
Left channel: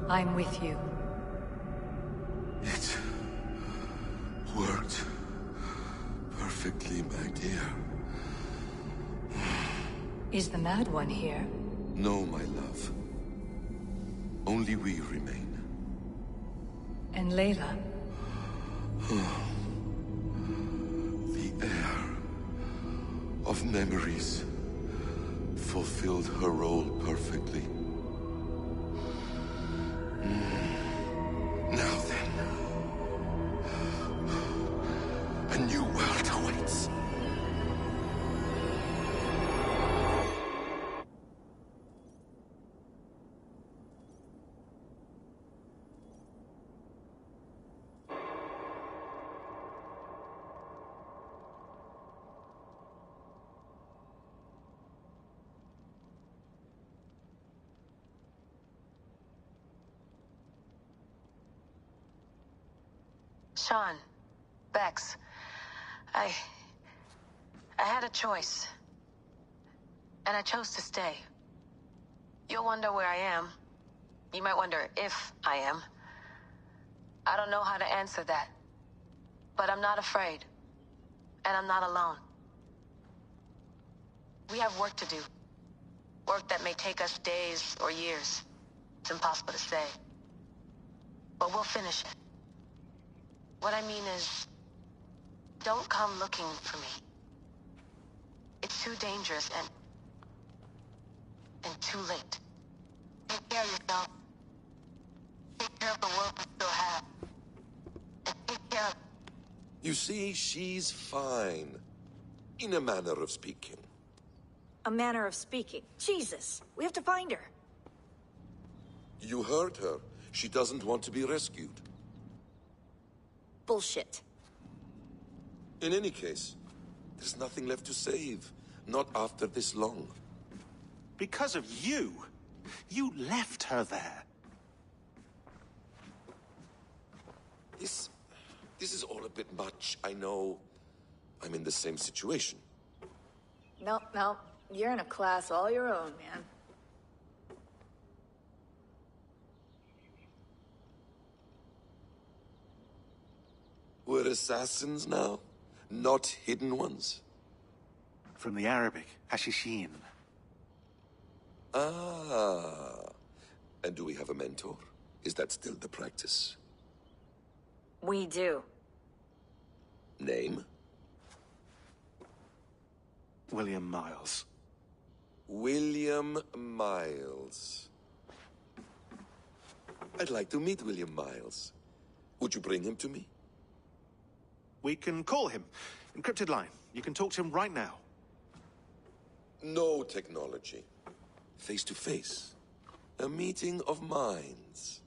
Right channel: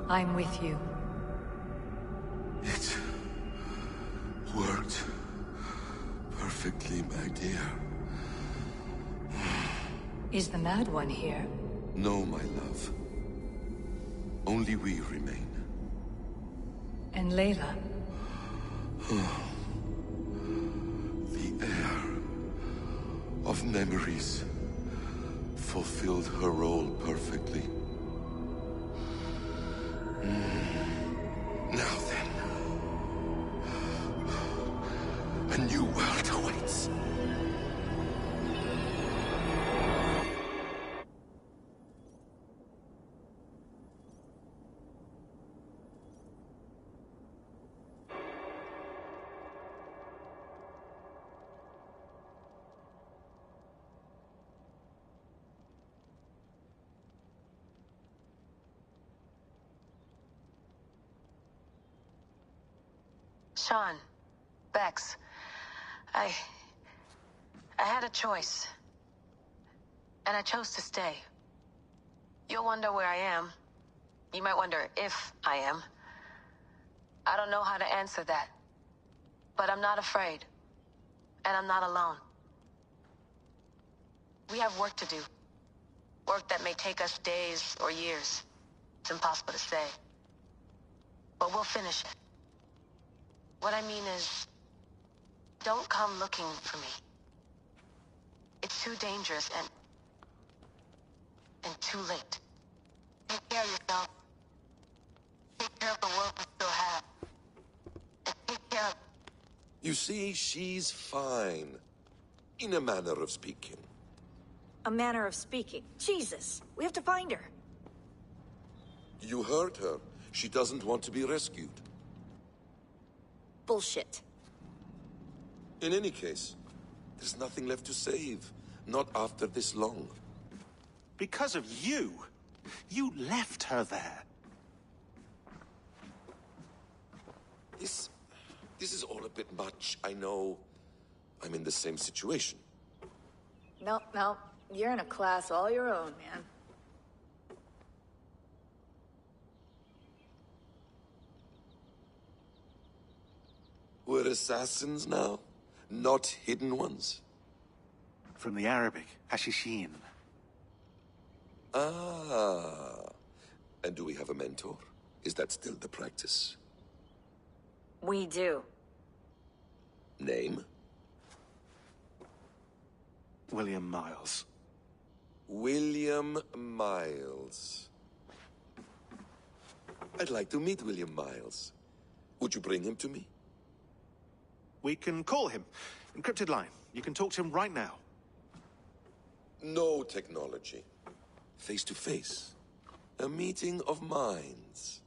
I'm with you. It worked perfectly, my dear. Is the Mad One here? No, my love. Only we remain. And Layla? The air of memories fulfilled her role perfectly. Now then, a new world awaits. Sean, Bex, I had a choice. And I chose to stay. You'll wonder where I am. You might wonder if I am. I don't know how to answer that. But I'm not afraid. And I'm not alone. We have work to do. Work that may take us days or years. It's impossible to say. But we'll finish it. What I mean is, don't come looking for me. It's too dangerous and too late. Take care of yourself. Take care of the world we still have. And take care of... You see, she's fine. In a manner of speaking. A manner of speaking. Jesus, we have to find her. You heard her. She doesn't want to be rescued. Bullshit. In any case, there's nothing left to save. Not after this long. Because of you. You left her there. This is all a bit much. I know. I'm in the same situation. No. You're in a class all your own, man. We're assassins now? Not hidden ones? From the Arabic, hashishin. Ah. And do we have a mentor? Is that still the practice? We do. Name? William Miles. William Miles. I'd like to meet William Miles. Would you bring him to me? We can call him. Encrypted line. You can talk to him right now. No technology. Face to face. A meeting of minds.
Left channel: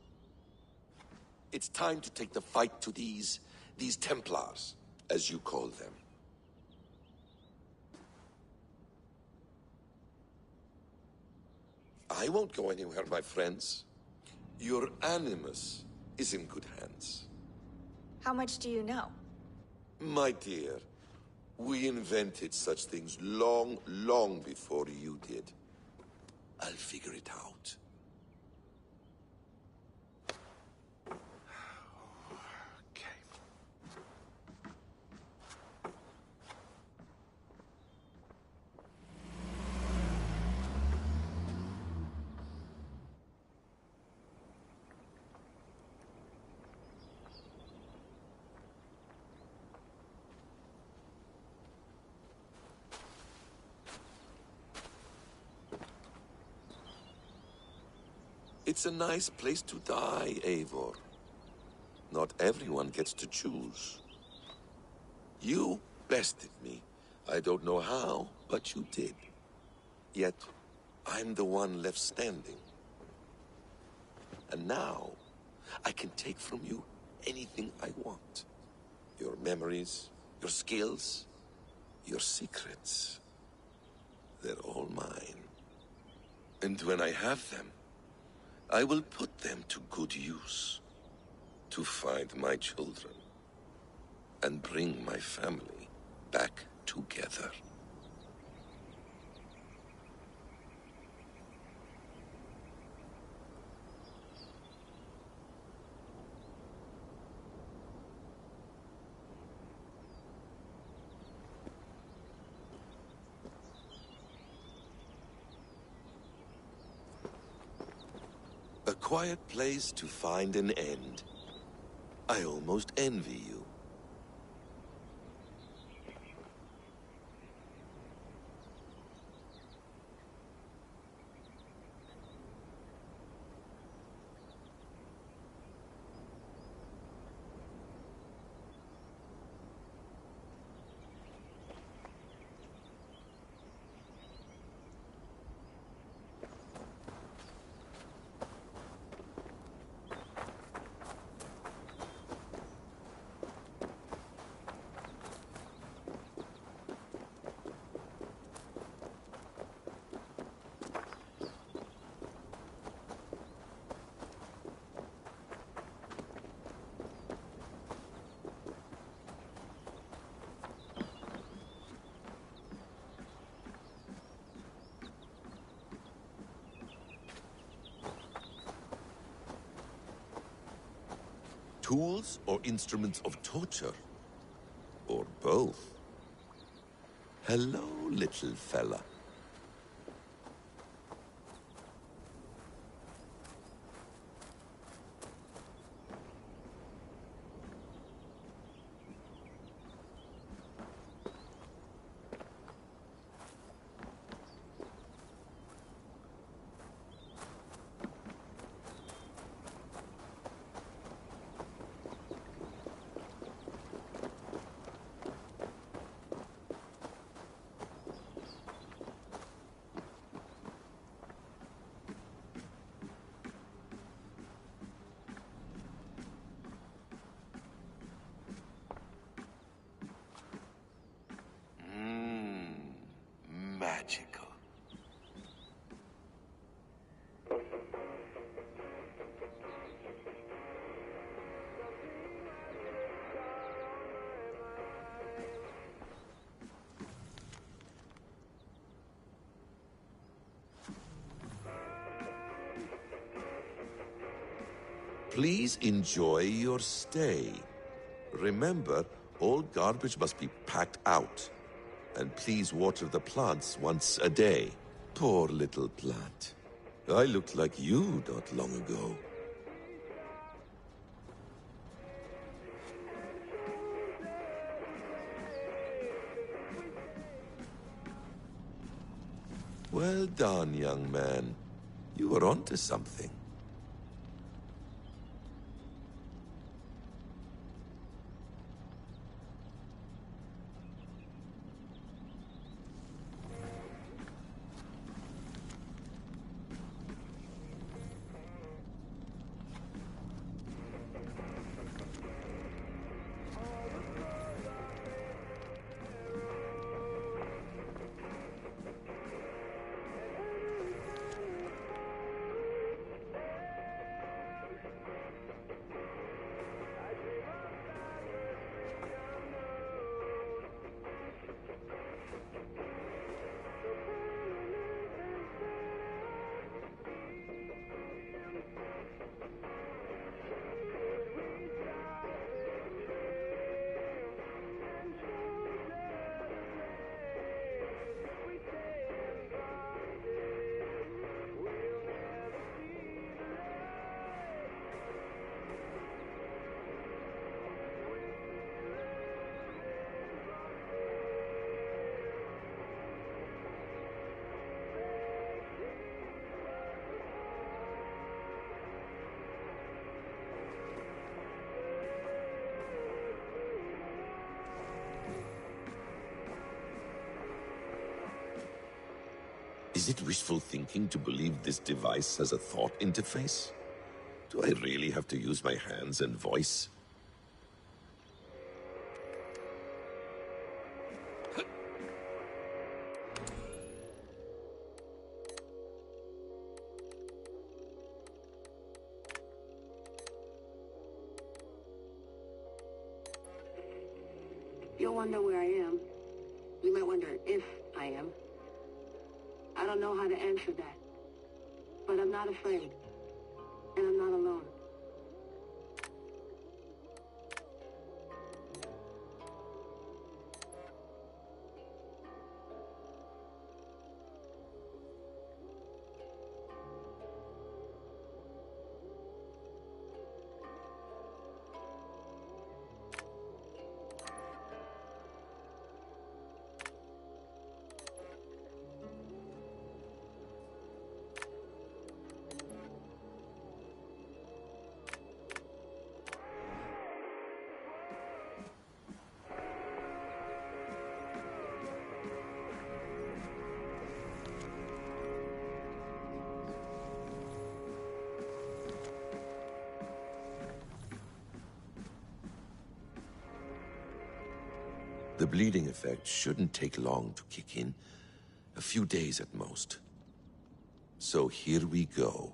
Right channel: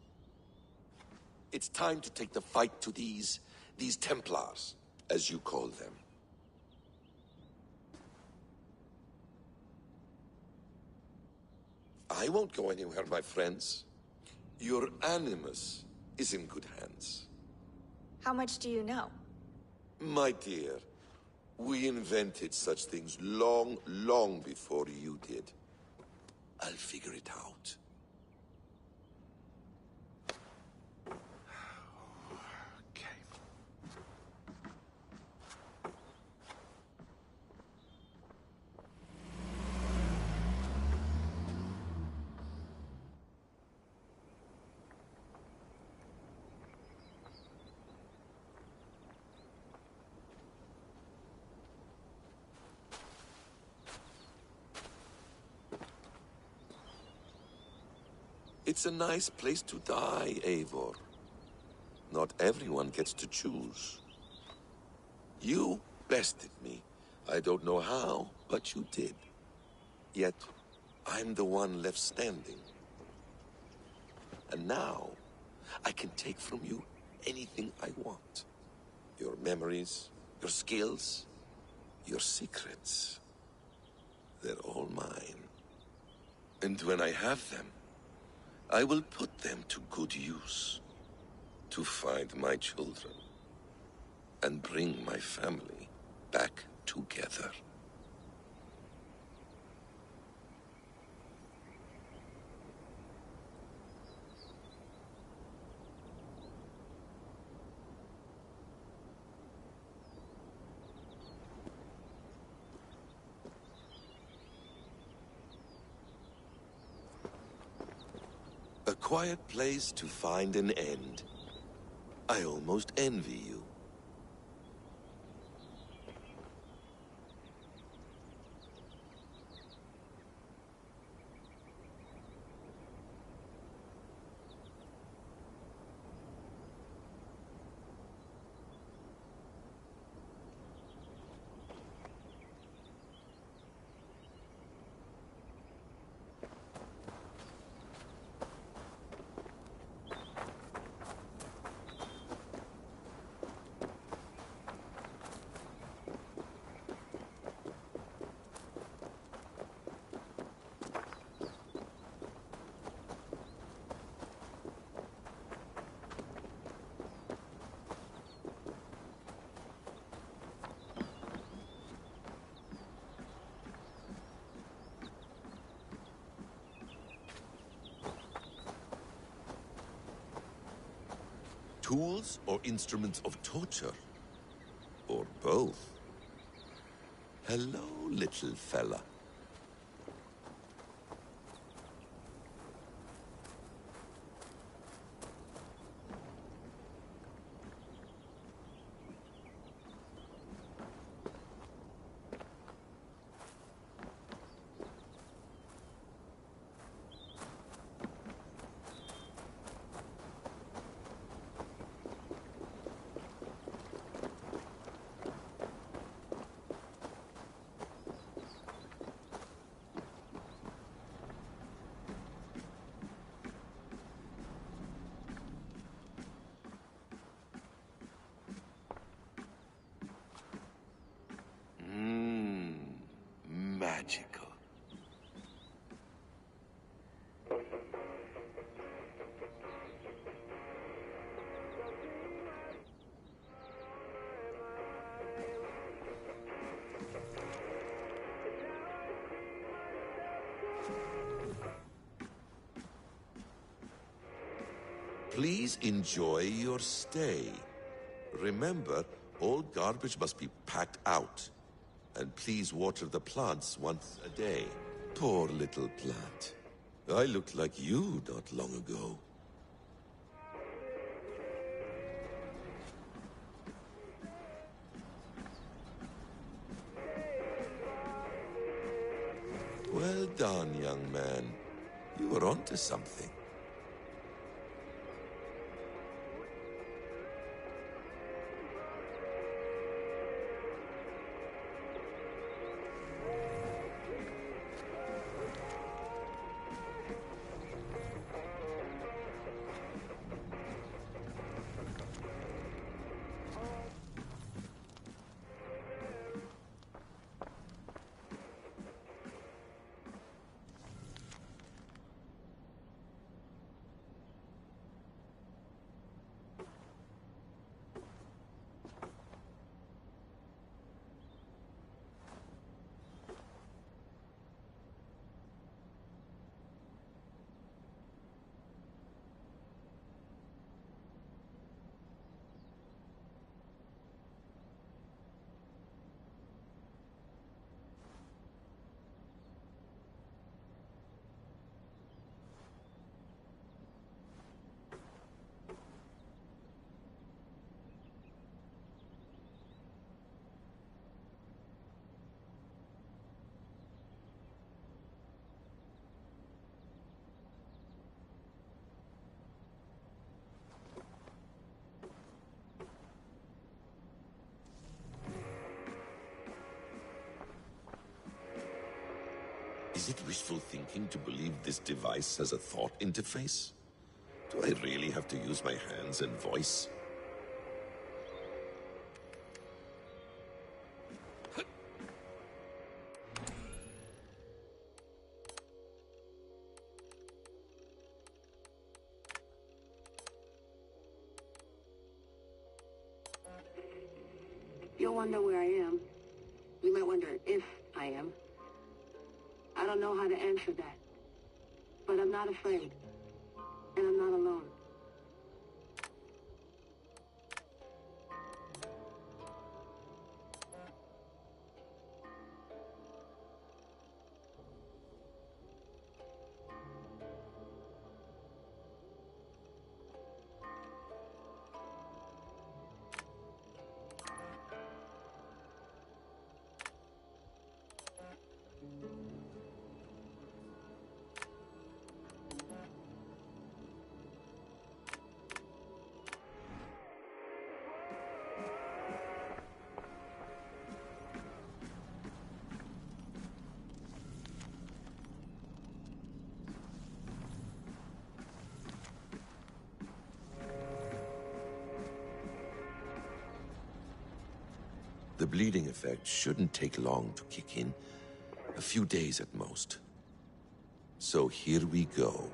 It's time to take the fight to these Templars, as you call them. I won't go anywhere, my friends. Your animus is in good hands. How much do you know? My dear, we invented such things long, long before you did. I'll figure it out. It's a nice place to die, Eivor. Not everyone gets to choose. You bested me. I don't know how, but you did. Yet, I'm the one left standing. And now, I can take from you anything I want. Your memories, your skills, your secrets. They're all mine. And when I have them, I will put them to good use. To find my children. And bring my family back together. A quiet place to find an end. I almost envy you. Tools or instruments of torture? Or both? Hello, little fella. Magical. Please enjoy your stay. Remember, all garbage must be packed out. And please water the plants once a day. Poor little plant. I looked like you not long ago. Well done, young man. You were onto something. Is it wishful thinking to believe this device has a thought interface? Do I really have to use my hands and voice? You'll wonder where I am. You might wonder if I am. I don't know how to answer that. But I'm not afraid. And I'm not alone. The bleeding effect shouldn't take long to kick in. A few days at most. So here we go.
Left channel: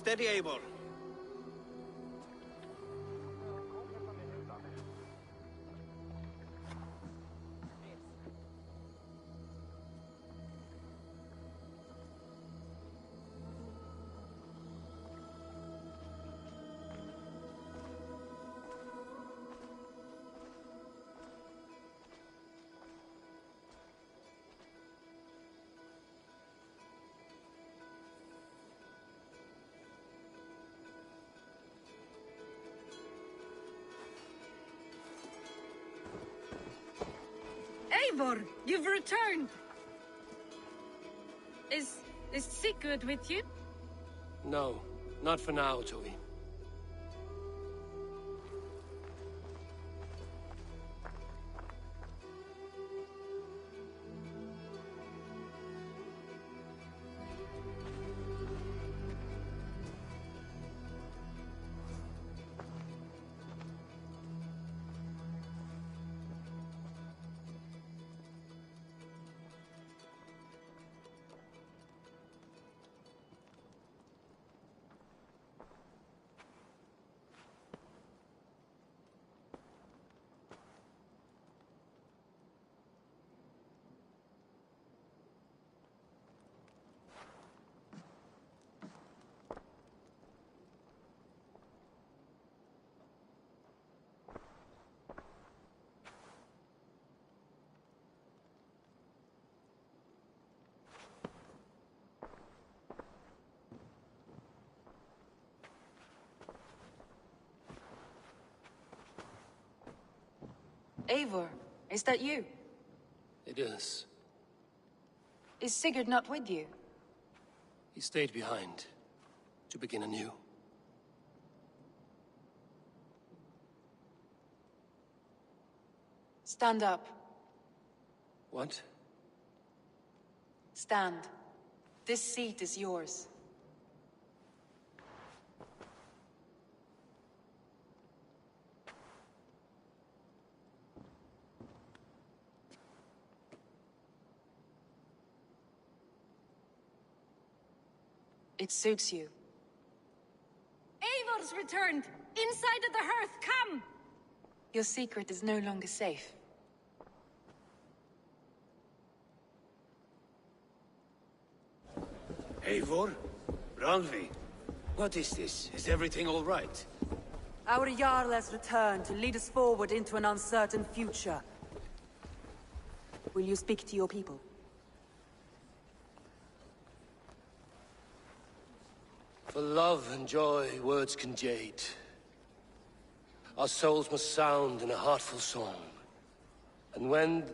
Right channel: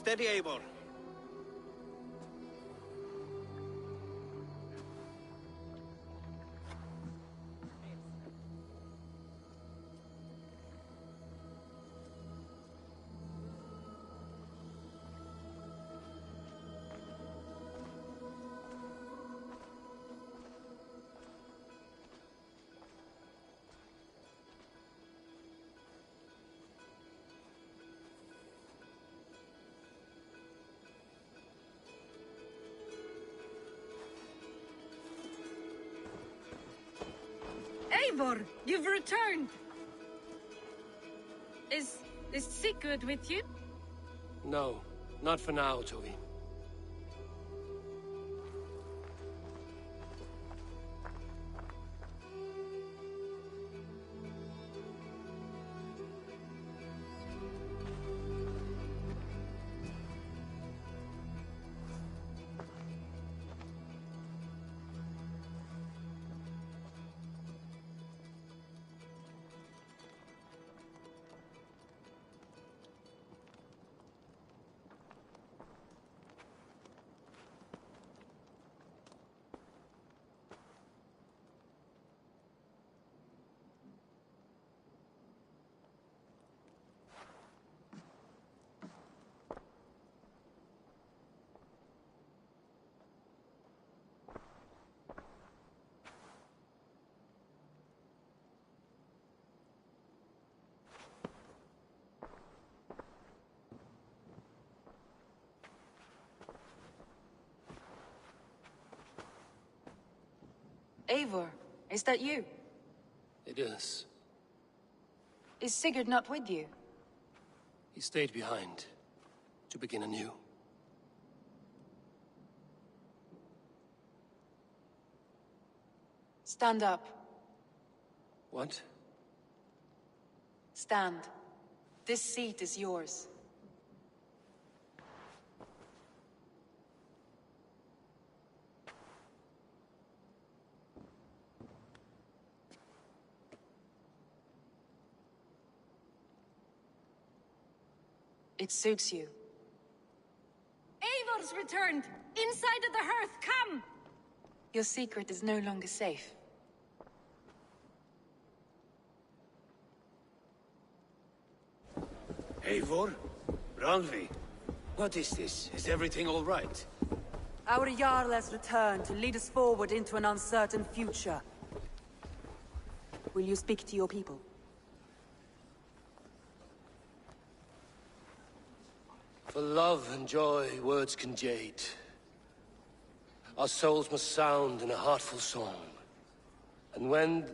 Steady, Eivor. Eivor, you've returned! Is Sigurd with you? No, not for now, Toby. Eivor, is that you? It is. Is Sigurd not with you? He stayed behind to begin anew. Stand up. What? Stand. This seat is yours. It suits you. Eivor's returned! Inside of the hearth, come! Your secret is no longer safe. Eivor? Randvi? What is this? Is everything all right? Our Jarl has returned to lead us forward into an uncertain future. Will you speak to your people? For love and joy, words can jade. Our souls must sound in a heartful song. And when...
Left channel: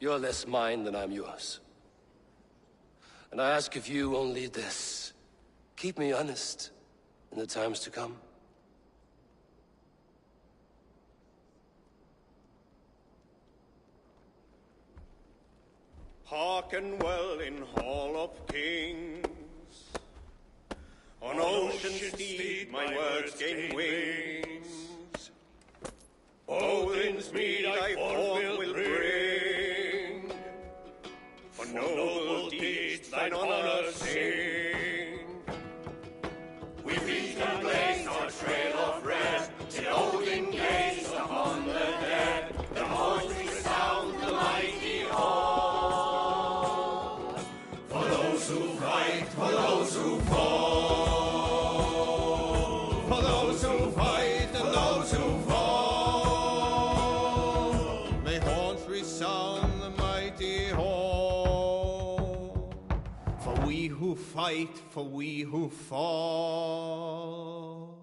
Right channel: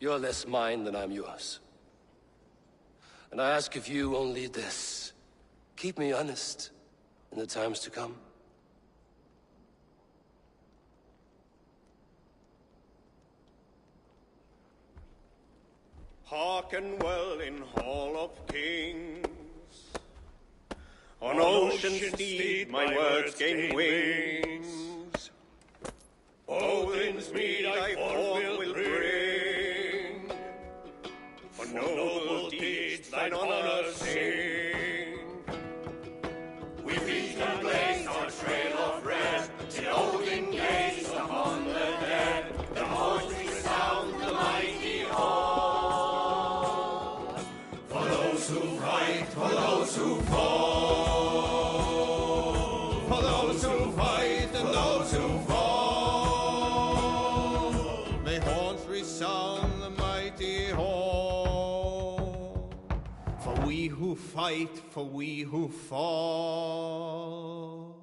You're less mine than I'm yours. And I ask of you only this. Keep me honest in the times to come. Hearken well in Hall of Kings. On ocean steed my words gain wings. Odin's mead I forth will bring. For noble deeds thine honor sing. We reach and blaze our trail of red, till Odin gaze upon the dead. The voice resound the mighty hall. For those who fight, for those who fall. For those who fight and those who fall. May horns resound the mighty hall. For we who fight, for we who fall.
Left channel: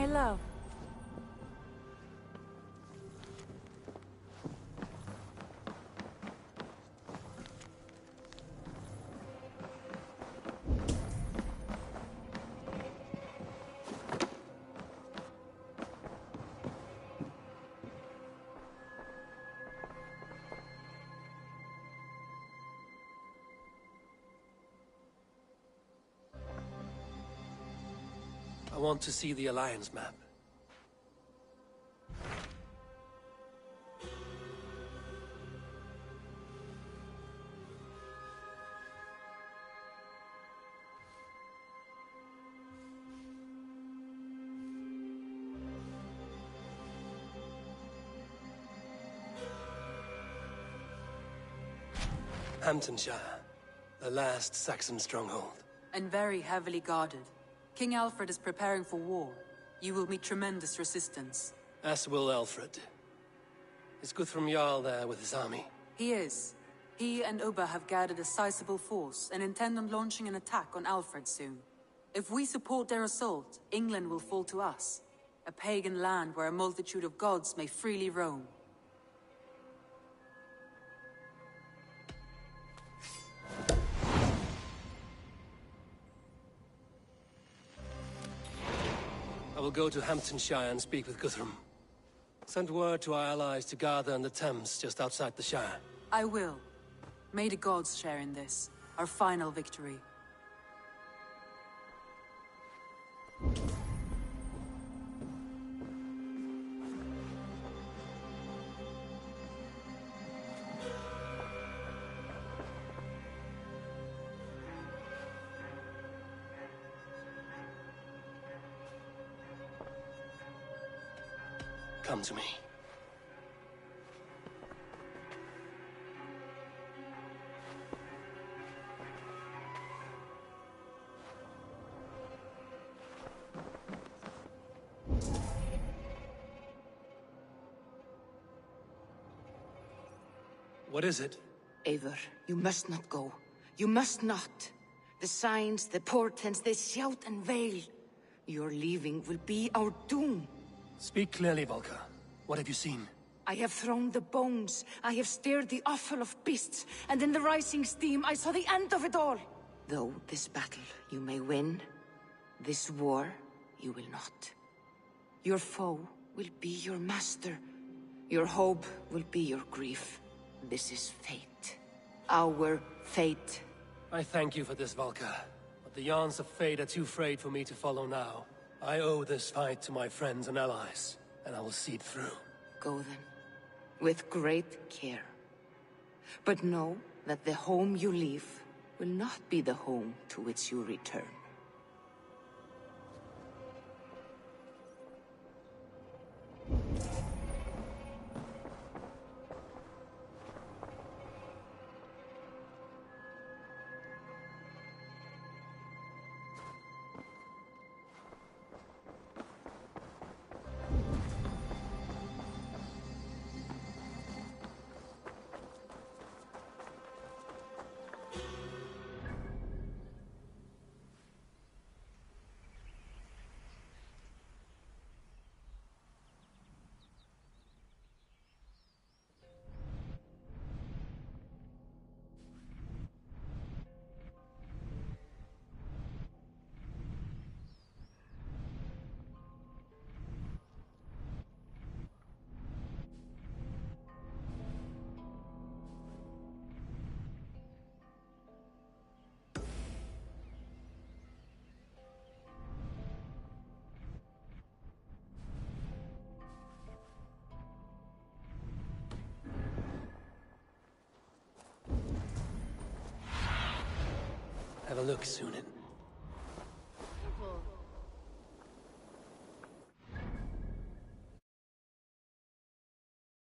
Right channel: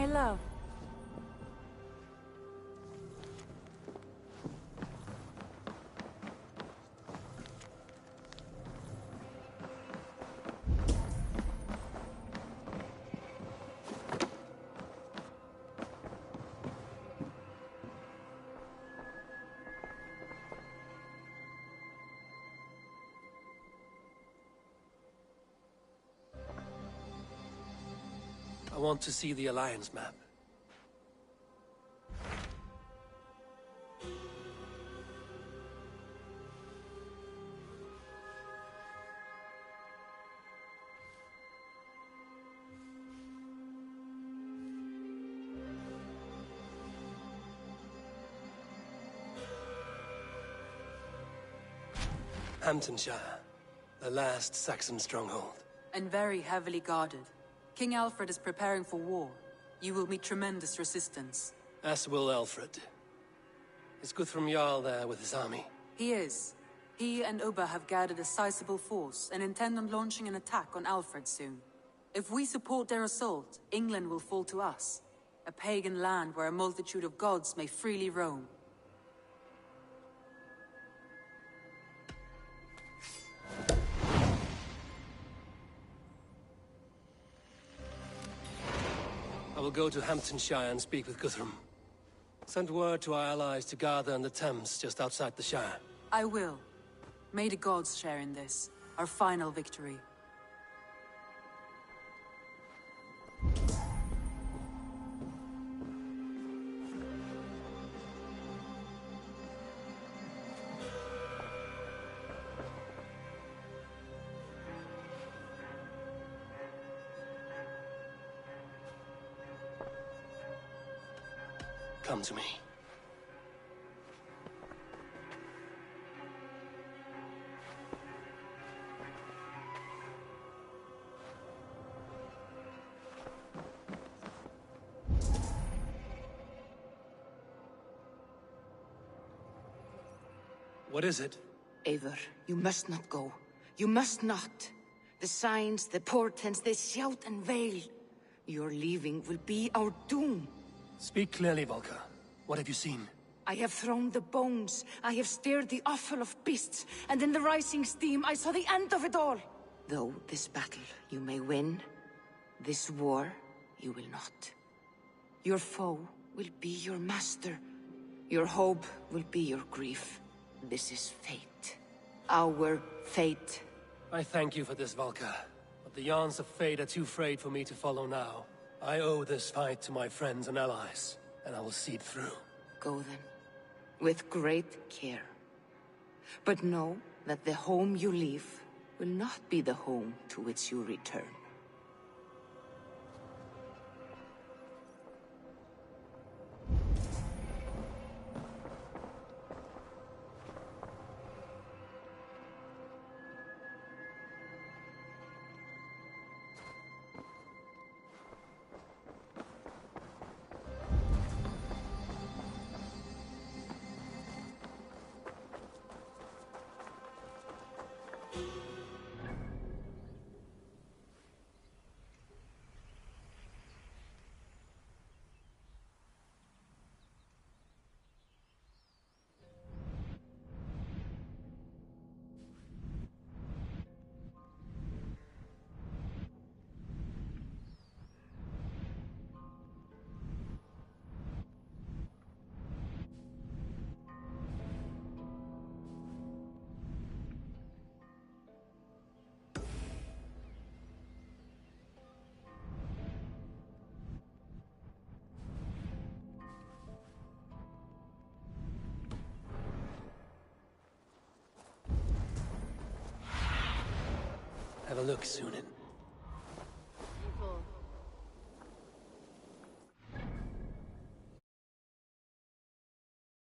My love. I want to see the Alliance map. Hamptonshire, the last Saxon stronghold. And very heavily guarded. King Alfred is preparing for war. You will meet tremendous resistance. As will Alfred. Is Guthrum Jarl there with his army? He is. He and Ubba have gathered a sizable force and intend on launching an attack on Alfred soon. If we support their assault, England will fall to us. A pagan land where a multitude of gods may freely roam. I will go to Hamptonshire and speak with Guthrum. Send word to our allies to gather on the Thames just outside the Shire. I will. May the gods share in this, our final victory. Come to me. What is it? Eivor, you must not go. You must not. The signs, the portents, they shout and wail. Your leaving will be our doom. Speak clearly, Volker. What have you seen? I have thrown the bones. I have stirred the offal of beasts. And in the rising steam, I saw the end of it all. Though this battle you may win, this war you will not. Your foe will be your master. Your hope will be your grief. This is fate. Our fate. I thank you for this, Volker. But the yarns of fate are too frayed for me to follow now. I owe this fight to my friends and allies, and I will see it through. Go then, with great care. But know that the home you leave will not be the home to which you return. Have a look, Sunan.